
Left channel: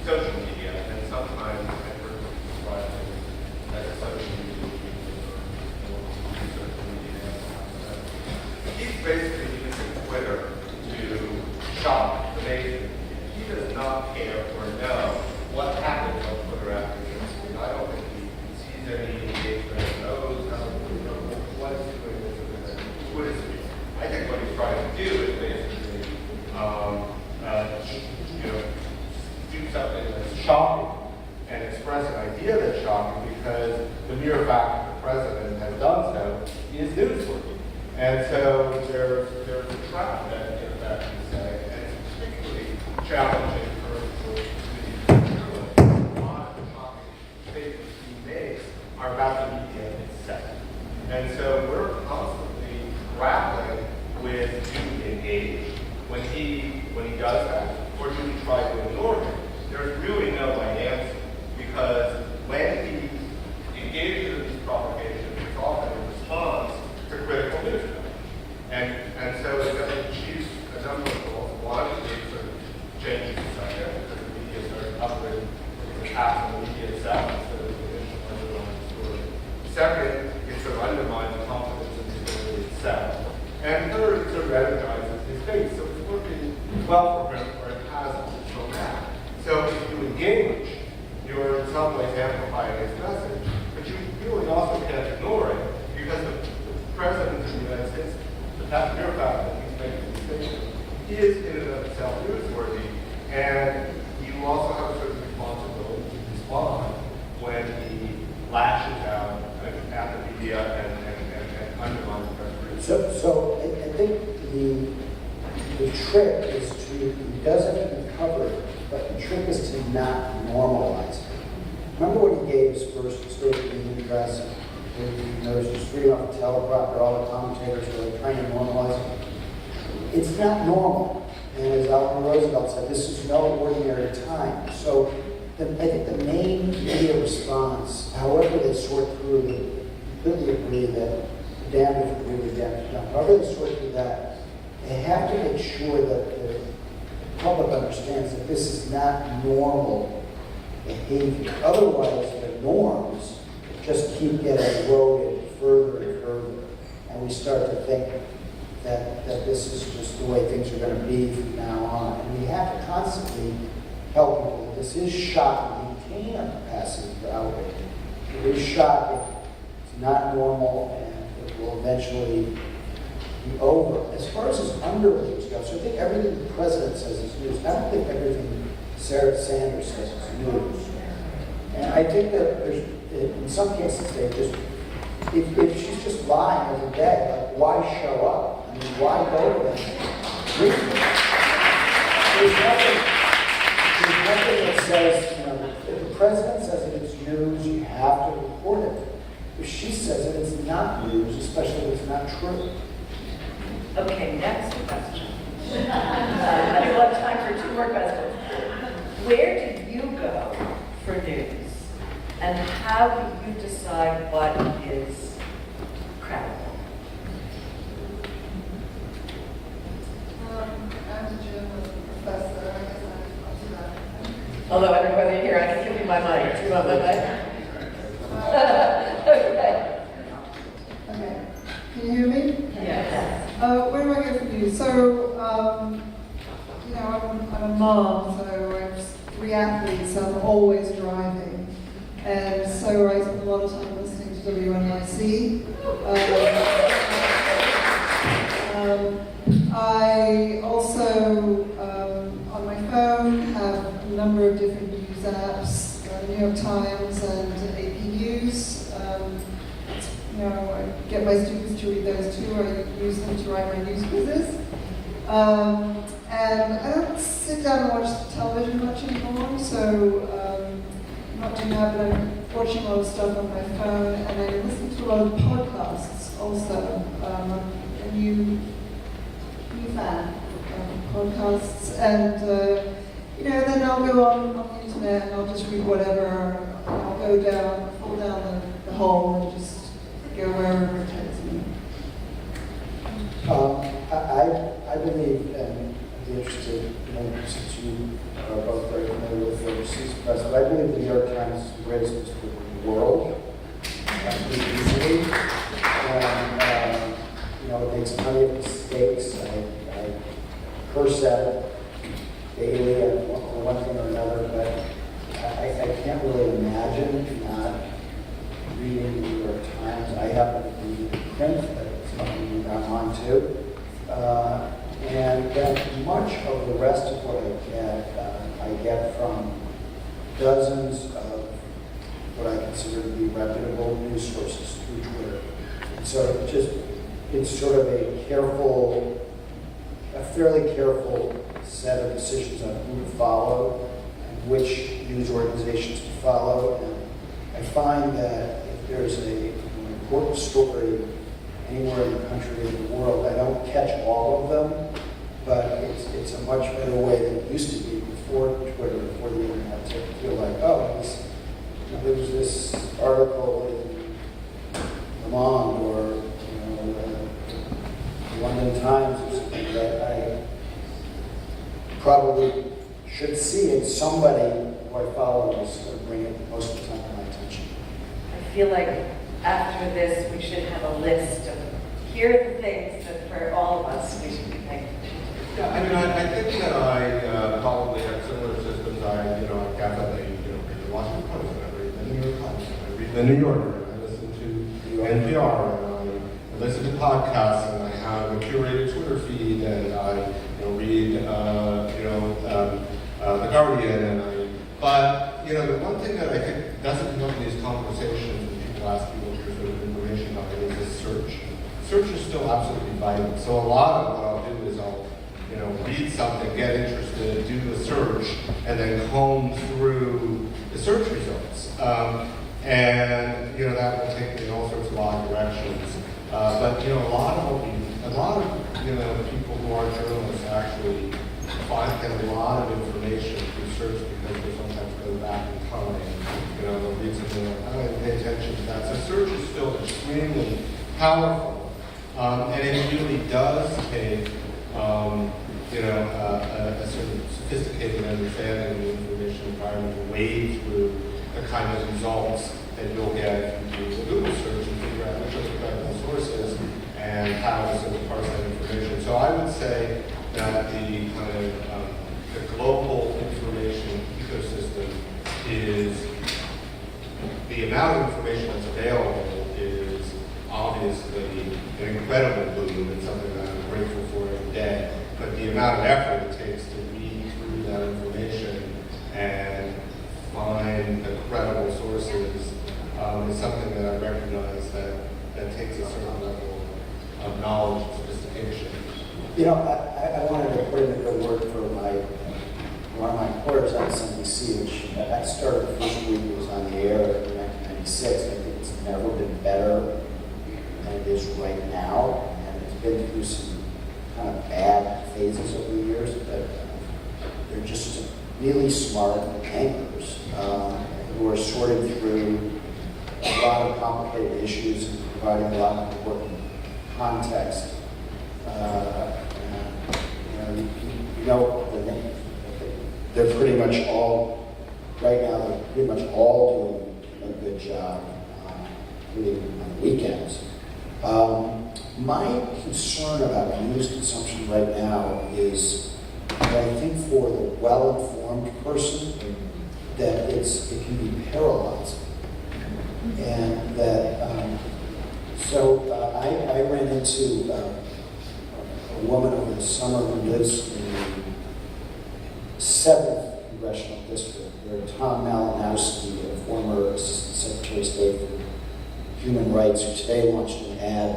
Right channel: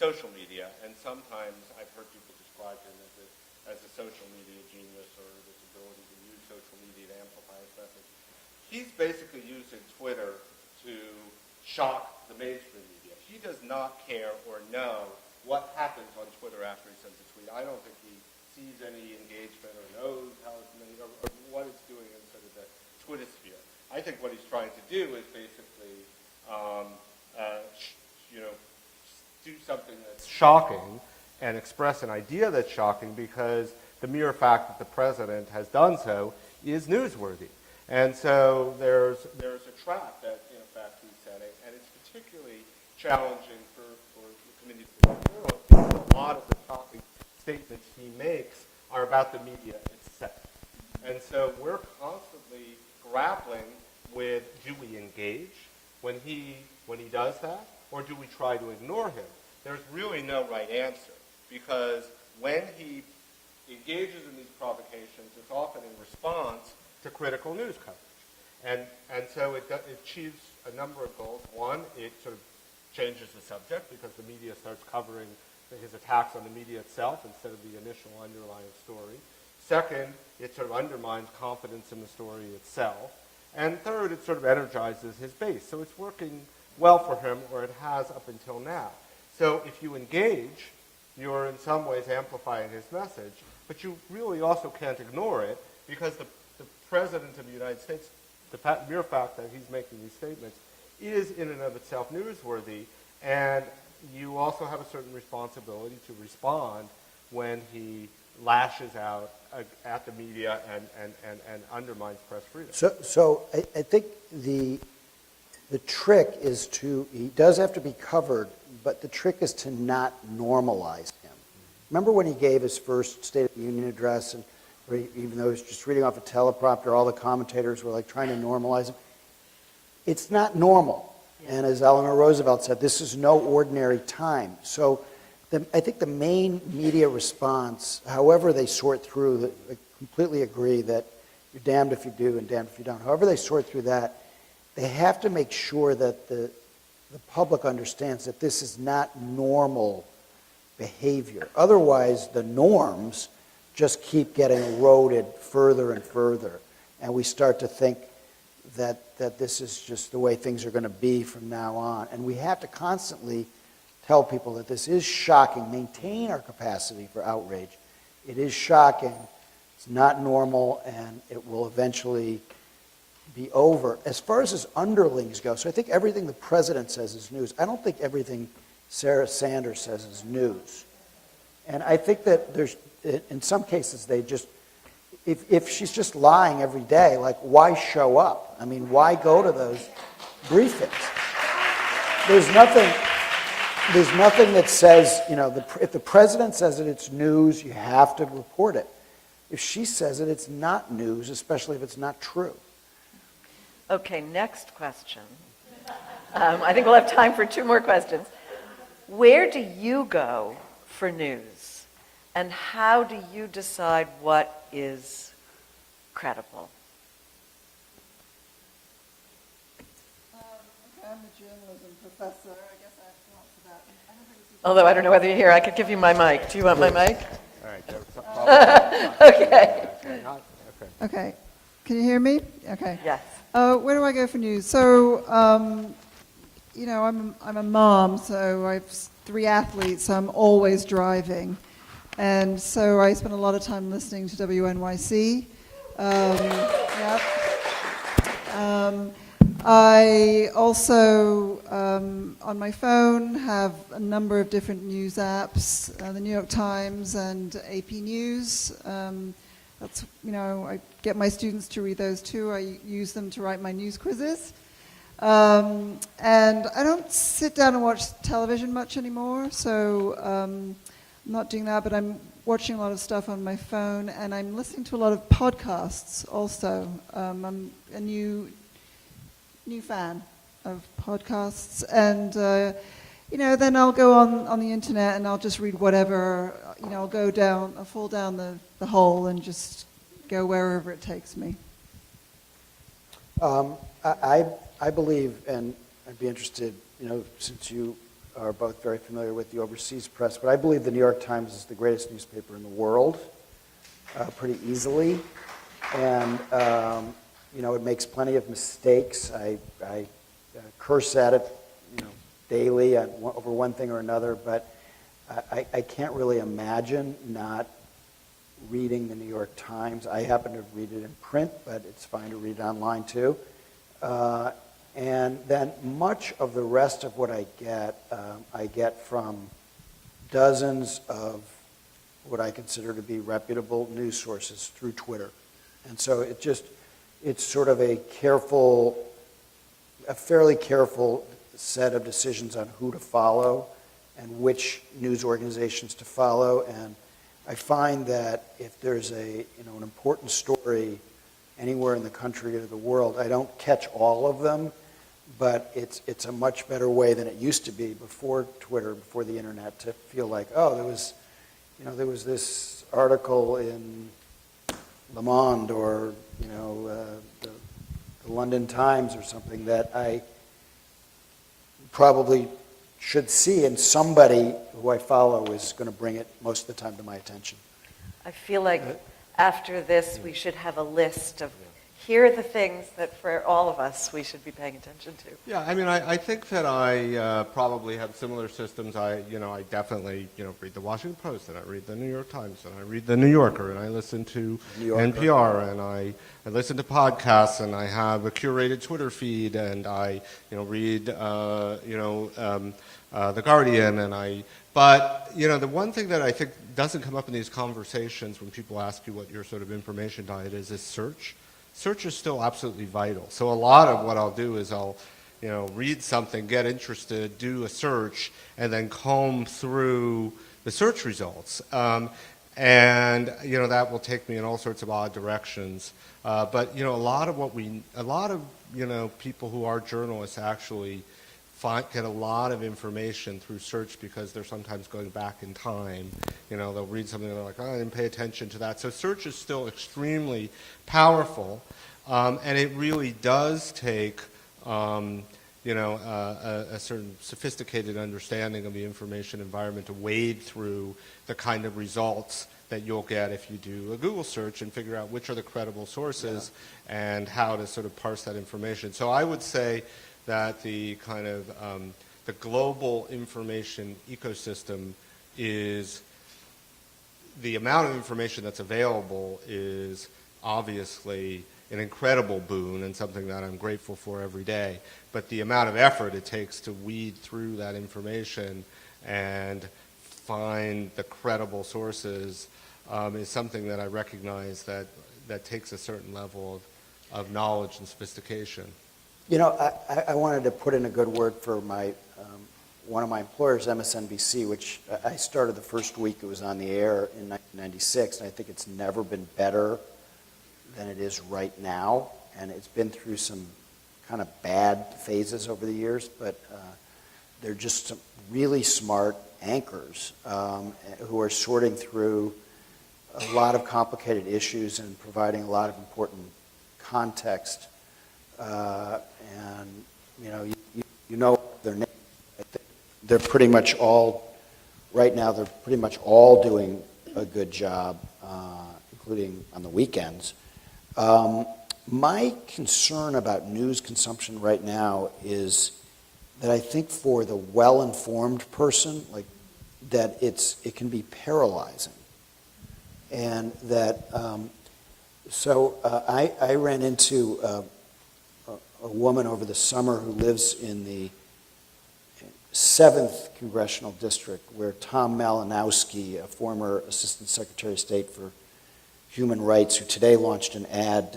social media, and sometimes I heard that social media. He's basically using Twitter to shop the nation. He does not care or know what happened on Twitter after this. I don't think he sees any engagement, knows how to do it, what is doing this. I think what he's trying to do is basically, do something that's shocking and express an idea that's shocking because the mere fact that the president has done so is newsworthy. And so there's a trap that he's saying, and it's particularly challenging for the modern statements he makes are about the media itself. And so we're constantly grappling with do we engage when he does that, or do we try to ignore him? There's really no answer, because when he engages in these provocations, it's often in response to critical news. And so she's a number of one of the things that changes society, because the media is very confident in the past of the media itself, instead of the traditional story. Second, it sort of undermines confidence in the story itself. And third, it sort of energizes his face. So it's working well for him, or it hasn't until now. So if you engage, you're in some way amplifying his message. But you really also can't ignore it, because the president of the United States, the past year fact that he's making a decision, is in and of itself newsworthy. And So I think the trick is it does have to be covered, but the trick is to not normalize. Remember when he gave his first State of the Union address, and he was just reading off the teleprompter, all the commentators were like trying to normalize it. It's not normal. And as Eleanor Roosevelt said, this is no ordinary time. So I think the main media response, however they sort through, they completely agree that damned if you do, damned if you don't. However they sort through that, they have to make sure that the public understands that this is not normal behavior. Otherwise, the norms just keep getting eroded further and further. And we start to think that this is just the way things are going to be from now on. And we have to constantly tell people that this is shocking. Maintain our capacity for outrage. It is shocking. It's not normal, and it will eventually be over. As far as his underlings go, so I think everything the president says is news. I don't think everything Sarah Sanders says is news. And I think that in some cases, they just, if she's just lying every day, like, why show up? I mean, why go to the briefing? There's nothing that says, if the president says that it's news, you have to report it. If she says that it's not news, especially if it's not true. Okay, next question. I think we'll have time for 2 more questions. Where do you go for news? And how do you decide what is credible? Although I don't know whether you're here, I can give you my mic. Do you want my mic? Okay. Okay. Can you hear me? Okay. Yes. Where do I go for news? So, I'm a mom, so I have 3 athletes, so I'm always driving. And so I spend a lot of time listening to WNYC. I also, on my phone, have a number of different news apps, New York Times and AP News. I get my students to read those too. I use them to write my news quizzes. And I don't sit down and watch television much anymore, so I'm not doing that, but I'm watching a lot of stuff on my phone, and I listen to a lot of podcasts also. A new fan of podcasts, and then I'll go on the internet and I'll just read whatever. I'll fall down the hole and just go wherever it takes me. I believe, and I'd be interested, since you are both very familiar with the overseas press, but I believe the New York Times is the greatest newspaper in the world, pretty easily. And, it makes plenty of mistakes. I curse at it daily for one thing or another, but I can't really imagine not reading the New York Times. I happen to read it in print, but it's fun to read online too. And then much of the rest of what I get from dozens of what I consider to be reputable news sources through Twitter. And so it's sort of a fairly careful set of decisions on who to follow and which news organizations to follow. And I find that if there's an important story anywhere in the country or in the world, I don't catch all of them, but it's a much better way than it used to be before Twitter, before the internet, to feel like, there was this article in Le Monde or London Times or something that I probably should see, and somebody who I follow is going to bring it most of the time to my attention. I feel like after this, we should have a list of here are the things that for all of us we should be paying attention to. Yeah, I think that I probably have similar systems. I definitely read the Washington Post, I read the New York Times, I read the New Yorker, and I listen to NPR, and I listen to podcasts, and I have a curated Twitter feed, and I read The Guardian, but the one thing that I think doesn't come up in these conversations when people ask me what their sort of information diet is search. search is still absolutely vital. So a lot of what I'll do is I'll read something, get interested, do a search, and then comb through the search results. And that will take me in all sorts of odd directions. But a lot of people who are journalists actually get a lot of information through search because they're sometimes going back in time. Read something like, oh, I didn't pay attention to that. So search is still extremely powerful, and it really does take a sort of sophisticated understanding of the information environment to wade through the kind of results that you'll get if you do a Google search and figure out which are the credible sources and how to sort of parse that information. So I would say that the kind of the global information ecosystem is the amount of information that's available is obviously an incredible boon and something that I'm grateful for every day. But the amount of effort it takes to weed through that information and find the credible sources is something that I recognize that takes a certain level of knowledge and sophistication. I wanted to put in a good word for one of my employers, MSNBC, which I started the first week it was on the air in 1996. I think it's never been better than it is right now, and it's been through some kind of bad phases over the years, but they're just some really smart anchors who are sorting through a lot of complicated issues and providing a lot of important context. Their name. They're pretty much all, right now, they're pretty much all doing a good job, including on the weekends. My concern about news consumption right now is that I think for the well-informed person, that it can be paralyzing. And that, I ran into a woman over the summer who lives in the 7th Congressional District, where Tom Malinowski, a former Assistant Secretary of State for Human Rights, who today launched an ad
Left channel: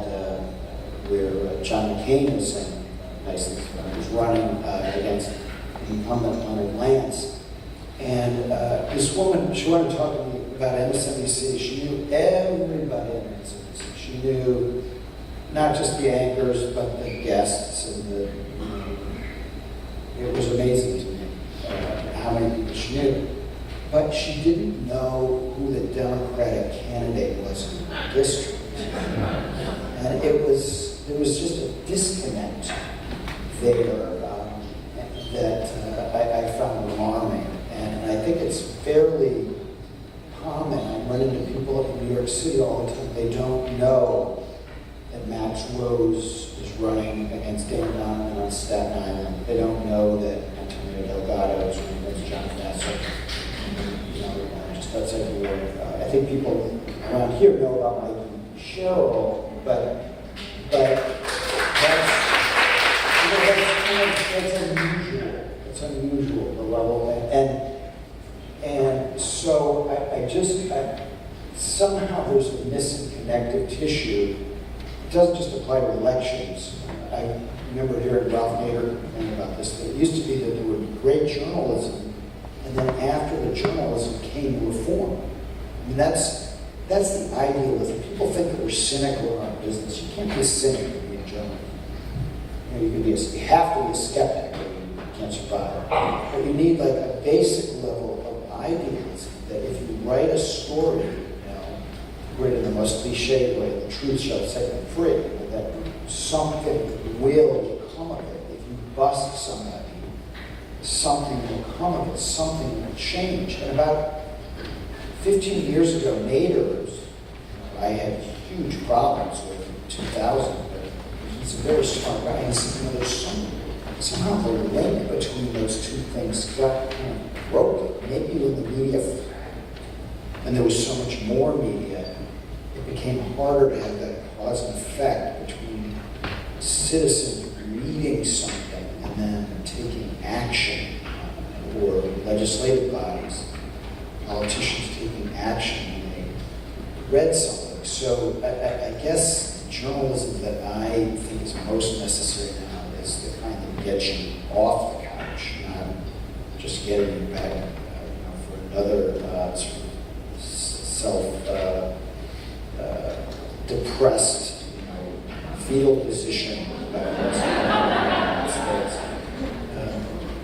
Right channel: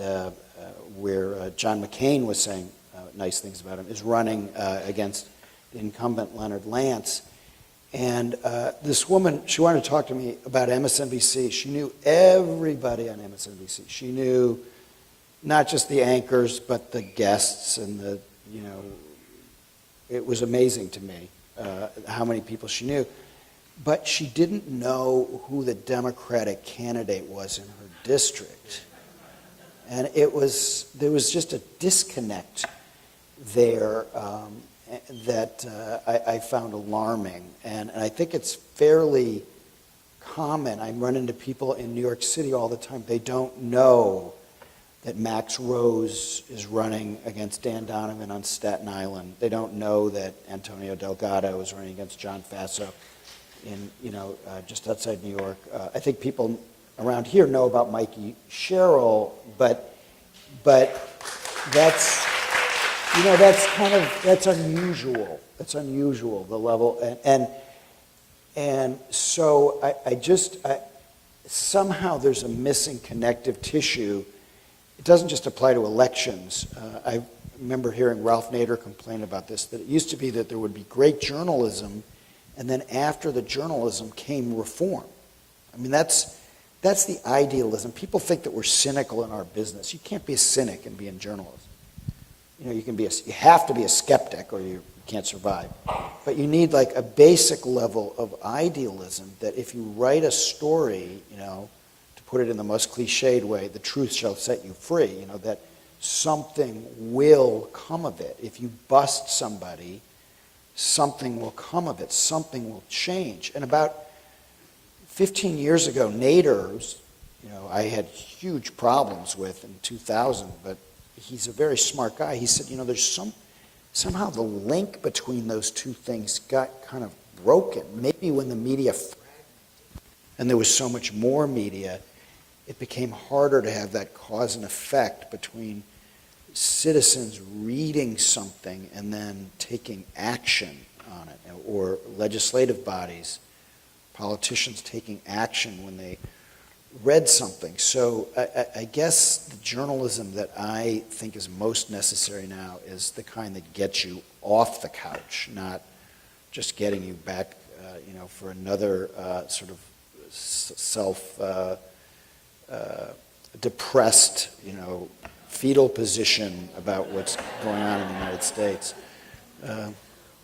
where John McCain was saying nice things about him, was running against incumbent Leonard Lance. And this woman, she wanted to talk to me about MSNBC. She knew everybody at MSNBC. She knew not just the anchors, but the guests, and it was amazing to me how many people she knew. But she didn't know who the Democratic candidate was in the district. And there was just a disconnect there that I found alarming. And I think it's fairly common. I run into people in New York City all the time. They don't know that Max Rose is running against Dan Donovan on Staten Island. They don't know that Antonio Delgado is running against John Kasser, just outside New York. I think people around here know about Mikey Sherrill, but that's unusual. That's unusual, the level, and so I somehow there's a missing connective tissue. It doesn't just apply to elections. I remember hearing Ralph Nader complain about this, that it used to be that there would be great journalism, and then after the journalism came reform. I mean, that's the idealism. People think that we're cynical in our business. You can't be a cynic and be a journalist. You have to be a skeptic or you can't survive. But you need like a basic level of idealism that if you write a story, to put it in the most cliched way, the truth shall set you free, that something will come of it. If you bust somebody, something will come of it, something will change. And about 15 years ago, Nader, I had huge problems with in 2000, but he's a very smart guy. He said, there's somehow the link between those two things got kind of broken. Maybe when the media, and there was so much more media, it became harder to have that cause and effect between citizens reading something and then taking action, or legislative bodies, politicians taking action when they read something. So I guess journalism that I think is most necessary now is the kind that gets you off the couch, not just getting you back for another sort of self-depressed, fetal position about what's going on in the United States.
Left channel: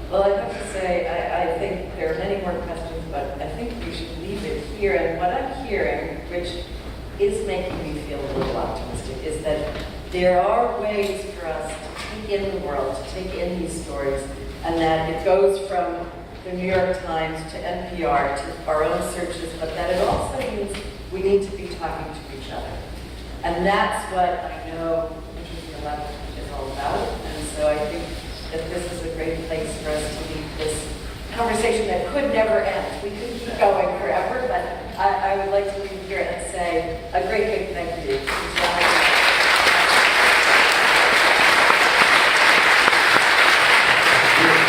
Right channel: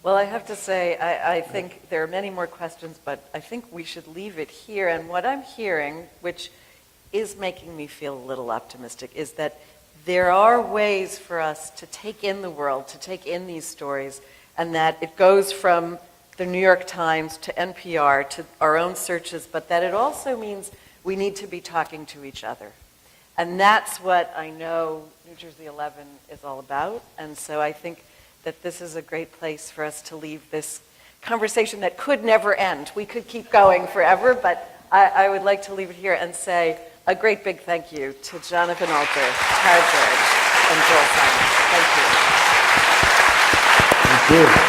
Well, I have to say, I think there are many more questions, but I think we should leave it here. And what I'm hearing, which is making me feel a little optimistic, is that there are ways for us to take in the world, to take in these stories, and that it goes from the New York Times to NPR to our own searches, but that it also means we need to be talking to each other. And that's what I know the 11th is all about. And so I think that this is a great place for us to leave this conversation that could never end. We could keep going forever, but I would like to leave here and say a great big thank you to Jonathan Michael, Harper, and Bill. Thank you. Thank you.